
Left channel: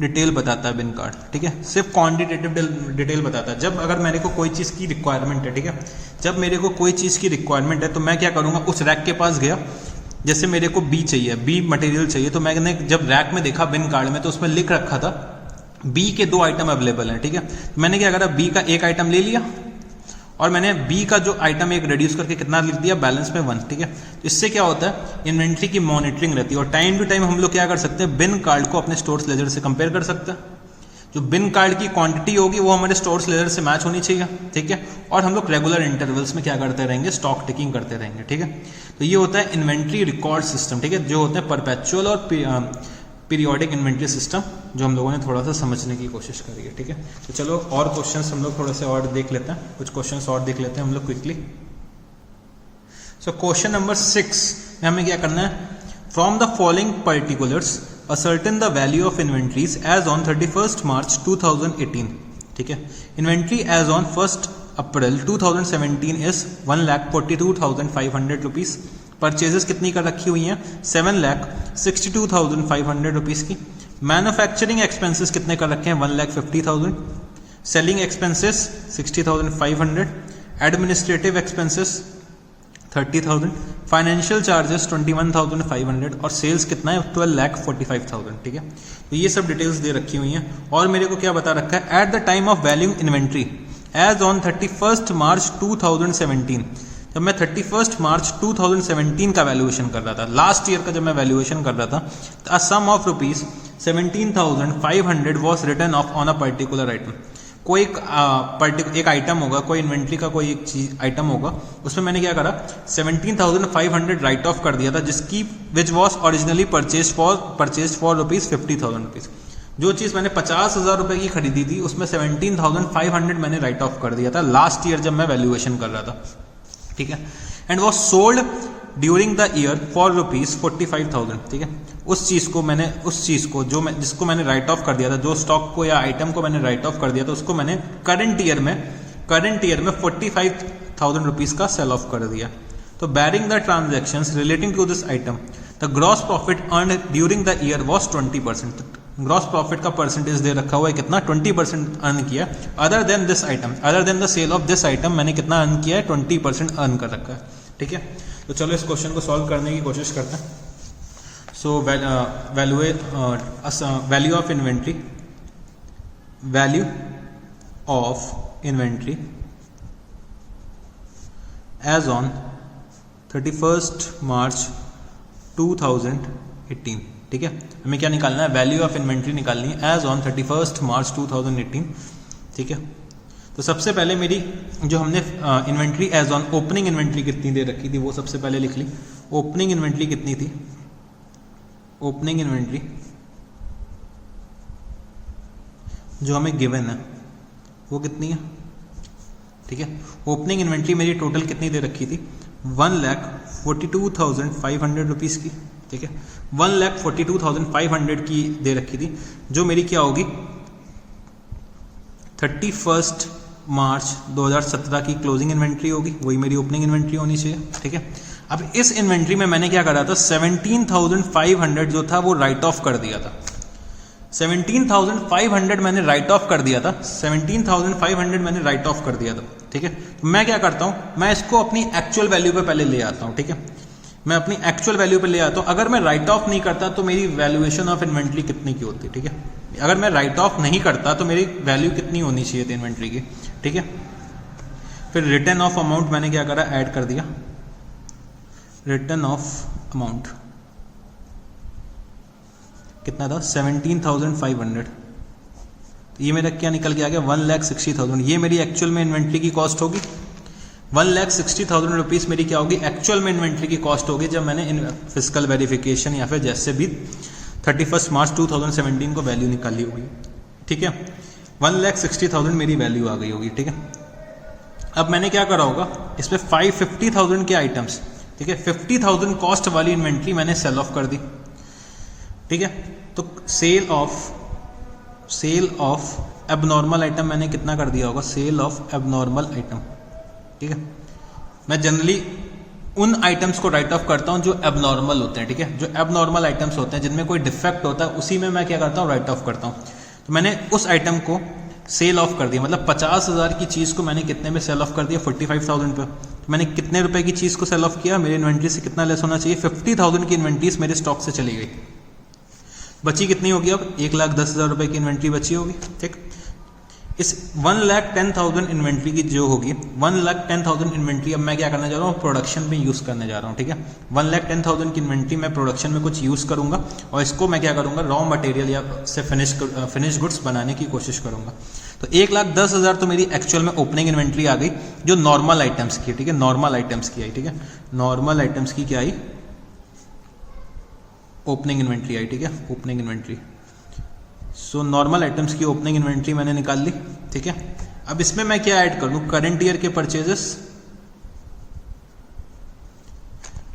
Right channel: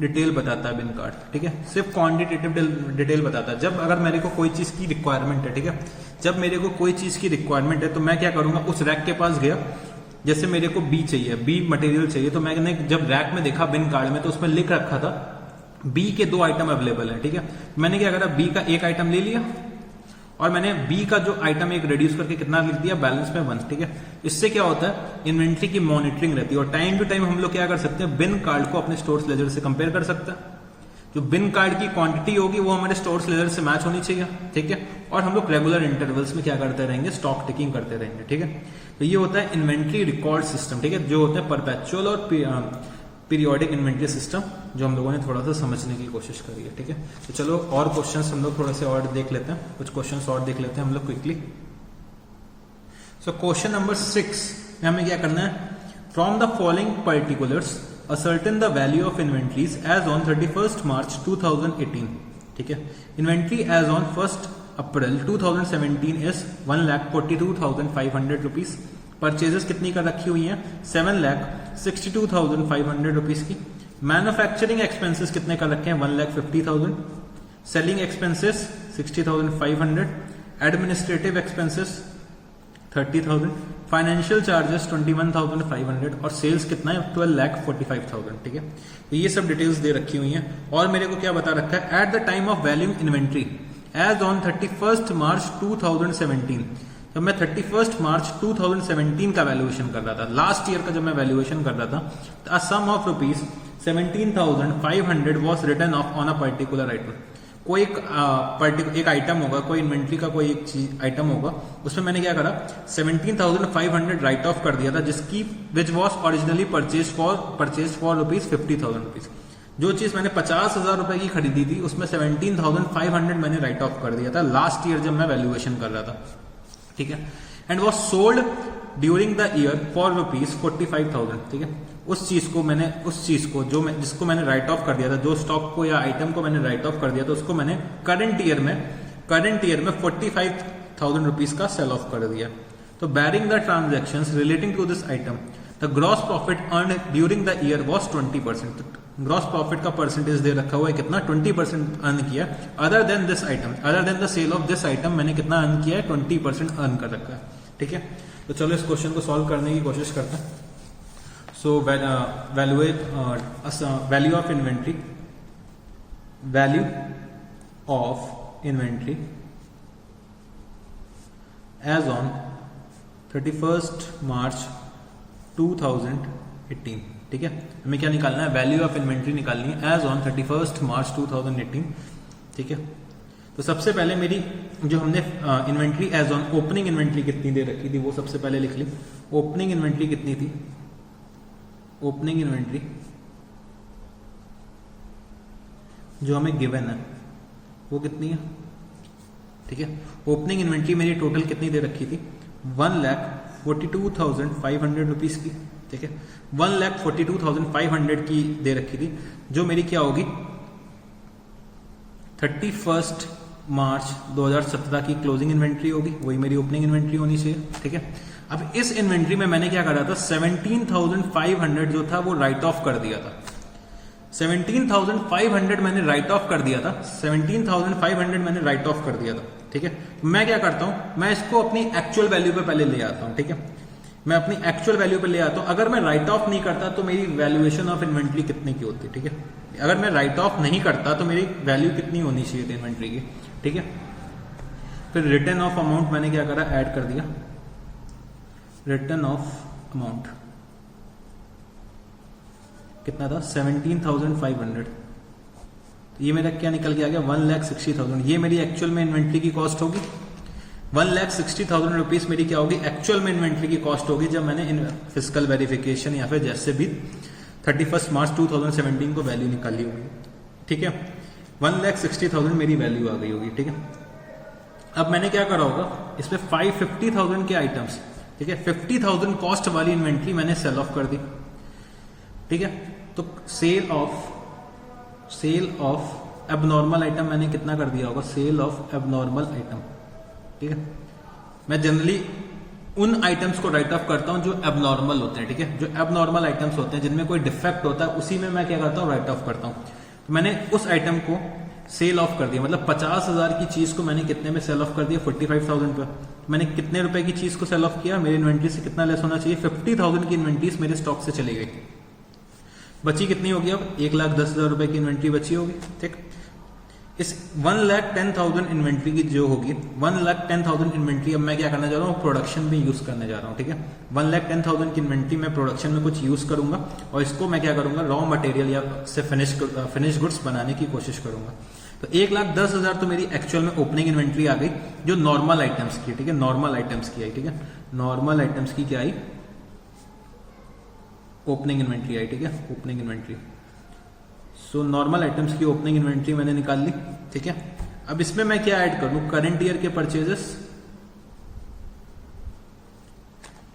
डिटेल बताता है बिन कार्ड, ठीक है। सिर्फ क्वांटिटेटिव डिटेल बताता है। जब अगर मेरे को कोई चीज़ की रिक्वायरमेंट है, ठीक है, जब मेरे को कोई चीज़ की रिक्वायरमेंट है तो मैं क्या करूँगा, उस रैक के पास गया, जैसे मेरे को बी चाहिए, बी मटेरियल चाहिए, तो मैंने जब रैक में देखा बिन कार्ड में तो उसमें लिख रखा था बी के 2 आइटम अवेलेबल है, ठीक है। मैंने क्या करा, बी का 1 आइटम ले लिया और मैंने बी का जो आइटम एक रिड्यूस करके कितना लिख दिया, बैलेंस में 1, ठीक है। इससे क्या होता है, इन्वेंट्री की मॉनिटरिंग रहती है और टाइम टू टाइम हम लोग क्या कर सकते हैं, बिन कार्ड को अपने स्टोर्स लेजर से कंपेयर कर सकते हैं। जो बिन कार्ड की क्वांटिटी होगी वो हमारे स्टोर्स लेजर से मैच होनी चाहिए, ठीक है। और हम लोग रेगुलर इंटरवल्स में क्या करते रहेंगे, स्टॉक टेकिंग करते रहेंगे, ठीक है। तो ये होता है इन्वेंट्री रिकॉर्ड सिस्टम, ठीक है, जो होता है परपेचुअल और पीरियोडिक इन्वेंट्री सिस्टम, जो हम लोगों ने थोड़ा सा समझने की कोशिश करी है, ठीक है। तो चलो और क्वेश्चंस हम लोग थोड़े से और देख लेते हैं, कुछ क्वेश्चंस और देख लेते हैं हम लोग क्विकली। सो क्वेश्चन नंबर 6 में हमें क्या करना है, from the following particulars ascertain the value of inventories as on 31 March 2018, ठीक है। Inventory as on 1 April 2017 is 1,42,500 rupees. Purchases कितनी कर रखी हुई हैं, 7,62,500 रुपीज की। मैन्युफैक्चरिंग एक्सपेंसेस कितने कर रखे हैं, 1,50,000। Selling expenses 60,500। Administrative expenses 30,000। Financial charges 21,500 और सेल्स कितना है, 12,45,000, ठीक है। तो ये सब डिटेल्स दे रखी हुई हैं और मेरे को क्या बता रखा है, at the time of value inventory as on 31 March 2017। जब मैं 31 मार्च 2017 का वैल्यूएशन कर रहा था, लास्ट ईयर का जब मैं वैल्यूएशन कर रहा था, a sum of rupees 17,500 was return of on a particular item. कोई एक आइटम होगा, कोई इन्वेंट्री का कोई एक चीज आइटम होगा, उसमें मैंने क्या करा, 17,500 राइट ऑफ कर दिया था, जिसकी which was originally purchase for rupees 50,000 rupees. जो चीज मैंने 50,000 रुपए की खरीदी थी उसमें 17,500 मैंने राइट ऑफ कर दिया था लास्ट ईयर जब मैं वैल्यूएशन कर रहा था, ठीक है। And was sold during the year for ₹45,000, ठीक है। उस चीज को जिसको मैंने राइट ऑफ कर दिया था, जो स्टॉक को या आइटम को मैंने राइट ऑफ कर दिया था, उसको मैंने करंट ईयर में 45,000 रुपीज का सेल ऑफ कर दिया। तो barring the transactions relating to this item the gross profit earn during the year was 20%। Gross profit का परसेंटेज दे रखा हुआ है कितना, 20% अर्न किया। Other than this item, other than the sale of this item मैंने कितना अर्न किया है, 20% अर्न कर रखा है, ठीक है। तो चलो इस क्वेश्चन को सॉल्व करने की कोशिश करते हैं। So value of inventory, value of inventory as on 31 March 2018, ठीक है। हमें क्या निकालना है, वैल्यू ऑफ इन्वेंट्री निकालनी है एज ऑन 31 मार्च 2018, ठीक है। तो सबसे पहले मेरी जो हमने inventory as on opening inventory कितनी दे रखी थी वो सबसे पहले लिख ली। ओपनिंग इन्वेंट्री कितनी थी, ओपनिंग इन्वेंट्री जो हमें गिवन है वो कितनी है, ठीक है। ओपनिंग इन्वेंट्री मेरी टोटल कितनी दे रखी थी, 1,42,500 रुपीज की, ठीक है। 1,42,500 की दे रखी थी, जो मेरी क्या होगी 31 मार्च 2017 की क्लोजिंग इन्वेंट्री होगी, वही मेरी ओपनिंग इन्वेंट्री होनी चाहिए, ठीक है। अब इस इन्वेंट्री में मैंने क्या करा था, 17,500 जो था वो राइट ऑफ कर दिया था। 17,500 मैंने राइट ऑफ कर दिया था, 17,500 मैंने राइट ऑफ कर दिया था, ठीक है। मैं क्या करता हूं, मैं इसको अपनी एक्चुअल वैल्यू पे पहले ले आता हूं, ठीक है। मैं अपनी एक्चुअल वैल्यू पे ले आता हूं। अगर मैं राइट ऑफ नहीं करता तो मेरी वैल्यूएशन ऑफ इन्वेंट्री कितनी की होती, ठीक है। अगर मैं राइट ऑफ नहीं करता तो मेरी वैल्यू कितनी होनी चाहिए थी इन्वेंट्री की, ठीक है। फिर रिटर्न ऑफ अमाउंट मैंने क्या करा, ऐड कर दिया। रिटर्न ऑफ अमाउंट कितना था, 17,500। तो ये मेरा क्या निकल के आ गया, 1,60,000। ये मेरी एक्चुअल में इन्वेंट्री की कॉस्ट होगी। 1,60,000 रुपीज मेरी क्या होगी, एक्चुअल में इन्वेंट्री की कॉस्ट होगी जब मैंने फिजिकल वेरिफिकेशन या फिर जैसे भी 31 मार्च 2017 को वैल्यू निकाली होगी, ठीक है। 1,60,000 मेरी वैल्यू आ गई होगी, ठीक है। अब मैंने क्या करा होगा, इस पे 50,000 के आइटम्स, ठीक है, 50,000 कॉस्ट वाली इन्वेंट्री मैंने सेल ऑफ कर दी, ठीक है। तो सेल ऑफ एबनॉर्मल आइटम मैंने कितना कर दिया होगा, सेल ऑफ एबनॉर्मल आइटम, ठीक है। मैं जनरली उन आइटम्स को राइट ऑफ करता हूं जो एबनॉर्मल होते हैं, ठीक है। जो एबनॉर्मल आइटम्स होते हैं जिनमें कोई डिफेक्ट होता है उसी में मैं क्या करता हूं, राइट ऑफ करता हूं। तो मैंने उस आइटम को सेल ऑफ कर दिया, मतलब 50,000 की चीज को मैंने कितने में सेल ऑफ कर दिया, 45,000 पे। तो मैंने कितने रुपए की चीज को सेल ऑफ किया, मेरी इन्वेंट्री से कितना लेस होना चाहिए, 50,000 की इन्वेंट्रीज मेरे स्टॉक से चली गई। बची कितनी होगी, अब 1,10,000 रुपए की इन्वेंट्री बची होगी, ठीक। इस 1,10,000 इन्वेंट्री की जो होगी, 1,10,000 इन्वेंट्री अब मैं क्या करने जा रहा हूँ, प्रोडक्शन में यूज करने जा रहा हूँ, ठीक है। 1,10,000 की इन्वेंट्री मैं प्रोडक्शन में कुछ यूज करूंगा और इसको मैं क्या करूंगा, रॉ मटेरियल या से फिनिश गुड्स बनाने की कोशिश करूंगा। तो 1,10,000 तो मेरी एक्चुअल में ओपनिंग इन्वेंट्री आ गई जो नॉर्मल आइटम्स की, ठीक है। नॉर्मल आइटम्स की आई, ठीक है। नॉर्मल आइटम्स की क्या आई, ओपनिंग इन्वेंट्री आई, ठीक है, opening inventory. So normal items की ओपनिंग इन्वेंट्री मैंने निकाल ली, ठीक है। अब इसमें मैं क्या ऐड कर लूं, करंट ईयर के परचेजेस।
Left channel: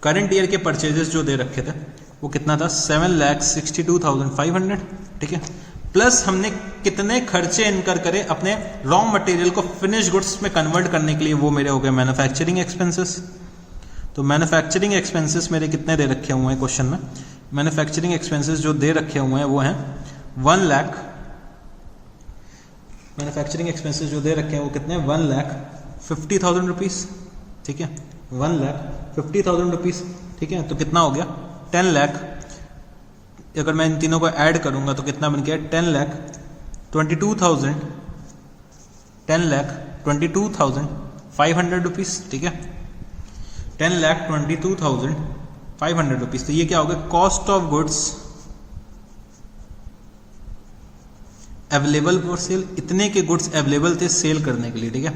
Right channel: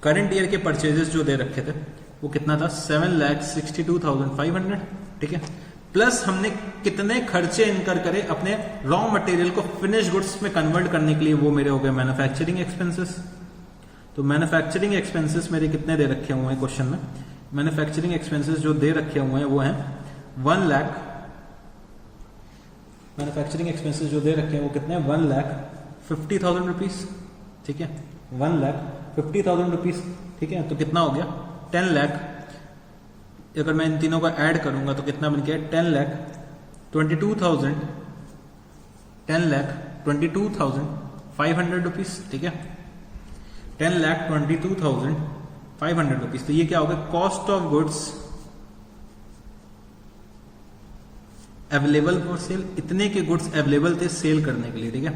करंट ईयर के परचेजेस जो दे रखे थे वो कितना था, 7,62,500, ठीक है। प्लस हमने कितने खर्चे इनकर करे अपने रॉ मटेरियल को फिनिश गुड्स में कन्वर्ट करने के लिए, वो मेरे हो गए मैन्युफैक्चरिंग एक्सपेंसेस। तो मैन्युफैक्चरिंग एक्सपेंसेस मेरे कितने दे रखे हुए हैं क्वेश्चन में, मैन्युफैक्चरिंग एक्सपेंसेस जो दे रखे हुए हैं वो हैं 1 लाख। मैन्युफैक्चरिंग एक्सपेंसेस जो दे रखे हैं वो कितने, 1,50,000 रुपीज, ठीक है। 1,50,000 रुपीज, ठीक है। तो कितना हो गया, 10 लाख। अगर मैं इन तीनों को ऐड करूंगा तो कितना बन गया, 10,22,000, 10,22,500 रुपीज, ठीक है। 10,22,500 रुपीज। तो ये क्या हो गया, cost of goods available for sale. इतने के गुड्स अवेलेबल थे सेल करने के लिए, ठीक है।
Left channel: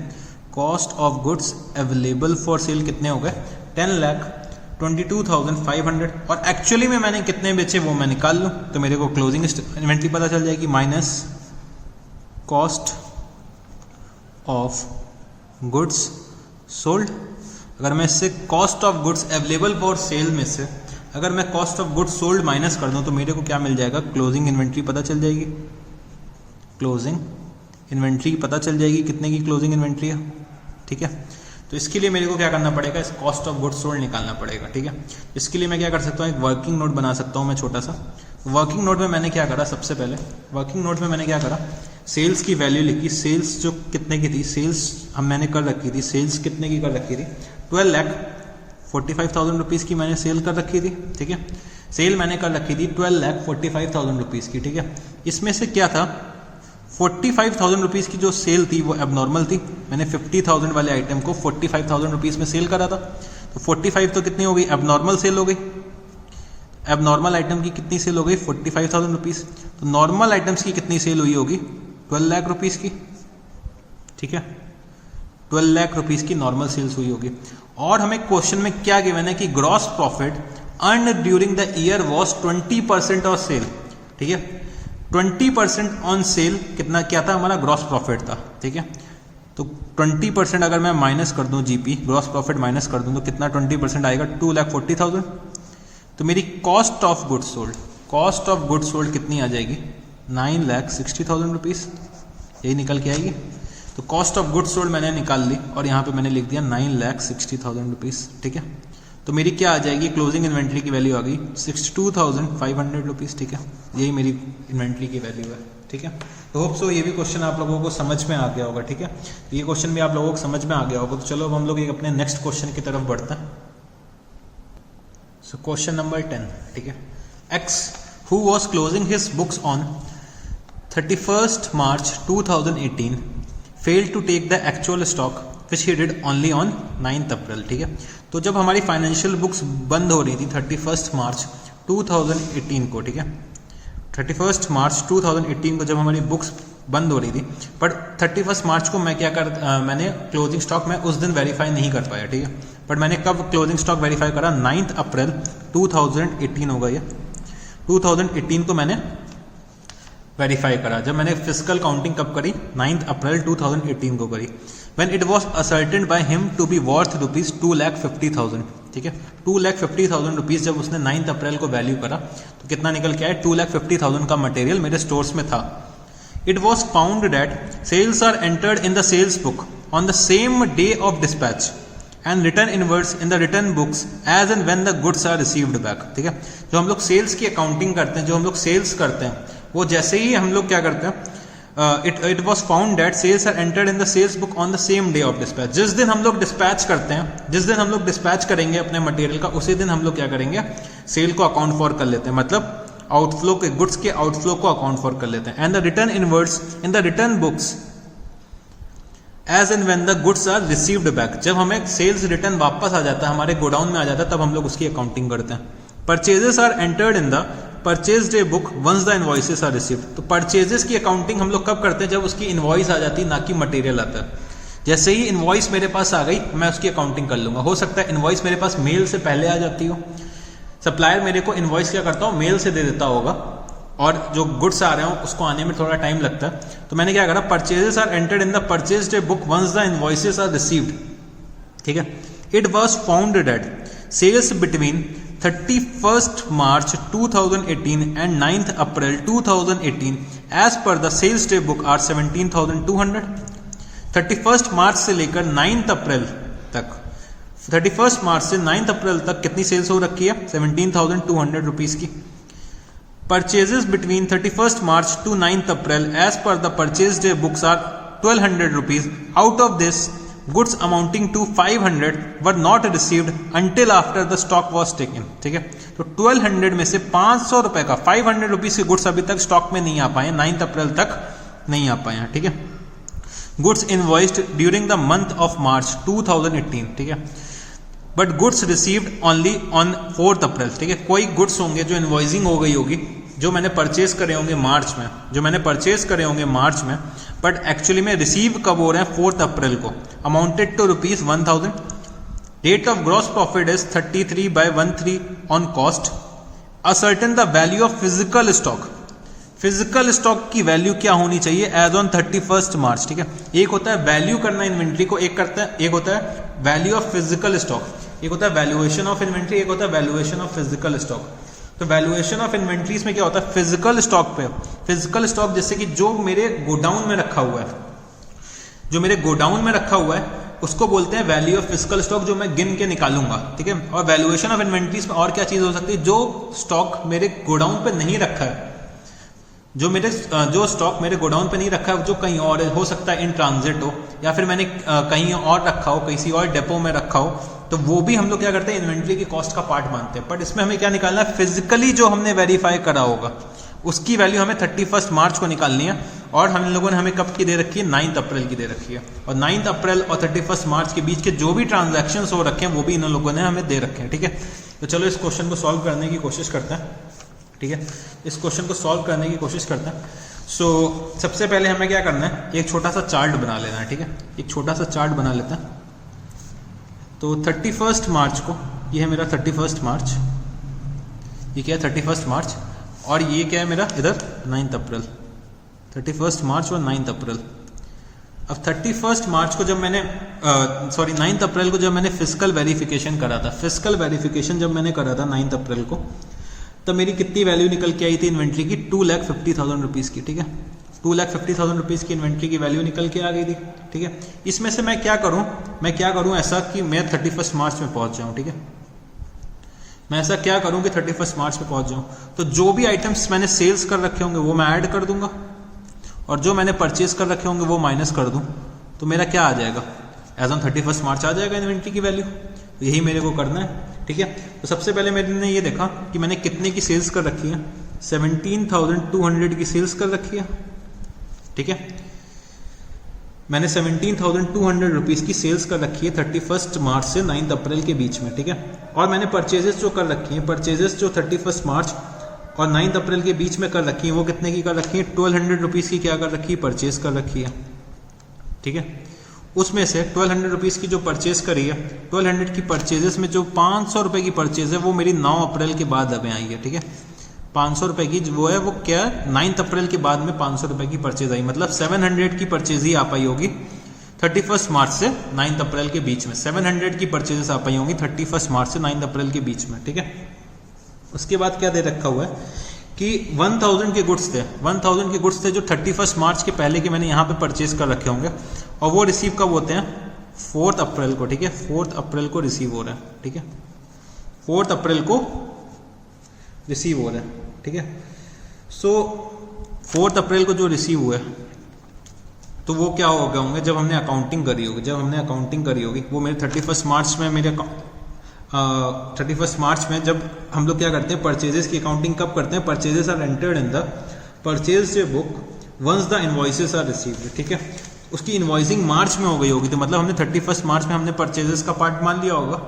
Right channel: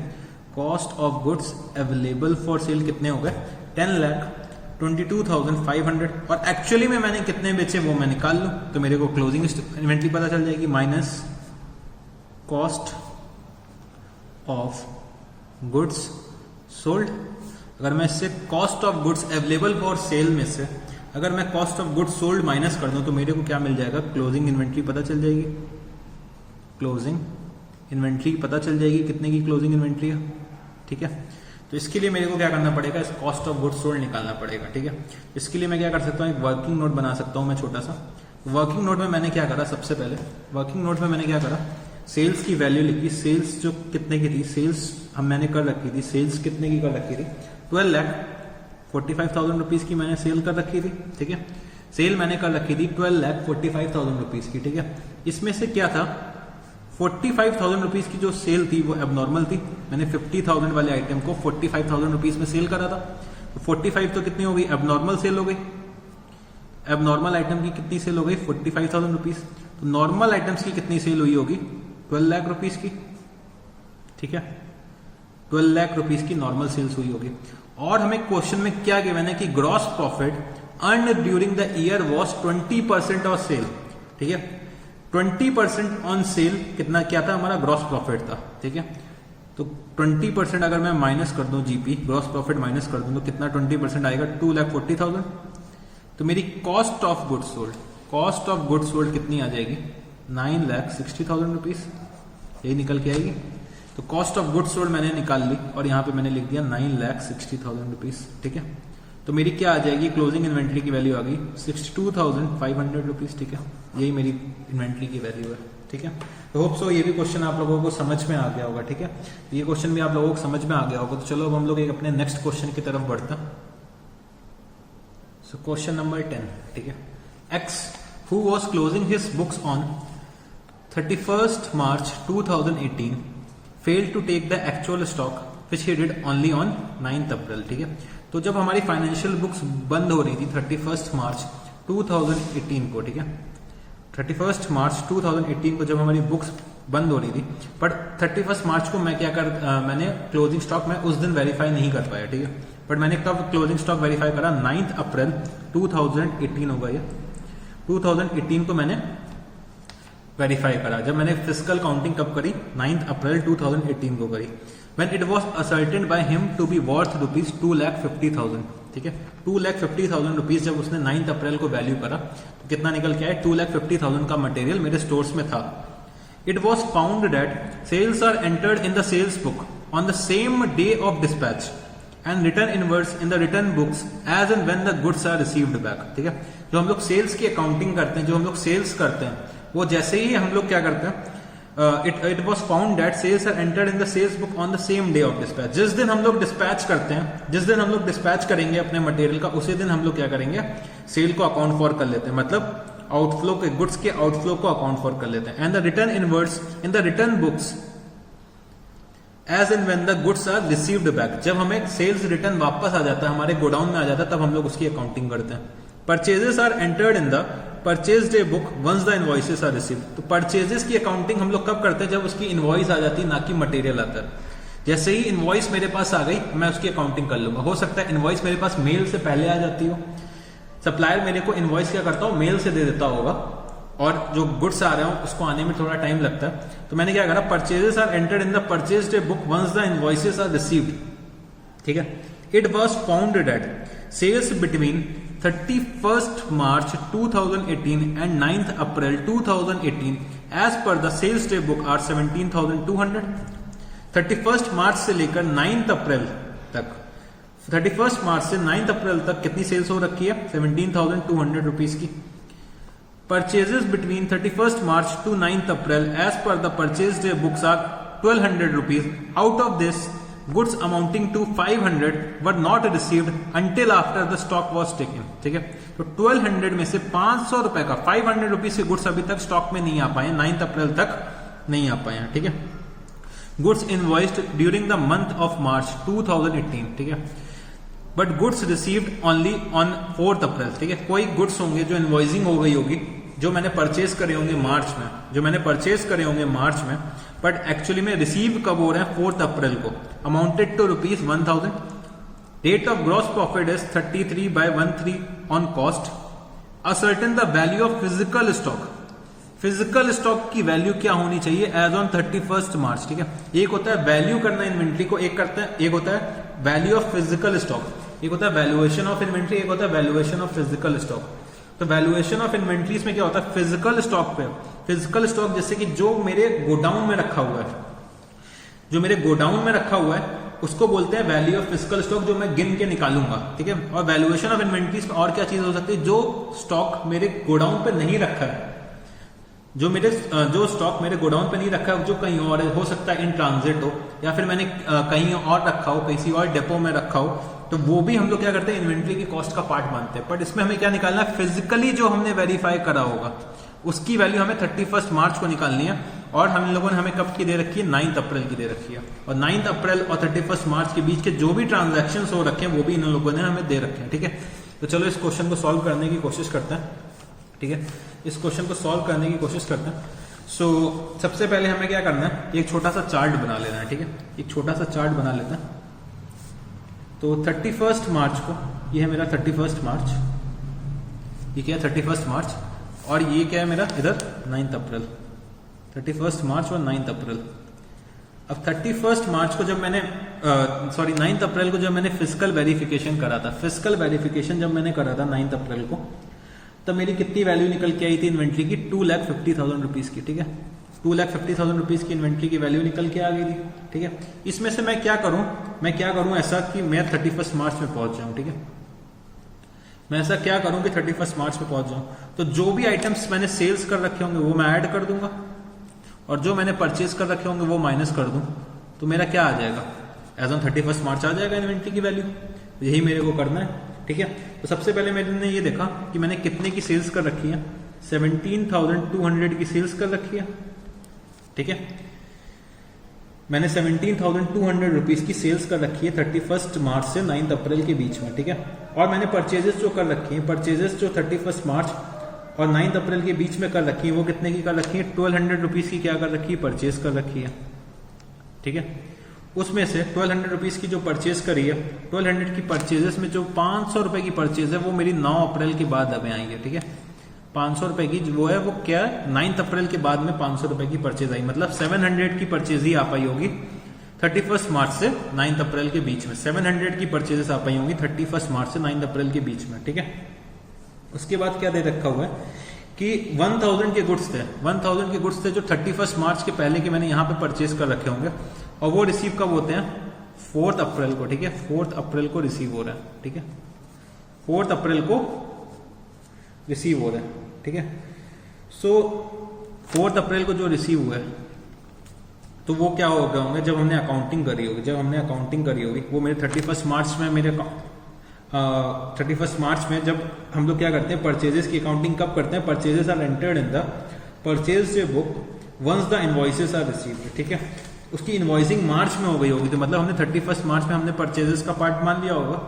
Cost of goods available for sale कितने हो गए, 22,500 और एक्चुअली में मैंने कितने बेचे वो मैं निकाल लूँ तो मेरे को क्लोजिंग इन्वेंट्री पता चल जाएगी minus cost of goods sold. अगर मैं इससे cost of goods available for sale में से अगर मैं cost of goods sold minus कर दूं तो मेरे को क्या मिल जाएगा, क्लोजिंग इन्वेंट्री पता चल जाएगी। क्लोजिंग इन्वेंट्री पता चल जाएगी कितने की क्लोजिंग इन्वेंट्री है, ठीक है। तो इसके लिए मेरे को क्या करना पड़ेगा, इस कॉस्ट ऑफ गुड्स सोल्ड निकालना पड़ेगा, ठीक है। इसके लिए मैं क्या कर सकता हूँ, एक वर्किंग नोट बना सकता हूँ मैं छोटा सा। वर्किंग नोट में मैंने क्या करा, सबसे पहले वर्किंग नोट में मैंने क्या करा, सेल्स की वैल्यू लिखी। सेल्स जो कितने की थी, सेल्स मैंने कर रखी थी, सेल्स कितने की कर रखी थी, 12,45,000 रुपीज़ की मैंने सेल कर रखी थी, ठीक है। सेल मैंने कर रखी थी 12,45,000 रुपीज़ की, ठीक है। इसमें से क्या था, 45,000 रुपीज़ की जो सेल थी वो एबनॉर्मल थी। मैंने 50,000 वाले आइटम को 45,000 रुपीज़ में सेल करा था, तो 45 तो कितनी हो गई, एबनॉर्मल सेल हो गई। एबनॉर्मल आइटम की कितनी सेल हो गई, 45,000 रुपीज़। तो नॉर्मल आइटम्स की कितनी सेल हुई होगी, 12 लाख रुपीज़ की, ठीक है। 12 लाख रुपीज़ की नॉर्मल सेल्स हुई होगी। और हमें क्वेश्चन में क्या गिवन है कि gross profit earn during the year was 20% of sale, ठीक है। 20% ऑन सेल कितना क्या था, हमारा ग्रॉस प्रॉफिट था, ठीक है। तो 20% अगर मैं माइनस कर दूं, जीपी ग्रॉस प्रॉफिट माइनस कर दूं तो कितना 20% आएगा, 2,40,000। तो मेरी cost of goods sold, cost of goods sold कितनी आ जाएगी, 9,60,000 रुपीज़, यही निकल के आएगी। तो कॉस्ट ऑफ गुड्स सोल्ड मैंने निकाल ली और यहाँ पे मैंने लिख दिया 9,60,000 रुपीज़, ठीक है। तो मेरी क्या आ जाएगी, क्लोजिंग इन्वेंट्री की वैल्यू आ गई 62,500 रुपीज़, ठीक है। यही मेरी इन्वेंट्री की वैल्यू है, ठीक है। तो होप सो ये भी क्वेश्चन आप लोगों को समझ में आ गया होगा, ठीक है। ये क्वेश्चन भी आप लोगों को समझ में आ गया होगा। तो चलो अब हम लोग एक अपने नेक्स्ट क्वेश्चन की तरफ बढ़ते हैं। सो क्वेश्चन नंबर 10, ठीक है। X who was closing his books on 31st March 2018 failed to take the actual stock which he did only on 9th April, ठीक है। तो जब हमारी फाइनेंशियल बुक्स बंद हो रही थी 31 मार्च 2018 को, ठीक है। 31 मार्च 2018 को जब हमारी बुक्स बंद हो रही थी, बट 31 मार्च को मैं मैंने क्लोजिंग स्टॉक मैं उस दिन वेरीफाई नहीं कर पाया, ठीक है। बट मैंने कब क्लोजिंग स्टॉक वेरीफाई करा, 9th अप्रैल 2018 होगा ये, 2018 को मैंने वेरीफाई करा। जब मैंने फिजिकल काउंटिंग कब करी, 9th अप्रैल 2018 को करी। When it was ascertained by him to be worth rupees 2,50,000, ठीक है। 2,50,000 रुपीज़ जब उसने 9th अप्रैल को वैल्यू करा तो कितना निकल के आया, 2,50,000 का मटेरियल मेरे स्टोर्स में था। It was found that sales are entered in the sales book on the same day of dispatch and written inwards in the written books as and when the goods are received back, ठीक है। जो हम लोग sales की accounting करते हैं, जो हम लोग सेल्स करते हैं, वो जैसे ही हम लोग क्या करते हैं, it was found that sales are entered in the sales book on the same day of dispatch. जिस दिन हम लोग डिस्पैच करते हैं, जिस दिन हम लोग डिस्पैच करेंगे अपने मटेरियल का, उसी दिन हम लोग क्या करेंगे, सेल को अकाउंट फॉर कर लेते हैं, मतलब आउटफ्लो के गुड्स के आउटफ्लो को अकाउंट फॉर कर लेते हैं। And the return inwards in the return books as and when the goods are received back. जब हमें सेल्स रिटर्न वापस आ जाता है, हमारे गोडाउन में आ जाता है, तब हम लोग उसकी अकाउंटिंग करते हैं। Purchases are entered in the purchase day book once the invoices are received. तो परचेजेस की अकाउंटिंग हम लोग कब करते हैं, जब उसकी इनवॉइस आ जाती है, ना कि मटेरियल आता है। जैसे ही इनवॉइस मेरे पास आ गई, मैं उसकी अकाउंटिंग कर लूंगा। हो सकता है इनवॉइस मेरे पास मेल से पहले आ जाती हो, सप्लायर मेरे को इनवॉइस क्या करता हो, मेल से दे देता होगा, और जो गुड्स आ रहे हो उसको आने में थोड़ा टाइम लगता है। तो मैंने क्या करा, purchases are entered in the purchase day book once the invoices are received, ठीक है। It was found that sales between 31st March 2018 and 9th April 2018 as per the sales day book are 17,200। 31st मार्च से लेकर 9th अप्रैल तक, 31st मार्च से 9th अप्रैल तक कितनी sales हो रखी है, 17,200 रुपीज की। Purchases between 31st March to 9th April as per the purchase day books are 1,200 rupees। Out of this, goods amounting to 500 were not received until after the stock was taken, ठीक है। तो 1200 में से 500 रुपए का 500 rupees के goods अभी तक स्टॉक में नहीं आ पाए, 9th अप्रैल तक नहीं आ पाए हैं, ठीक है। Goods invoiced during the month of March 2018, ठीक है। But goods received only on 4th अप्रैल, ठीक है। कोई गुड्स होंगे जो इनवॉइसिंग हो गई होगी, जो मैंने परचेज करे होंगे मार्च में, जो मैंने परचेज करे होंगे मार्च में, बट एक्चुअली में रिसीव कब हो रहे हैं, 4th अप्रैल को, amounted to rupees 1,000, Rate of gross profit is 33/13 on cost. Ascertain the value of physical stock. Physical stock की वैल्यू क्या होनी चाहिए एज ऑन 31 मार्च, ठीक है। एक होता है वैल्यू करना इन्वेंट्री को, एक होता है वैल्यू ऑफ फिजिकल स्टॉक, एक होता है वैल्यूएशन ऑफ इन्वेंट्री, एक होता है वैल्यूएशन ऑफ फिजिकल स्टॉक। तो वैल्यूएशन ऑफ इन्वेंट्रीज में क्या होता है, फिजिकल स्टॉक पे, फिजिकल स्टॉक जैसे कि जो मेरे गोडाउन में रखा हुआ है, जो मेरे गोडाउन में रखा हुआ है उसको बोलते हैं वैल्यू ऑफ फिजिकल स्टॉक, जो मैं गिन के निकालूंगा, ठीक है। और वैल्यूएशन ऑफ इन्वेंट्रीज में और क्या चीज हो सकती है, जो स्टॉक मेरे गोडाउन पे नहीं रखा है, जो स्टॉक मेरे गोडाउन पे नहीं रखा है, जो कहीं और हो सकता है इन ट्रांजिट हो, या फिर मैंने कहीं और रखा हो, किसी और डेपो में रखा हो, तो वो भी हम लोग क्या करते हैं, इन्वेंट्री की कॉस्ट का पार्ट मानते हैं। बट इसमें हमें क्या निकालना है, फिजिकली जो हमने वेरीफाई करा होगा उसकी वैल्यू हमें 31 मार्च को निकालनी है। और हम लोगों ने हमें कब की दे रखी है, 9 अप्रैल की दे रखी है। और 9 अप्रैल और 31 मार्च के बीच के जो भी ट्रांजेक्शन हो रखे हैं वो भी इन लोगों ने हमें दे रखे हैं, ठीक है। तो चलो इस क्वेश्चन को सॉल्व करने की कोशिश करते हैं, ठीक है। इस क्वेश्चन को सॉल्व करने की कोशिश करते हैं। सबसे पहले हमें क्या करना है, एक छोटा सा चार्ट बना लेना है, ठीक है। एक छोटा सा चार्ट बना लेते हैं। तो 31 मार्च को, ये है मेरा 31 मार्च, ये क्या है 31 मार्च, और ये क्या है मेरा इधर 9 अप्रैल, 31 मार्च और 9 अप्रैल। अब 31 मार्च को जब मैंने 9 अप्रैल को जब मैंने फिजिकल वेरिफिकेशन करा था, फिजिकल वेरिफिकेशन जब मैंने करा था 9 अप्रैल को, तो मेरी कितनी वैल्यू निकल के आई थी इन्वेंट्री की, 2,50,000 रुपीज की, ठीक है। 2,50,000 रुपीज की इन्वेंट्री की वैल्यू निकल के आ गई थी, ठीक है। इसमें से मैं क्या करूं ऐसा कि मैं 31 मार्च में पहुंच जाऊं, ठीक है। मैं ऐसा क्या करूं कि 31 मार्च में पहुंच जाऊं, तो जो भी आइटम्स मैंने सेल्स कर रखे होंगे वो मैं ऐड कर दूंगा, और जो मैंने परचेज कर रखे होंगे वो माइनस कर दूं, तो मेरा क्या आ जाएगा, एज ऑन 31 मार्च आ जाएगा इन्वेंट्री की वैल्यू। तो यही मेरे को करना है, ठीक है। तो सबसे पहले मैंने ये देखा कि मैंने कितने की सेल्स कर रखी है, 17,200 की सेल्स कर रखी है, ठीक है। मैंने 17,200 रुपीज की सेल्स कर रखी है 31 मार्च से 9 अप्रैल के बीच में, ठीक है। और मैंने परचेजेस जो कर रखी है, परचेजेस जो 31 मार्च और 9 अप्रैल के बीच में कर रखी है, वो कितने की कर रखी है, 1200 रुपीज की क्या कर रखी है, परचेज कर रखी है, ठीक है। उसमें से 1200 रुपीज की जो परचेज करी है, 1200 की परचेजेस में जो 500 रुपए की परचेज है वो मेरी 9 अप्रैल के बाद अभी आई है, ठीक है। 500 रुपए की वो है, वो क्या 9 अप्रैल के बाद में 500 रुपए की परचेज आई, मतलब 700 की परचेज ही आ पाई होगी 31 मार्च से 9 अप्रैल के बीच में। 700 की परचेजेस आ पाई होंगी 31 मार्च से 9 अप्रैल के बीच में, ठीक है। उसके बाद क्या दे रखा हुआ है कि 1000 के गुड्स थे, 1000 के गुड्स थे जो 31 मार्च के पहले के मैंने यहाँ पे परचेज कर रखे होंगे, और वो रिसीव कब होते हैं, 4 अप्रैल को, ठीक है। 4 अप्रैल को रिसीव हो रहा है, ठीक है। 4 अप्रैल को रिसीव हो रहा है, ठीक है। 4 अप्रैल को जो रिसीव हुआ है, तो वो क्या हो गए होंगे, जब हमने अकाउंटिंग करी होगी, वो मेरे 31 मार्च में 31 मार्च में जब हम लोग क्या करते हैं, परचेजेस की अकाउंटिंग कब करते हैं, purchases are entered in the purchase book once the invoices are received, ठीक है। उसकी इनवॉइसिंग मार्च में हो गई होगी, तो मतलब हमने 31 मार्च में हमने परचेजेस का पार्ट मान लिया होगा,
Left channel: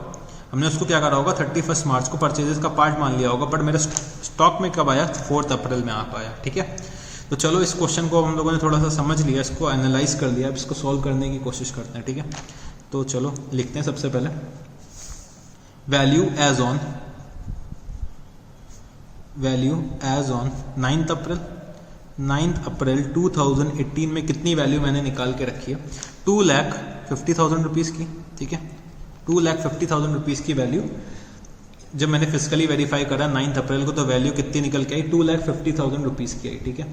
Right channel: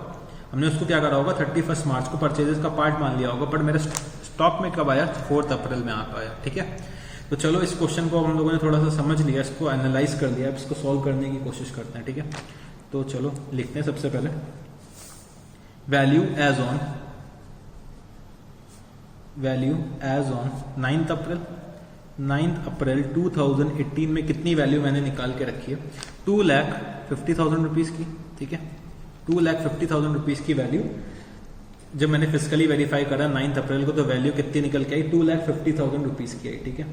हमने उसको क्या करा होगा, 31 मार्च को परचेजेस का पार्ट मान लिया होगा, बट मेरे स्टॉक में कब आया, 4 अप्रैल में आ पाया, ठीक है। तो चलो इस क्वेश्चन को हम लोगों ने थोड़ा सा समझ लिया, इसको एनालाइज कर लिया, अब इसको सॉल्व करने की कोशिश करते हैं, ठीक है। तो चलो लिखते हैं सबसे पहले वैल्यू एज ऑन 9 अप्रैल 2018 में कितनी वैल्यू मैंने निकाल के रखी है, 2,50,000 रुपीज की, ठीक है। 2,50,000 रुपीज की वैल्यू जब मैंने फिजिकली वेरीफाई करा 9 अप्रैल को, तो वैल्यू कितनी निकल के आई, 2,50,000 रुपीज की आई, ठीक है।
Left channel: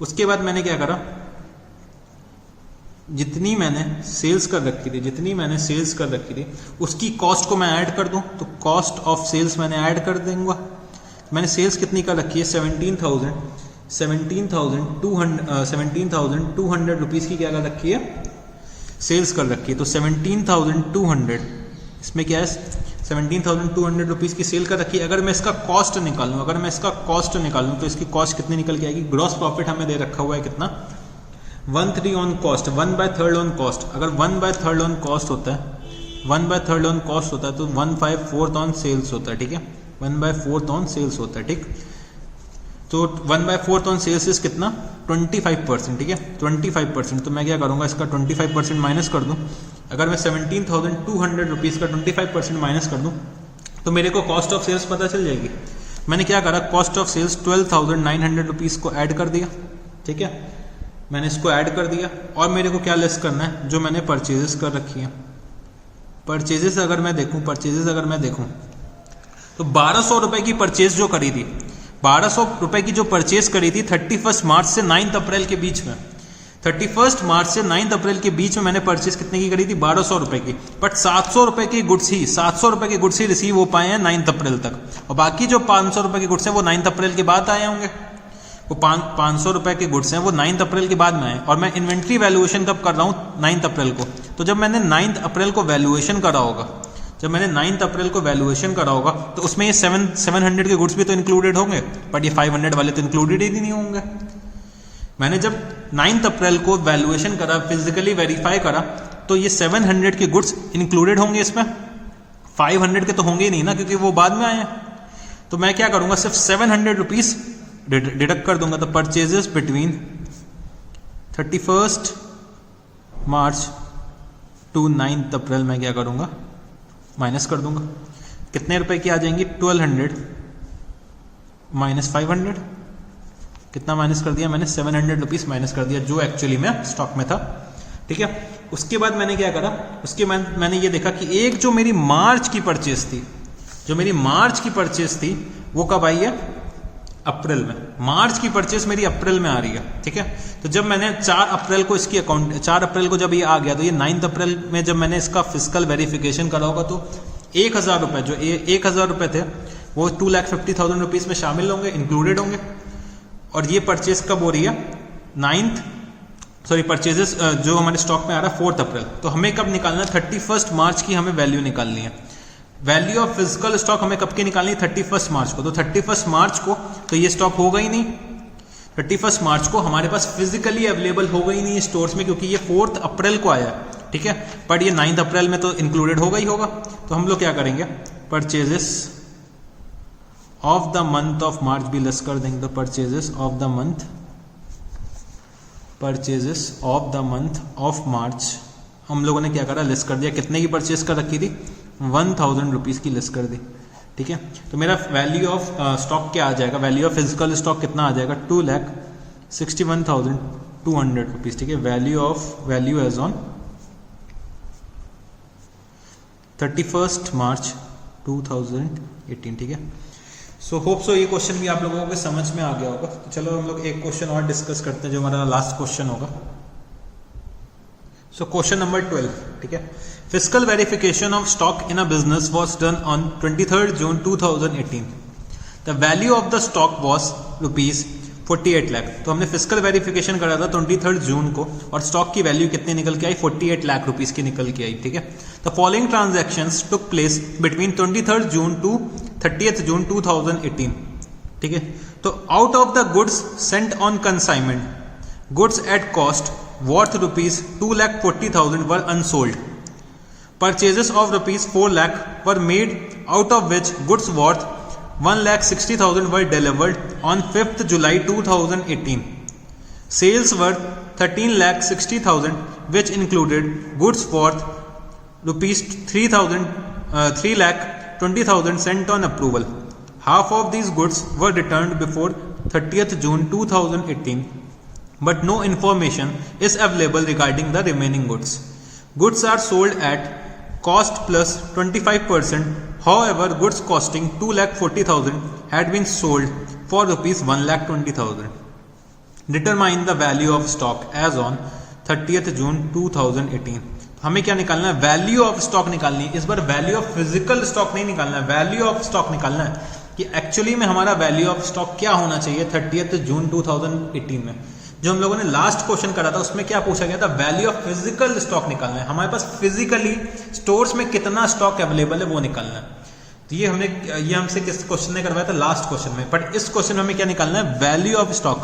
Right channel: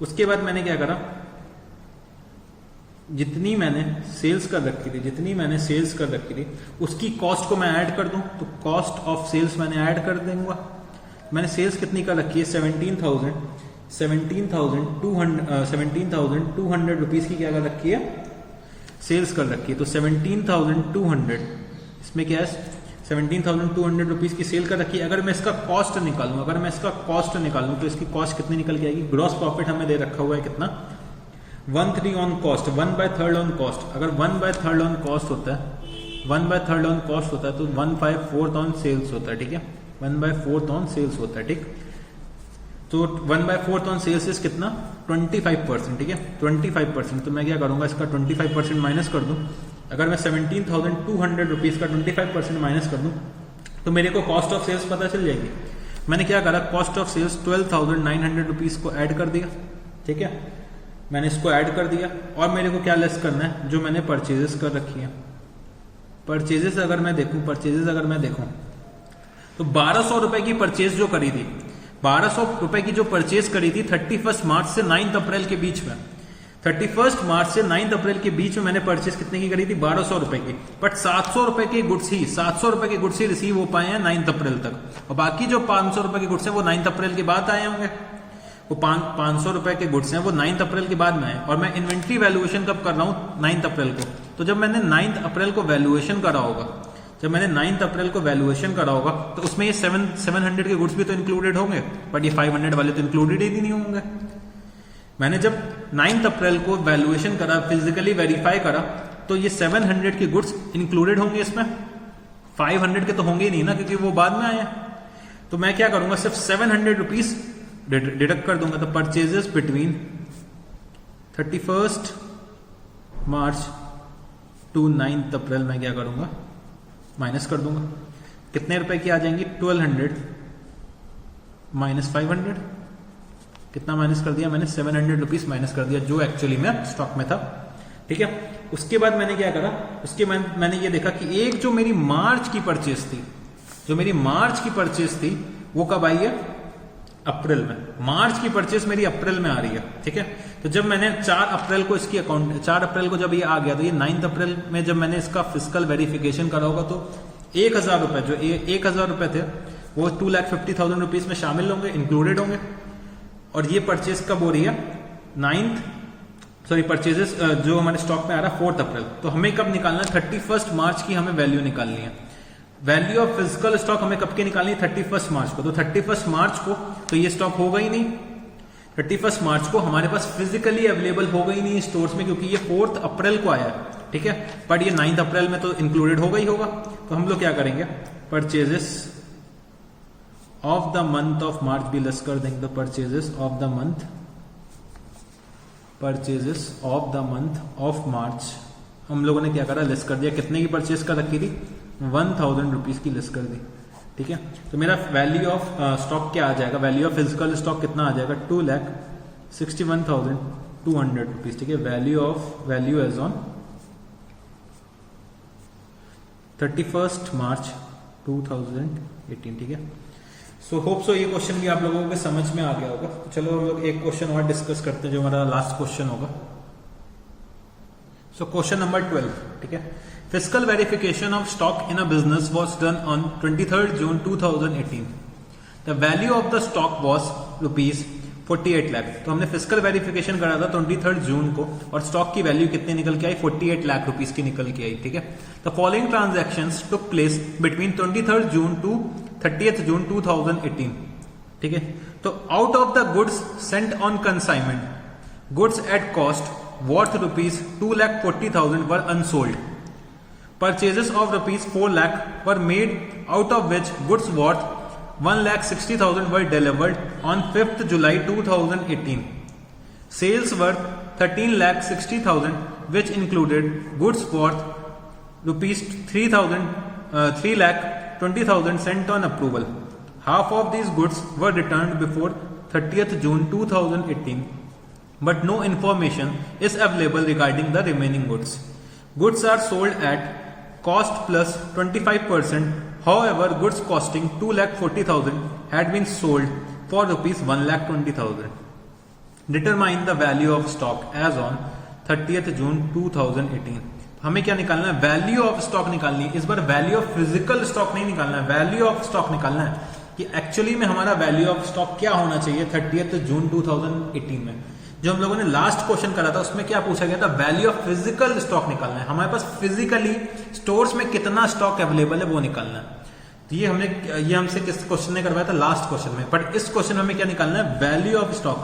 उसके बाद मैंने क्या करा, जितनी मैंने सेल्स कर रखी थी उसकी कॉस्ट को मैं ऐड कर दूं, तो कॉस्ट ऑफ सेल्स मैंने ऐड कर दूंगा। मैंने सेल्स कितनी कर रखी है, 17,200 रुपीज की क्या कर रखी है, सेल्स कर रखी है। तो 17,200 इसमें क्या है, 17,200 रुपीज की सेल कर रखी है। अगर मैं इसका कॉस्ट निकालूं, तो इसकी कॉस्ट कितनी निकल के आएगी, ग्रॉस प्रॉफिट हमें दे रखा हुआ है कितना, 1/3 ऑन कॉस्ट, 1/3 ऑन कॉस्ट। अगर 1/3 ऑन कॉस्ट होता है, 1/3 ऑन कॉस्ट होता है, तो 1/4 ऑन सेल्स होता है, ठीक है। 1/4 ऑन सेल्स होता है, ठीक। तो 1/4 ऑन सेल्स इज कितना, 25%, ठीक है। 25%, तो मैं क्या करूंगा, इसका 25% माइनस कर दूं, अगर मैं 17,200 रुपीज़ का 25% माइनस कर दूं तो मेरे को कॉस्ट ऑफ सेल्स पता चल जाएगी। मैंने क्या करा, कॉस्ट ऑफ सेल्स 12,900 रुपीज़ को ऐड कर दिया, ठीक है, मैंने इसको ऐड कर दिया। और मेरे को क्या लेस करना है, जो मैंने परचेजेस कर रखी है। परचेजेस अगर मैं देखूं तो 1200 रुपए की परचेज जो करी थी, 1200 रुपए की जो परचेज करी थी 31 मार्च से 9 अप्रैल के बीच में, 31 मार्च से 9 अप्रैल के बीच में मैंने परचेज कितने की करी थी, 1200 रुपए की। बट 700 रुपए के गुड्स ही रिसीव हो पाए हैं 9 अप्रैल तक, और बाकी जो 500 रुपए के गुड्स हैं वो 9 अप्रैल के बाद आए होंगे। वो 500 रुपए के गुड्स हैं वो 9 अप्रैल के बाद में आए, और मैं इन्वेंट्री वैल्यूएशन कब कर रहा हूँ, 9 अप्रैल को। तो जब मैंने 9 अप्रैल को वैल्यूएशन करा होगा, तो उसमें ये 700 के गुड्स भी तो इंक्लूडेड होंगे, बट ये 500 वाले तो इंक्लूडेड ही नहीं होंगे। मैंने जब 9 अप्रैल को वैल्यूएशन करा, फिजिकली वेरीफाई करा, तो ये 700 के गुड्स इंक्लूडेड होंगे इसमें, 500 के तो होंगे ही नहीं ना, क्योंकि वो बाद में आए हैं। तो मैं क्या करूंगा, सिर्फ 700 रुपीज डिडक्ट कर दूंगा। तो परचेजेस बिटवीन 31 मार्च टू 9 अप्रैल मैं क्या करूंगा, माइनस कर दूंगा। कितने रुपए की आ जाएंगी, 1200 माइनस 500, कितना माइनस कर दिया मैंने, 700 रुपीज माइनस कर दिया, जो एक्चुअली में स्टॉक में था, ठीक है। उसके बाद मैंने क्या करा, उसके बाद मैंने ये देखा कि एक जो मेरी मार्च की परचेज थी, वो कब आई है, अप्रैल में। मार्च की परचेज मेरी अप्रैल में आ रही है, ठीक है। तो जब मैंने 4 अप्रैल को इसकी अकाउंट, 4 अप्रैल को जब ये आ गया, तो ये 9 अप्रैल में जब मैंने इसका फिजिकल वेरिफिकेशन करा होगा, तो 1000 रुपए, जो 1000 रुपए थे वो 2,50,000 रुपीज में शामिल होंगे, इंक्लूडेड होंगे। और ये परचेज कब हो रही है, परचेजेस जो हमारे स्टॉक में आ रहा है 4 अप्रैल। तो हमें कब निकालना है, 31 मार्च की हमें वैल्यू निकालनी है। वैल्यू ऑफ फिजिकल स्टॉक हमें कब की निकालनी है, 31 मार्च को। तो 31 मार्च को तो ये स्टॉक होगा ही नहीं, 31 मार्च को हमारे पास फिजिकली अवेलेबल होगा ही नहीं स्टोर्स में, क्योंकि ये 4 अप्रैल को आया, ठीक है। बट ये 9 अप्रैल में तो इंक्लूडेड होगा ही होगा। तो हम लोग क्या करेंगे, purchases of the month of March भी लेस कर देंगे। तो purchases of the month of March हम लोगों ने क्या करा, लेस कर दिया। कितने की परचेज कर रखी थी, 1000 रुपीज की लेस कर दी, ठीक है। तो मेरा वैल्यू ऑफ स्टॉक क्या आ जाएगा, वैल्यू ऑफ फिजिकल स्टॉक कितना आ जाएगा, 2,61,200 रुपीज, ठीक है। वैल्यू एज ऑन 31 मार्च 2018, ठीक है। सो होप सो ये क्वेश्चन भी आप लोगों को समझ में आ गया होगा। तो चलो हम लोग एक क्वेश्चन और डिस्कस करते हैं, जो हमारा लास्ट क्वेश्चन होगा। सो क्वेश्चन नंबर 12, ठीक है। Physical verification of stock in a business was done on 23 June 2018। The value of the stock was ₹48 lakh. तो हमने फिजिकल वेरिफिकेशन करा था 23 जून को, और स्टॉक की वैल्यू कितनी निकल के आई, 48 लाख रुपीस की निकल के आई, ठीक है। The following transactions took place between 23 June to 30 June 2018, ठीक है। तो out of the goods sent on consignment, goods at cost worth ₹2,40,000 were unsold. Purchases of ₹4 lakh were made, out of which goods worth $1,60,000 were delivered on 5th July 2018. Sales were $13,60,000, which included goods worth $3,20,000 sent on approval. Half of these goods were returned before 30th June 2018. But no information is available regarding the remaining goods. Goods are sold at cost plus 25%. However, goods costing $2,40,000 had been sold for ₹1,20,000. Determine the value of stock as on 30th June 2018. हमें क्या निकालना है, value of stock निकालनी है। इस बार value of physical stock नहीं निकालना है, वैल्यू ऑफ स्टॉक निकालना है कि एक्चुअली में हमारा वैल्यू ऑफ स्टॉक क्या होना चाहिए 30th जून 2018 में। जो हम लोगों ने लास्ट क्वेश्चन करा था उसमें क्या पूछा गया था, वैल्यू ऑफ फिजिकल स्टॉक निकालना है। हमारे पास फिजिकली स्टोर्स में कितना स्टॉक अवेलेबल है वो निकालना है। ये हमसे किस क्वेश्चन ने करवाया था, लास्ट क्वेश्चन में। बट इस क्वेश्चन में हमें क्या निकालना है, वैल्यू ऑफ स्टॉक,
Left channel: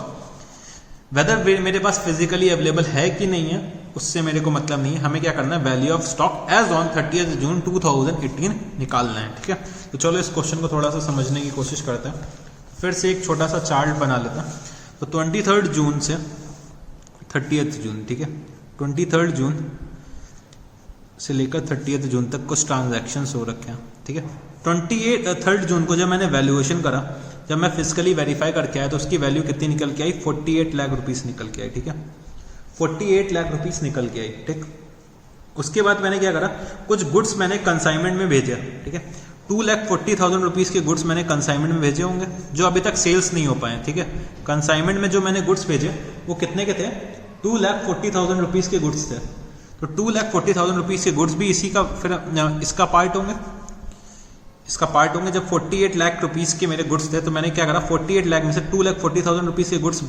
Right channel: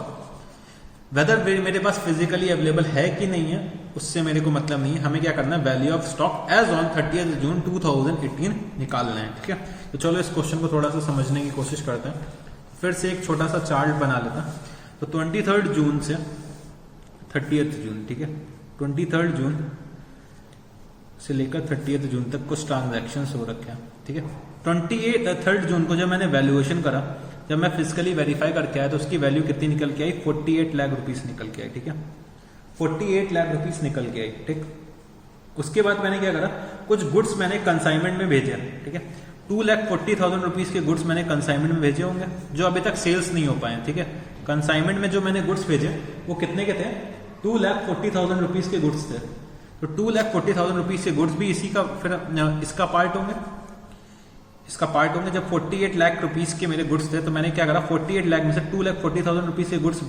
वेदर मेरे पास फिजिकली अवेलेबल है कि नहीं है उससे मेरे को मतलब नहीं है। हमें क्या करना है, value of stock as on 30th June 2018 निकालना है, ठीक है। तो चलो इस क्वेश्चन को थोड़ा सा समझने की कोशिश करते हैं। फिर से एक छोटा सा चार्ट बना लेते हैं। तो 23 जून से 30th जून, ठीक है, 23 जून से लेकर 30 जून तक कुछ ट्रांजैक्शंस हो रखे हैं, ठीक है। 23 जून को जब मैंने वैल्यूएशन करा, जब मैं फिजिकली वेरीफाई करके आया तो उसकी वैल्यू कितनी निकल के आई, 48 लाख रुपीस निकल के आई, ठीक है। 48 लाख रुपीस निकल के आई, ठीक। उसके बाद मैंने क्या करा, कुछ गुड्स मैंने कंसाइनमेंट में भेजे, ठीक है। 2,40,000 रुपीस के गुड्स मैंने कंसाइनमेंट में भेजे होंगे जो अभी तक सेल्स नहीं हो पाए, ठीक है। कंसाइनमेंट में जो मैंने गुड्स भेजे वो कितने के थे, 2,40,000 रुपीस के गुड्स थे। तो 2,40,000 रुपीस के गुड्स भी इसी का फिर इसका पार्ट होंगे, इसका पार्ट होंगे। जब 48 लाख रुपीस के मेरे गुड्स थे तो मैंने क्या करा, 48 लाख में से 2,40,000 रुपीस के गुड्स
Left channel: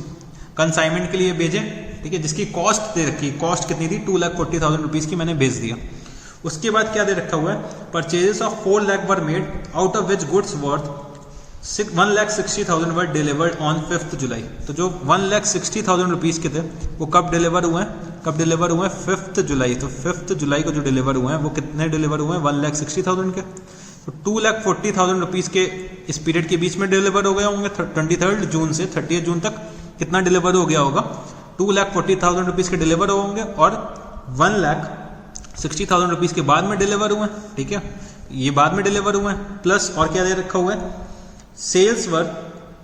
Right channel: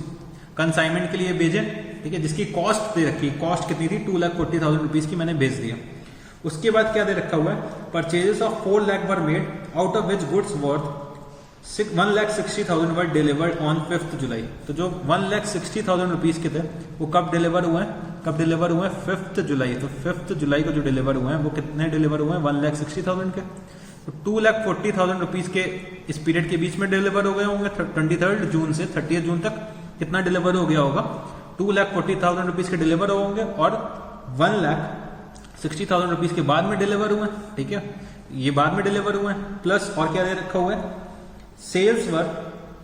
कंसाइनमेंट के लिए भेजे, ठीक है, जिसकी कॉस्ट दे रखी, कॉस्ट कितनी थी, 2,40,000 रुपीस की मैंने भेज दिया। उसके बाद क्या दे रखा हुआ है, purchases of 4 lakh were made out of which goods worth 1,60,000 were delivered on 5 जुलाई। तो जो 1,60,000 रुपीस के थे वो कब डिलीवर हुए हैं, कब डिलीवर हुए हैं, 5 जुलाई। तो 5 जुलाई को जो डिलीवर हुए हैं वो कितने डिलीवर हुए हैं, 1,60,000 के। तो 2,40,000 रुपीस के इस पीरियड के बीच में डिलीवर हो गए होंगे। 23 जून से 30 जून तक कितना डिलीवर हो गया होगा, 2,40,000 रुपीस के डिलीवर होंगे और 1,60,000 रुपीस के बाद में डिलीवर हुए, ठीक है, ये बाद में डिलीवर हुए। प्लस और क्या दे रखा हुआ है, sales were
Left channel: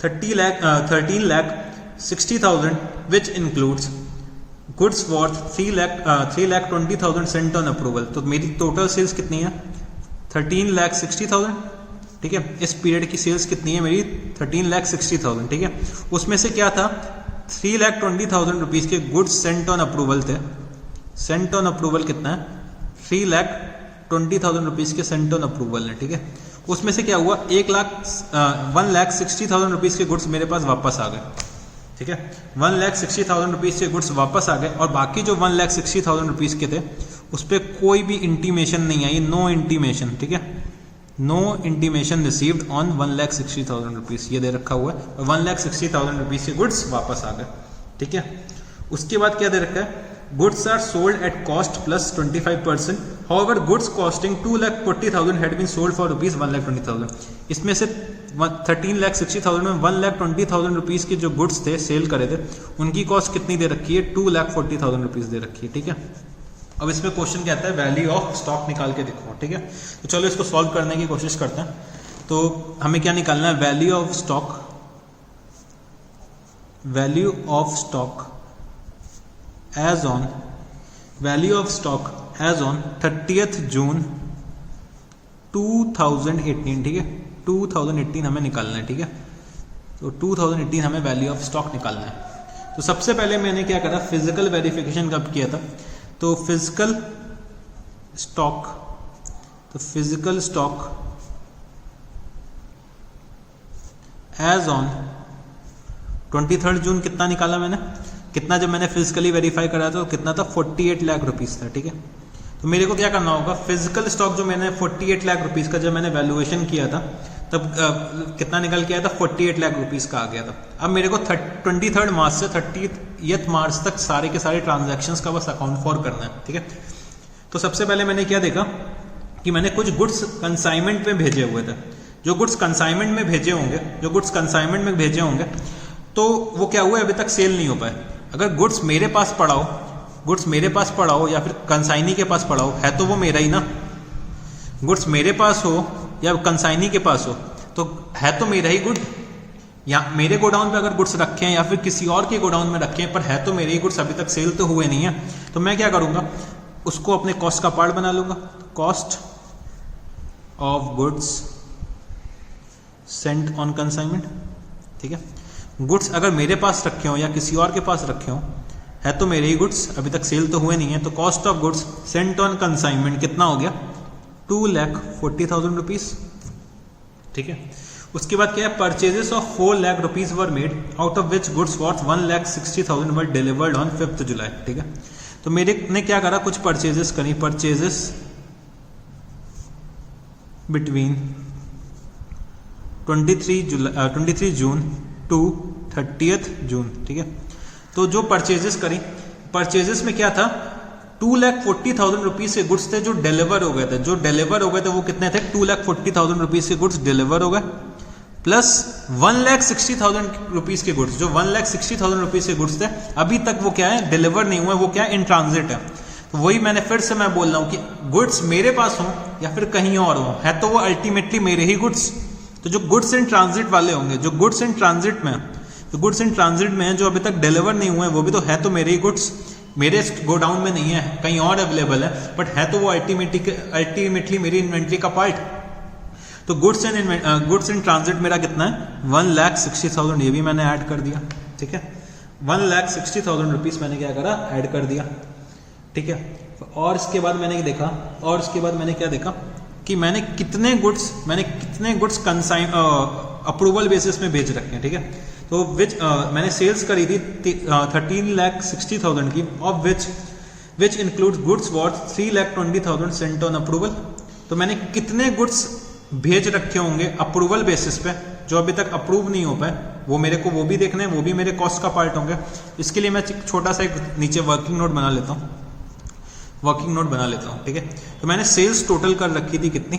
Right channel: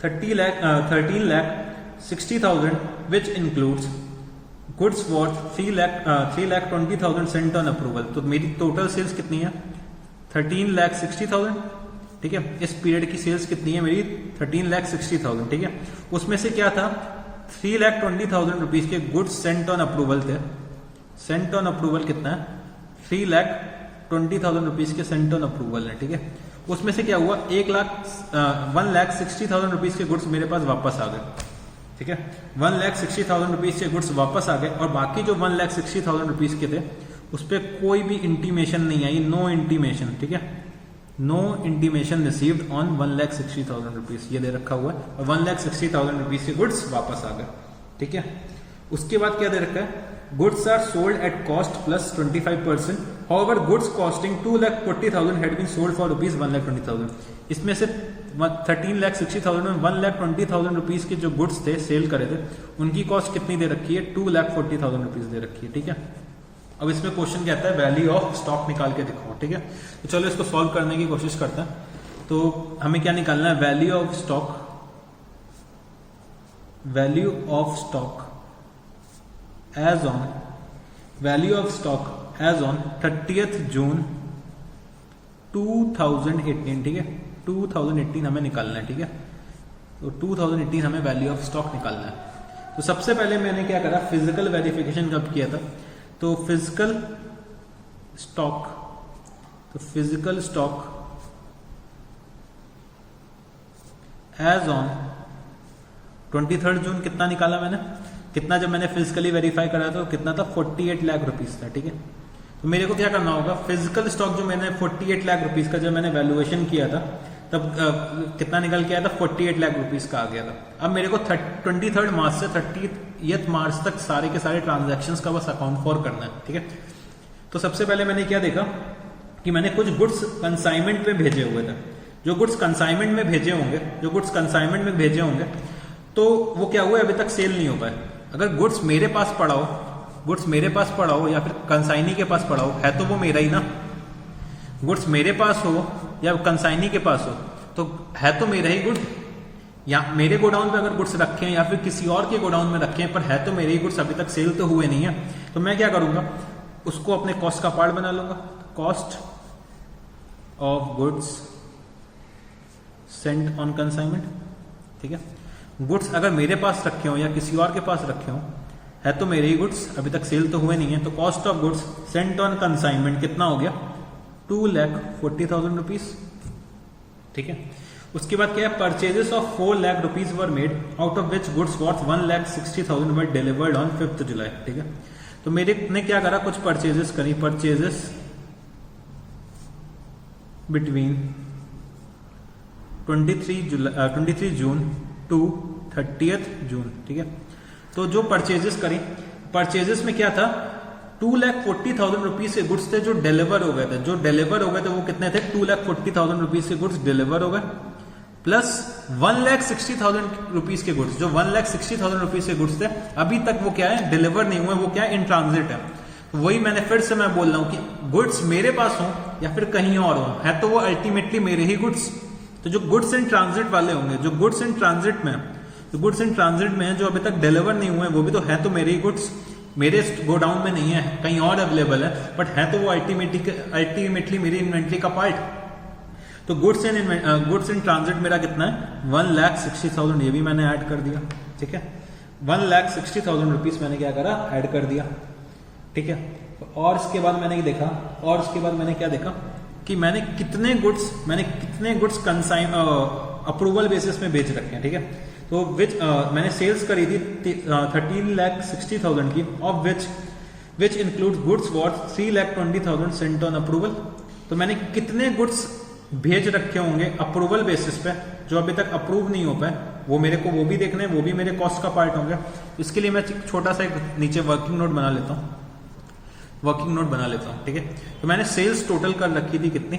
13,60,000 which includes goods worth 3,20,000 sent on approval. तो मेरी टोटल सेल्स कितनी है, 13,60,000, ठीक है। इस पीरियड की सेल्स कितनी है मेरी, 13,60,000, ठीक है। उसमें से क्या था, 3,20,000 रुपीस के गुड्स सेंट ऑन अप्रूवल थे। सेंट ऑन अप्रूवल कितना है, 3,20,000 रुपीस के सेंट ऑन अप्रूवल है, ठीक है। उसमें से क्या हुआ, 1,60,000 रुपीस के गुड्स मेरे पास वापस आ गए, ठीक है। 1,60,000 रुपीस के गुड्स वापस आ गए और बाकी जो 1,60,000 रुपीस के थे उस पर कोई भी इंटीमेशन नहीं आई, नो इंटीमेशन, ठीक है, no intimation received on 1,60,000 rupees, ये दे रखा हुआ है। 1,60,000 रुपीस के गुड्स वापस आ गए, ठीक है। उसके बाद क्या दे रखा है, goods are sold at cost plus 25%, however goods costing 2,40,000 had been sold for rupees 1,20,000। इसमें से 13,60,000 में 1,20,000 रुपीस के जो गुड्स थे सेल करे थे उनकी कॉस्ट कितनी दे रखी है, 2,40,000 रुपीस दे रखी है, ठीक है। अब इसमें क्वेश्चन क्या आता है, वैल्यू ऑफ स्टॉक निकाल के दिखाओ, ठीक है। तो चलो इसको सॉल्व करने की कोशिश करते हैं। तो हमें क्या निकालना है, value of stock, value of stock as on, value of stock as on 30 June 2018, ठीक है। 2018 हमें निकालना है, ठीक है। तो 2018 हमें वैल्यू ऑफ स्टॉक निकालना है। तो सबसे पहले मैंने क्या करा, फिजिकल वेरिफिकेशन कब किया था, तो फिजिकल स्टॉक, तो फिजिकल स्टॉक एज ऑन 23 जून कितना निकाला मैंने, कितना जब मैंने फिजिकली वेरीफाई कराया था कितना था, 48 लाख रुपीस था, ठीक है। तो मेरे को क्या करना होगा, फिजिकल स्टॉक जो मैंने 48 लाख रुपीस का जब मैंने वैल्यूएशन किया था तब कितना निकल के आया था, 48 लाख रुपीस का आ गया था। अब मेरे को 23 मार्च से 30 मार्च तक सारे के सारे ट्रांजैक्शंस का बस अकाउंट फॉर करना है, ठीक है। तो सबसे पहले मैंने क्या देखा कि मैंने कुछ गुड्स कंसाइनमेंट में भेजे हुए थे। जो गुड्स कंसाइनमेंट में भेजे होंगे, जो गुड्स कंसाइनमेंट में भेजे होंगे तो वो क्या हुआ, अभी तक सेल नहीं हो पाए। अगर गुड्स मेरे पास पड़ा हो, गुड्स मेरे पास पड़ा हो या फिर कंसाइनी के पास पड़ा हो, है तो वो मेरा ही ना। गुड्स मेरे पास हो या कंसाइनी के पास हो तो है तो मेरा ही गुड। या मेरे गोडाउन पे अगर गुड्स रखे हैं या फिर किसी और के गोडाउन में रखे हैं पर है तो मेरे ही गुड्स, अभी तक सेल तो हुए नहीं है, तो मैं क्या करूंगा, उसको अपने कॉस्ट का पार्ट बना लूंगा। Cost of goods sent on consignment, ठीक है। गुड्स अगर मेरे पास रखे हो या किसी और के पास रखे हो, है तो मेरे ही गुड्स, अभी तक सेल तो हुए नहीं है, तो cost of goods sent on consignment कितना हो गया, 2,40,000 रुपीज, ठीक है। उसके बाद क्या है, purchases of 4 lakh rupees were made out of which goods worth 1,60,000 were delivered on 5 जुलाई, ठीक है। तो मेरे ने क्या करा, कुछ परचेजेस करी, परचेजेस बिटवीन 23 जून टू 30 जून, ठीक है। तो जो परचेजेस करी, परचेजेस में क्या था, 2,40,000 रुपीज के गुड्स थे जो डिलीवर हो गए थे। जो डिलीवर हो गए थे वो कितने थे, 2,40,000 रुपीज के गुड्स डिलीवर हो गए, प्लस 1,60,000 रुपीज के गुड्स, जो 1,60,000 रुपीज के गुड्स थे अभी तक वो क्या है, डिलीवर नहीं हुए, वो क्या है, इन ट्रांजिट है। तो वही मैंने फिर से मैं बोल रहा हूं कि गुड्स मेरे पास हो या फिर कहीं और हो, है तो वो अल्टीमेटली मेरे ही गुड्स। तो जो गुड्स इन ट्रांजिट वाले होंगे, जो गुड्स इन ट्रांजिट में, जो गुड्स इन ट्रांजिट में है, जो अभी तक डिलीवर नहीं हुए, वो भी तो है तो मेरे ही गुड्स, मेरे गोडाउन में नहीं है, कहीं और अवेलेबल है, बट है तो वो अल्टीमेटली मेरी इन्वेंट्री का पार्ट। तो गुड्स इन ट्रांजिट मेरा कितना है, 1,60,000, ये भी मैंने ऐड कर दिया, ठीक है। 1,60,000 रुपीज मैंने क्या करा, ऐड कर दिया, ठीक है। और इसके बाद मैंने देखा, और इसके बाद मैंने क्या देखा कि मैंने कितने गुड्स कंसाइन अप्रूवल बेसिस में बेच रखे हैं, ठीक है। तो मैंने सेल्स करी थी 13,60,000 की, of which includes goods worth 3,20,000 sent on approval. तो मैंने कितने गुड्स भेज रखे होंगे अप्रूवल बेसिस पे जो अभी तक अप्रूव नहीं हो पाए, वो मेरे को वो भी देखना है, वो भी मेरे कॉस्ट का पार्ट होंगे। इसके लिए मैं छोटा सा एक नीचे वर्किंग नोट बना लेता हूँ, ठीक है। तो मैंने सेल्स टोटल कर रखी थी कितनी,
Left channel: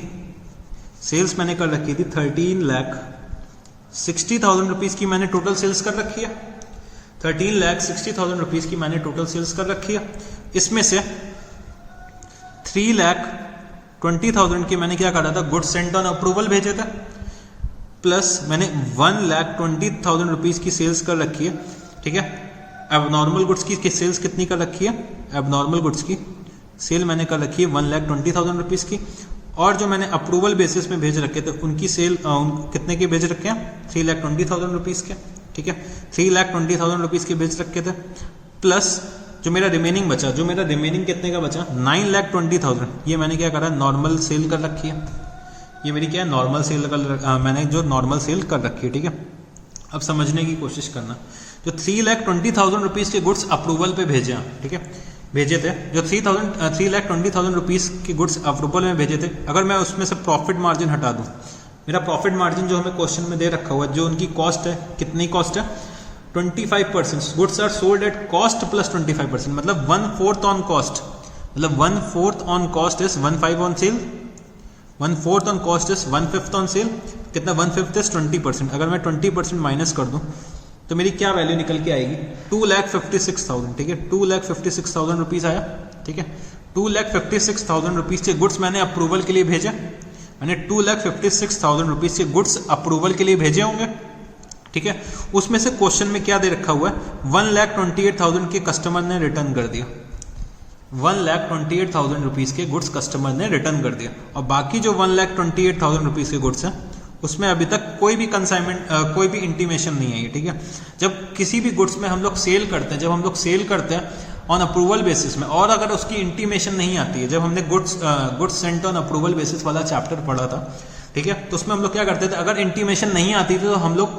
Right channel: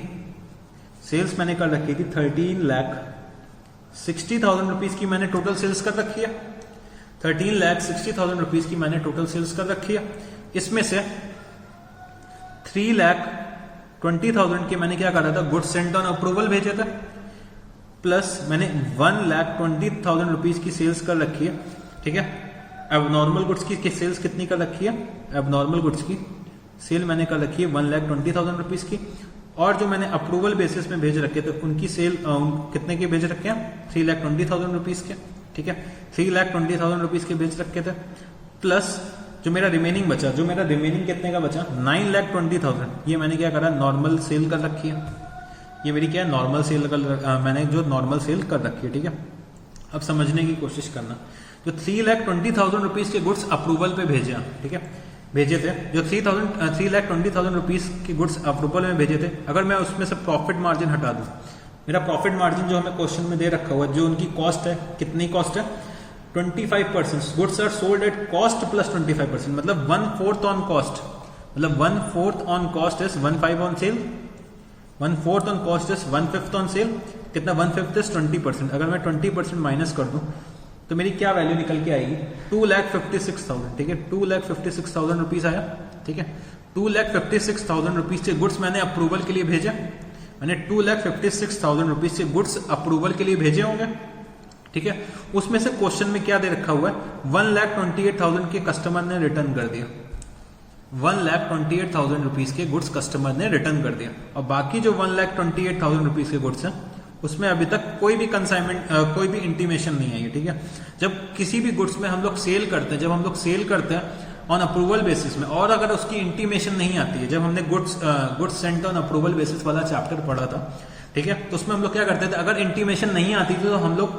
सेल्स मैंने कर रखी थी 13,60,000 रुपीज की मैंने टोटल सेल्स कर रखी है। 13,60,000 रुपीज की मैंने टोटल सेल्स कर रखी है। इसमें से 3,20,000 के मैंने क्या करा था, गुड्स सेंट ऑन अप्रूवल भेजे थे, प्लस मैंने 1,20,000 रुपीज की सेल्स कर रखी है, ठीक है। अब नॉर्मल गुड्स की सेल्स कितनी कर रखी है, अब नॉर्मल गुड्स की सेल मैंने कर रखी है 1,20,000 रुपीज की, और जो मैंने अप्रूवल बेसिस में भेज रखे थे उनकी सेल कितने के भेज रखे हैं, 3,20,000 रुपीज के, ठीक है। 3,20,000 रुपीज के भेज रखे थे, प्लस जो मेरा रिमेनिंग बचा, जो मेरा रिमेनिंग कितने का बचा, 9,20,000, ये मैंने क्या करा, नॉर्मल सेल कर रखी है। ये मेरी क्या है, नॉर्मल सेल मैंने जो नॉर्मल सेल कर रखी है, ठीक है। अब समझने की कोशिश करना, जो 3,20,000 रुपीज के गुड्स अप्रूवल पे भेजे हैं, ठीक है, भेजे थे, जो 3,20,000 रुपीज के गुड्स अप्रूवल में भेजे थे, अगर मैं उसमें से प्रॉफिट मार्जिन हटा दूं, मेरा प्रॉफिट मार्जिन जो हमें क्वेश्चन में दे रखा हुआ है, जो उनकी कॉस्ट है, कितनी कॉस्ट है, 25%। Goods are sold at cost plus 25%, मतलब 1/4 ऑन कॉस्ट, मतलब 1/4 on cost is 1/5 on sale, 1/4 on cost is 1/5 on sale, कितना 1/5 इज 20%। अगर मैं 20% माइनस कर दूं तो मेरी क्या वैल्यू निकल के आएगी, 2,56,000, ठीक है। 2,56,000 रुपीज आया, ठीक है। 2,56,000 रुपीज के गुड्स मैंने अप्रूवल के लिए भेजे, मैंने 2,56,000 रुपीज के गुड्स अप्रूवल के लिए भेजे होंगे, ठीक है। उसमें से क्वेश्चन में क्या दे रखा हुआ है, 1,28,000 के कस्टमर ने रिटर्न कर दिया, 1,28,000 रुपीज के गुड्स कस्टमर ने रिटर्न कर दिया, और बाकी जो 1,28,000 रुपीज के गुड्स हैं उसमें अभी तक कोई भी कंसाइनमेंट, कोई भी इंटीमेशन नहीं है, ठीक है। जब किसी भी गुड्स में हम लोग सेल करते हैं, ऑन अप्रूवल बेसिस में, और अगर उसकी इंटीमेशन नहीं आती है, जब हमने goods sent on approval basis वाला चैप्टर पढ़ा था, ठीक है, तो उसमें हम लोग क्या करते थे, अगर इंटीमेशन नहीं आती थी तो हम लोग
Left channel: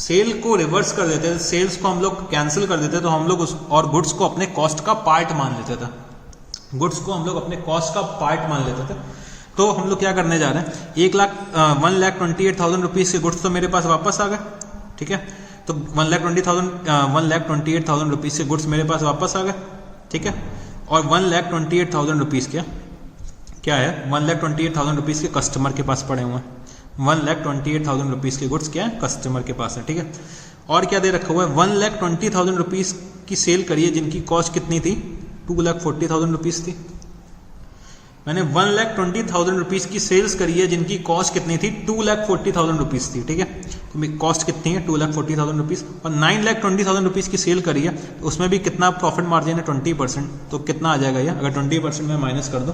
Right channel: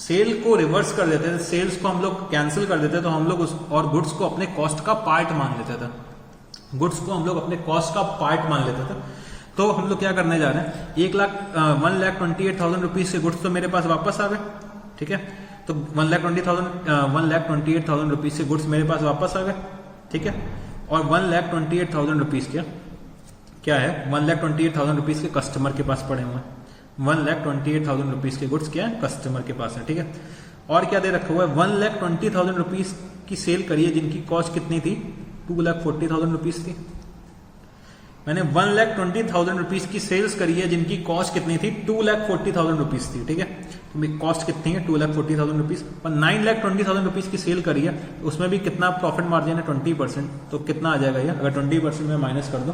सेल को रिवर्स कर देते थे, सेल्स को हम लोग कैंसिल कर देते, तो हम लोग और गुड्स को अपने कॉस्ट का पार्ट मान लेते थे, गुड्स को हम लोग अपने कॉस्ट का पार्ट मान लेते थे। तो हम लोग क्या करने जा रहे हैं, 1,28,000 रुपीज के गुड्स तो मेरे पास वापस आ गए, ठीक है। तो 1,28,000 रुपीज के गुड्स मेरे पास वापस आ गए, ठीक है। और 1,28,000 रुपीज के क्या है, 1,28,000 रुपीज के कस्टमर के पास पड़े हुए हैं, 1,28,000 रुपीज के गुड्स क्या है, कस्टमर के पास है, ठीक है। और क्या दे रखा हुआ है, 1,20,000 रुपीज की सेल करिए जिनकी कॉस्ट कितनी थी, 2,40,000 रुपीज थी। मैंने 1,20,000 रुपीज की सेल्स करी है जिनकी कॉस्ट कितनी थी, 2,40,000 रुपीज थी, ठीक है। तो मेरी कॉस्ट कितनी है, 2,40,000 रुपीज, और 9,20,000 रुपीज की सेल करी है, तो उसमें भी कितना प्रॉफिट मार्जिन है, 20%। तो कितना आ जाएगा ये, अगर 20% में माइनस कर दो,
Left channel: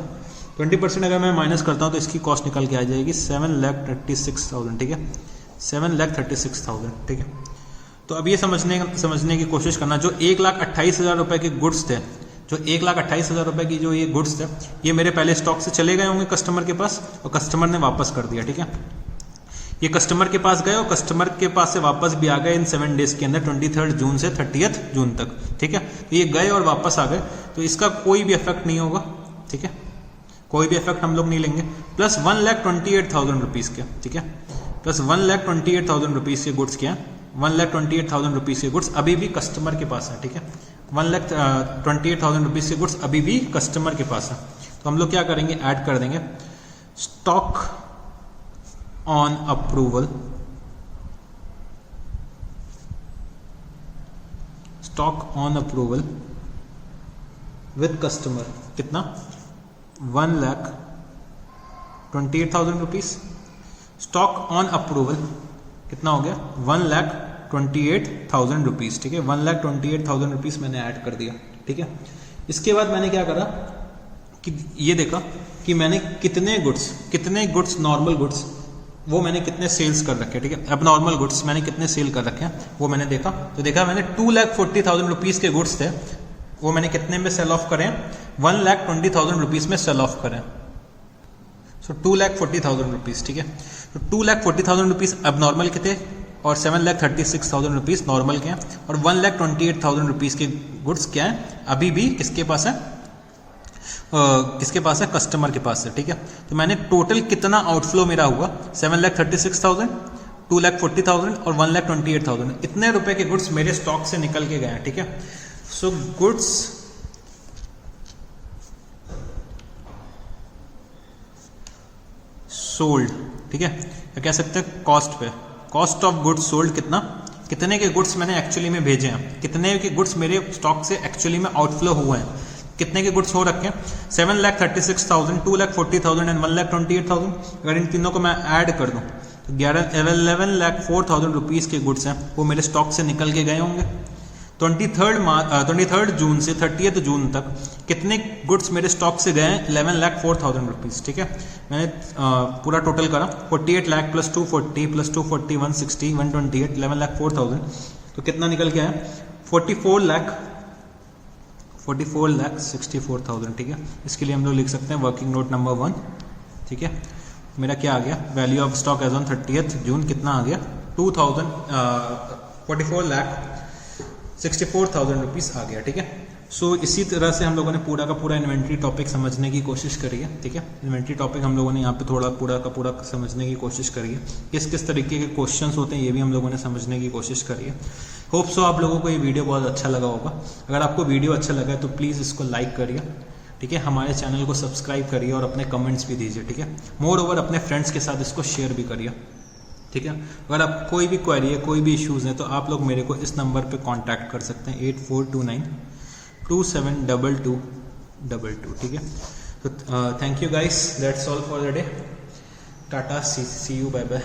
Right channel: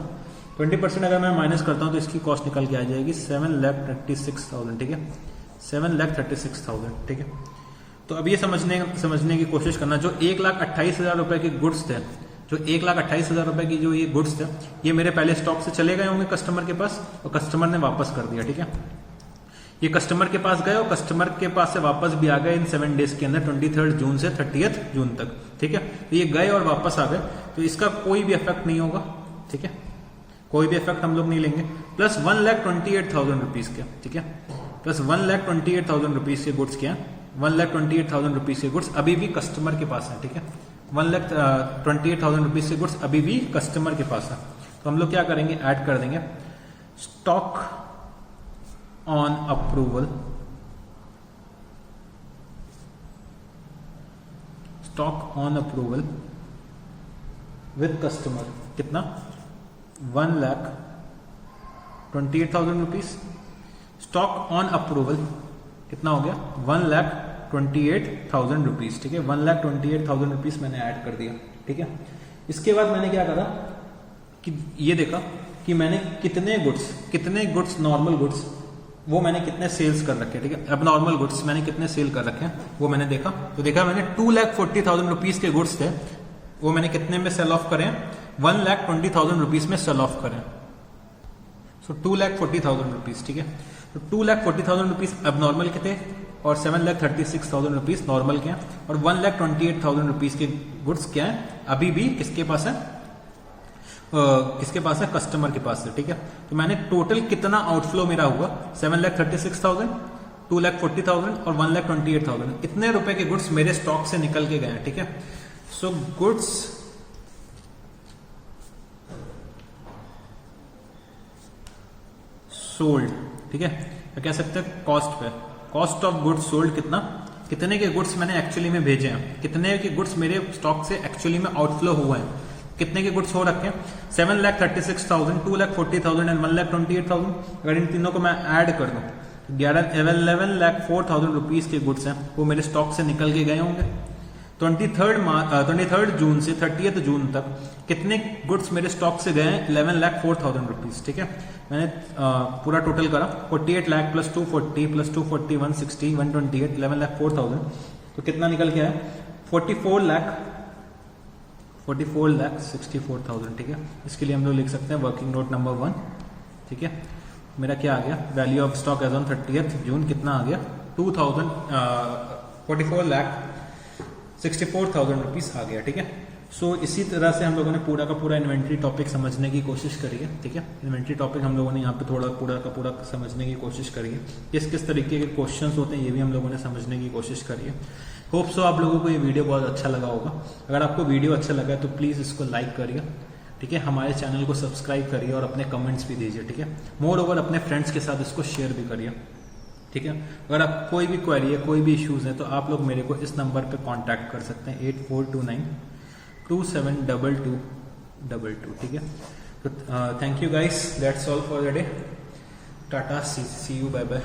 20% अगर मैं माइनस करता हूँ तो इसकी कॉस्ट निकल के आ जाएगी 7,36,000, ठीक है, 7,36,000, ठीक है। तो अब ये समझने की कोशिश करना, जो 1,28,000 रुपए के गुड्स थे, जो 1,28,000 रुपए की जो ये गुड्स थे, ये मेरे पहले स्टॉक से चले गए होंगे कस्टमर के पास, और कस्टमर ने वापस कर दिया, ठीक है। ये कस्टमर के पास गए और कस्टमर के पास से वापस भी आ गए इन 7 डेज के अंदर, 23 जून से 30 जून तक, ठीक है। तो ये गए और वापस आ गए, तो इसका कोई भी इफेक्ट नहीं होगा, ठीक है, कोई भी इफेक्ट हम लोग नहीं लेंगे। प्लस 1,28,000 रुपीज के, ठीक है, प्लस 1,28,000 रुपीज के गुड्स क्या, 1,28,000 रुपीज के गुड्स अभी भी कस्टमर के पास है, ठीक है। 1,28,000 रुपीज के गुड्स अभी भी कस्टमर के पास है। तो हम लोग क्या करेंगे, ऐड कर देंगे stock on approval, stock on approval with customer कितना 1,28,000 रुपीज। स्टॉक ऑन अप्रूवल कितना हो गया 1,28,000 रुपीज। ठीक है 1,28,000 रुपीज मैंने ऐड कर दिया। ठीक है इसके बाद मैंने क्या करा कि ये देखा कि मैंने कितने गुड्स नॉर्मल गुड्स वो मैंने कितने सेल्स कर रखे। ठीक है अब नॉर्मल गुड्स मैंने कितने सेल कर रखे हैं वो मैंने देखा, तो देखा मैंने 2,40,000 रुपीज के गुड्स थे वो मैंने कितने में सेल ऑफ करें 1,20,000 रुपीज में सेल ऑफ करें। सो 2,40,000 रुपीज। ठीक है तो 2,40,000 रुपीज अब नॉर्मल के थे और 7,36,000 रुपीज नॉर्मल के हैं और 1,28,000 रुपीज के गुड्स क्या है अभी भी किसके पास है कस्टमर के पास है। ठीक है तो मैंने टोटल कितना आउटफ्लो मेरा हुआ 7,36,000 2,40,000 और 1,28,000 इतने रुपए के गुड्स मेरे स्टॉक से निकल के गए। ठीक है सो गुड्स सोल्ड। ठीक है तो कह सकते हैं कॉस्ट पे कॉस्ट ऑफ गुड्स सोल्ड कितने के गुड्स मैंने एक्चुअली में भेजे हैं, कितने के गुड्स मेरे स्टॉक से एक्चुअली में आउटफ्लो हुए हैं, कितने के गुड्स हो रखे हैं 7,36,000 2,40,000 एंड 1,28,000। अगर इन तीनों को मैं ऐड कर दूं तो 11,04,000 रुपीज के गुड्स हैं वो मेरे स्टॉक से निकल के गए होंगे। 23 जून से 30 जून तक कितने गुड्स मेरे स्टॉक से गए हैं 11,04,000 रुपीज। ठीक है मैंने पूरा टोटल करा 48 लाख प्लस 240 प्लस 240 160 128 11,04,000 तो कितना निकल के आया 44,64,000। ठीक है इसके लिए हम लोग लिख सकते हैं वर्किंग नोट नंबर 1। ठीक है मेरा क्या आ गया value of stock as on 30 June कितना आ गया 44,64,000 रुपीज आ गया। ठीक है सो इसी तरह से हम लोगों ने पूरा का पूरा इन्वेंट्री टॉपिक समझने की कोशिश करी है। ठीक है इन्वेंट्री टॉपिक हम लोगों ने यहाँ पे थोड़ा पूरा का पूरा समझने की कोशिश करी है, किस तरीके के क्वेश्चंस होते हैं ये भी हम लोगों ने समझने की कोशिश करी है। होप सो आप लोगों को ये वीडियो बहुत अच्छा लगा होगा। अगर आपको वीडियो अच्छा लगा तो प्लीज़ इसको लाइक करिए। ठीक है हमारे चैनल को सब्सक्राइब करिए और अपने कमेंट्स भी दीजिए। ठीक है मोर ओवर अपने फ्रेंड्स के साथ इसको शेयर भी करिए। ठीक है अगर आप कोई भी क्वेरी है कोई भी इश्यूज है तो आप लोग मेरे को इस नंबर पे कांटेक्ट कर सकते हैं 8429272222। ठीक है तो thank you guys that's all for the day tata see you bye bye.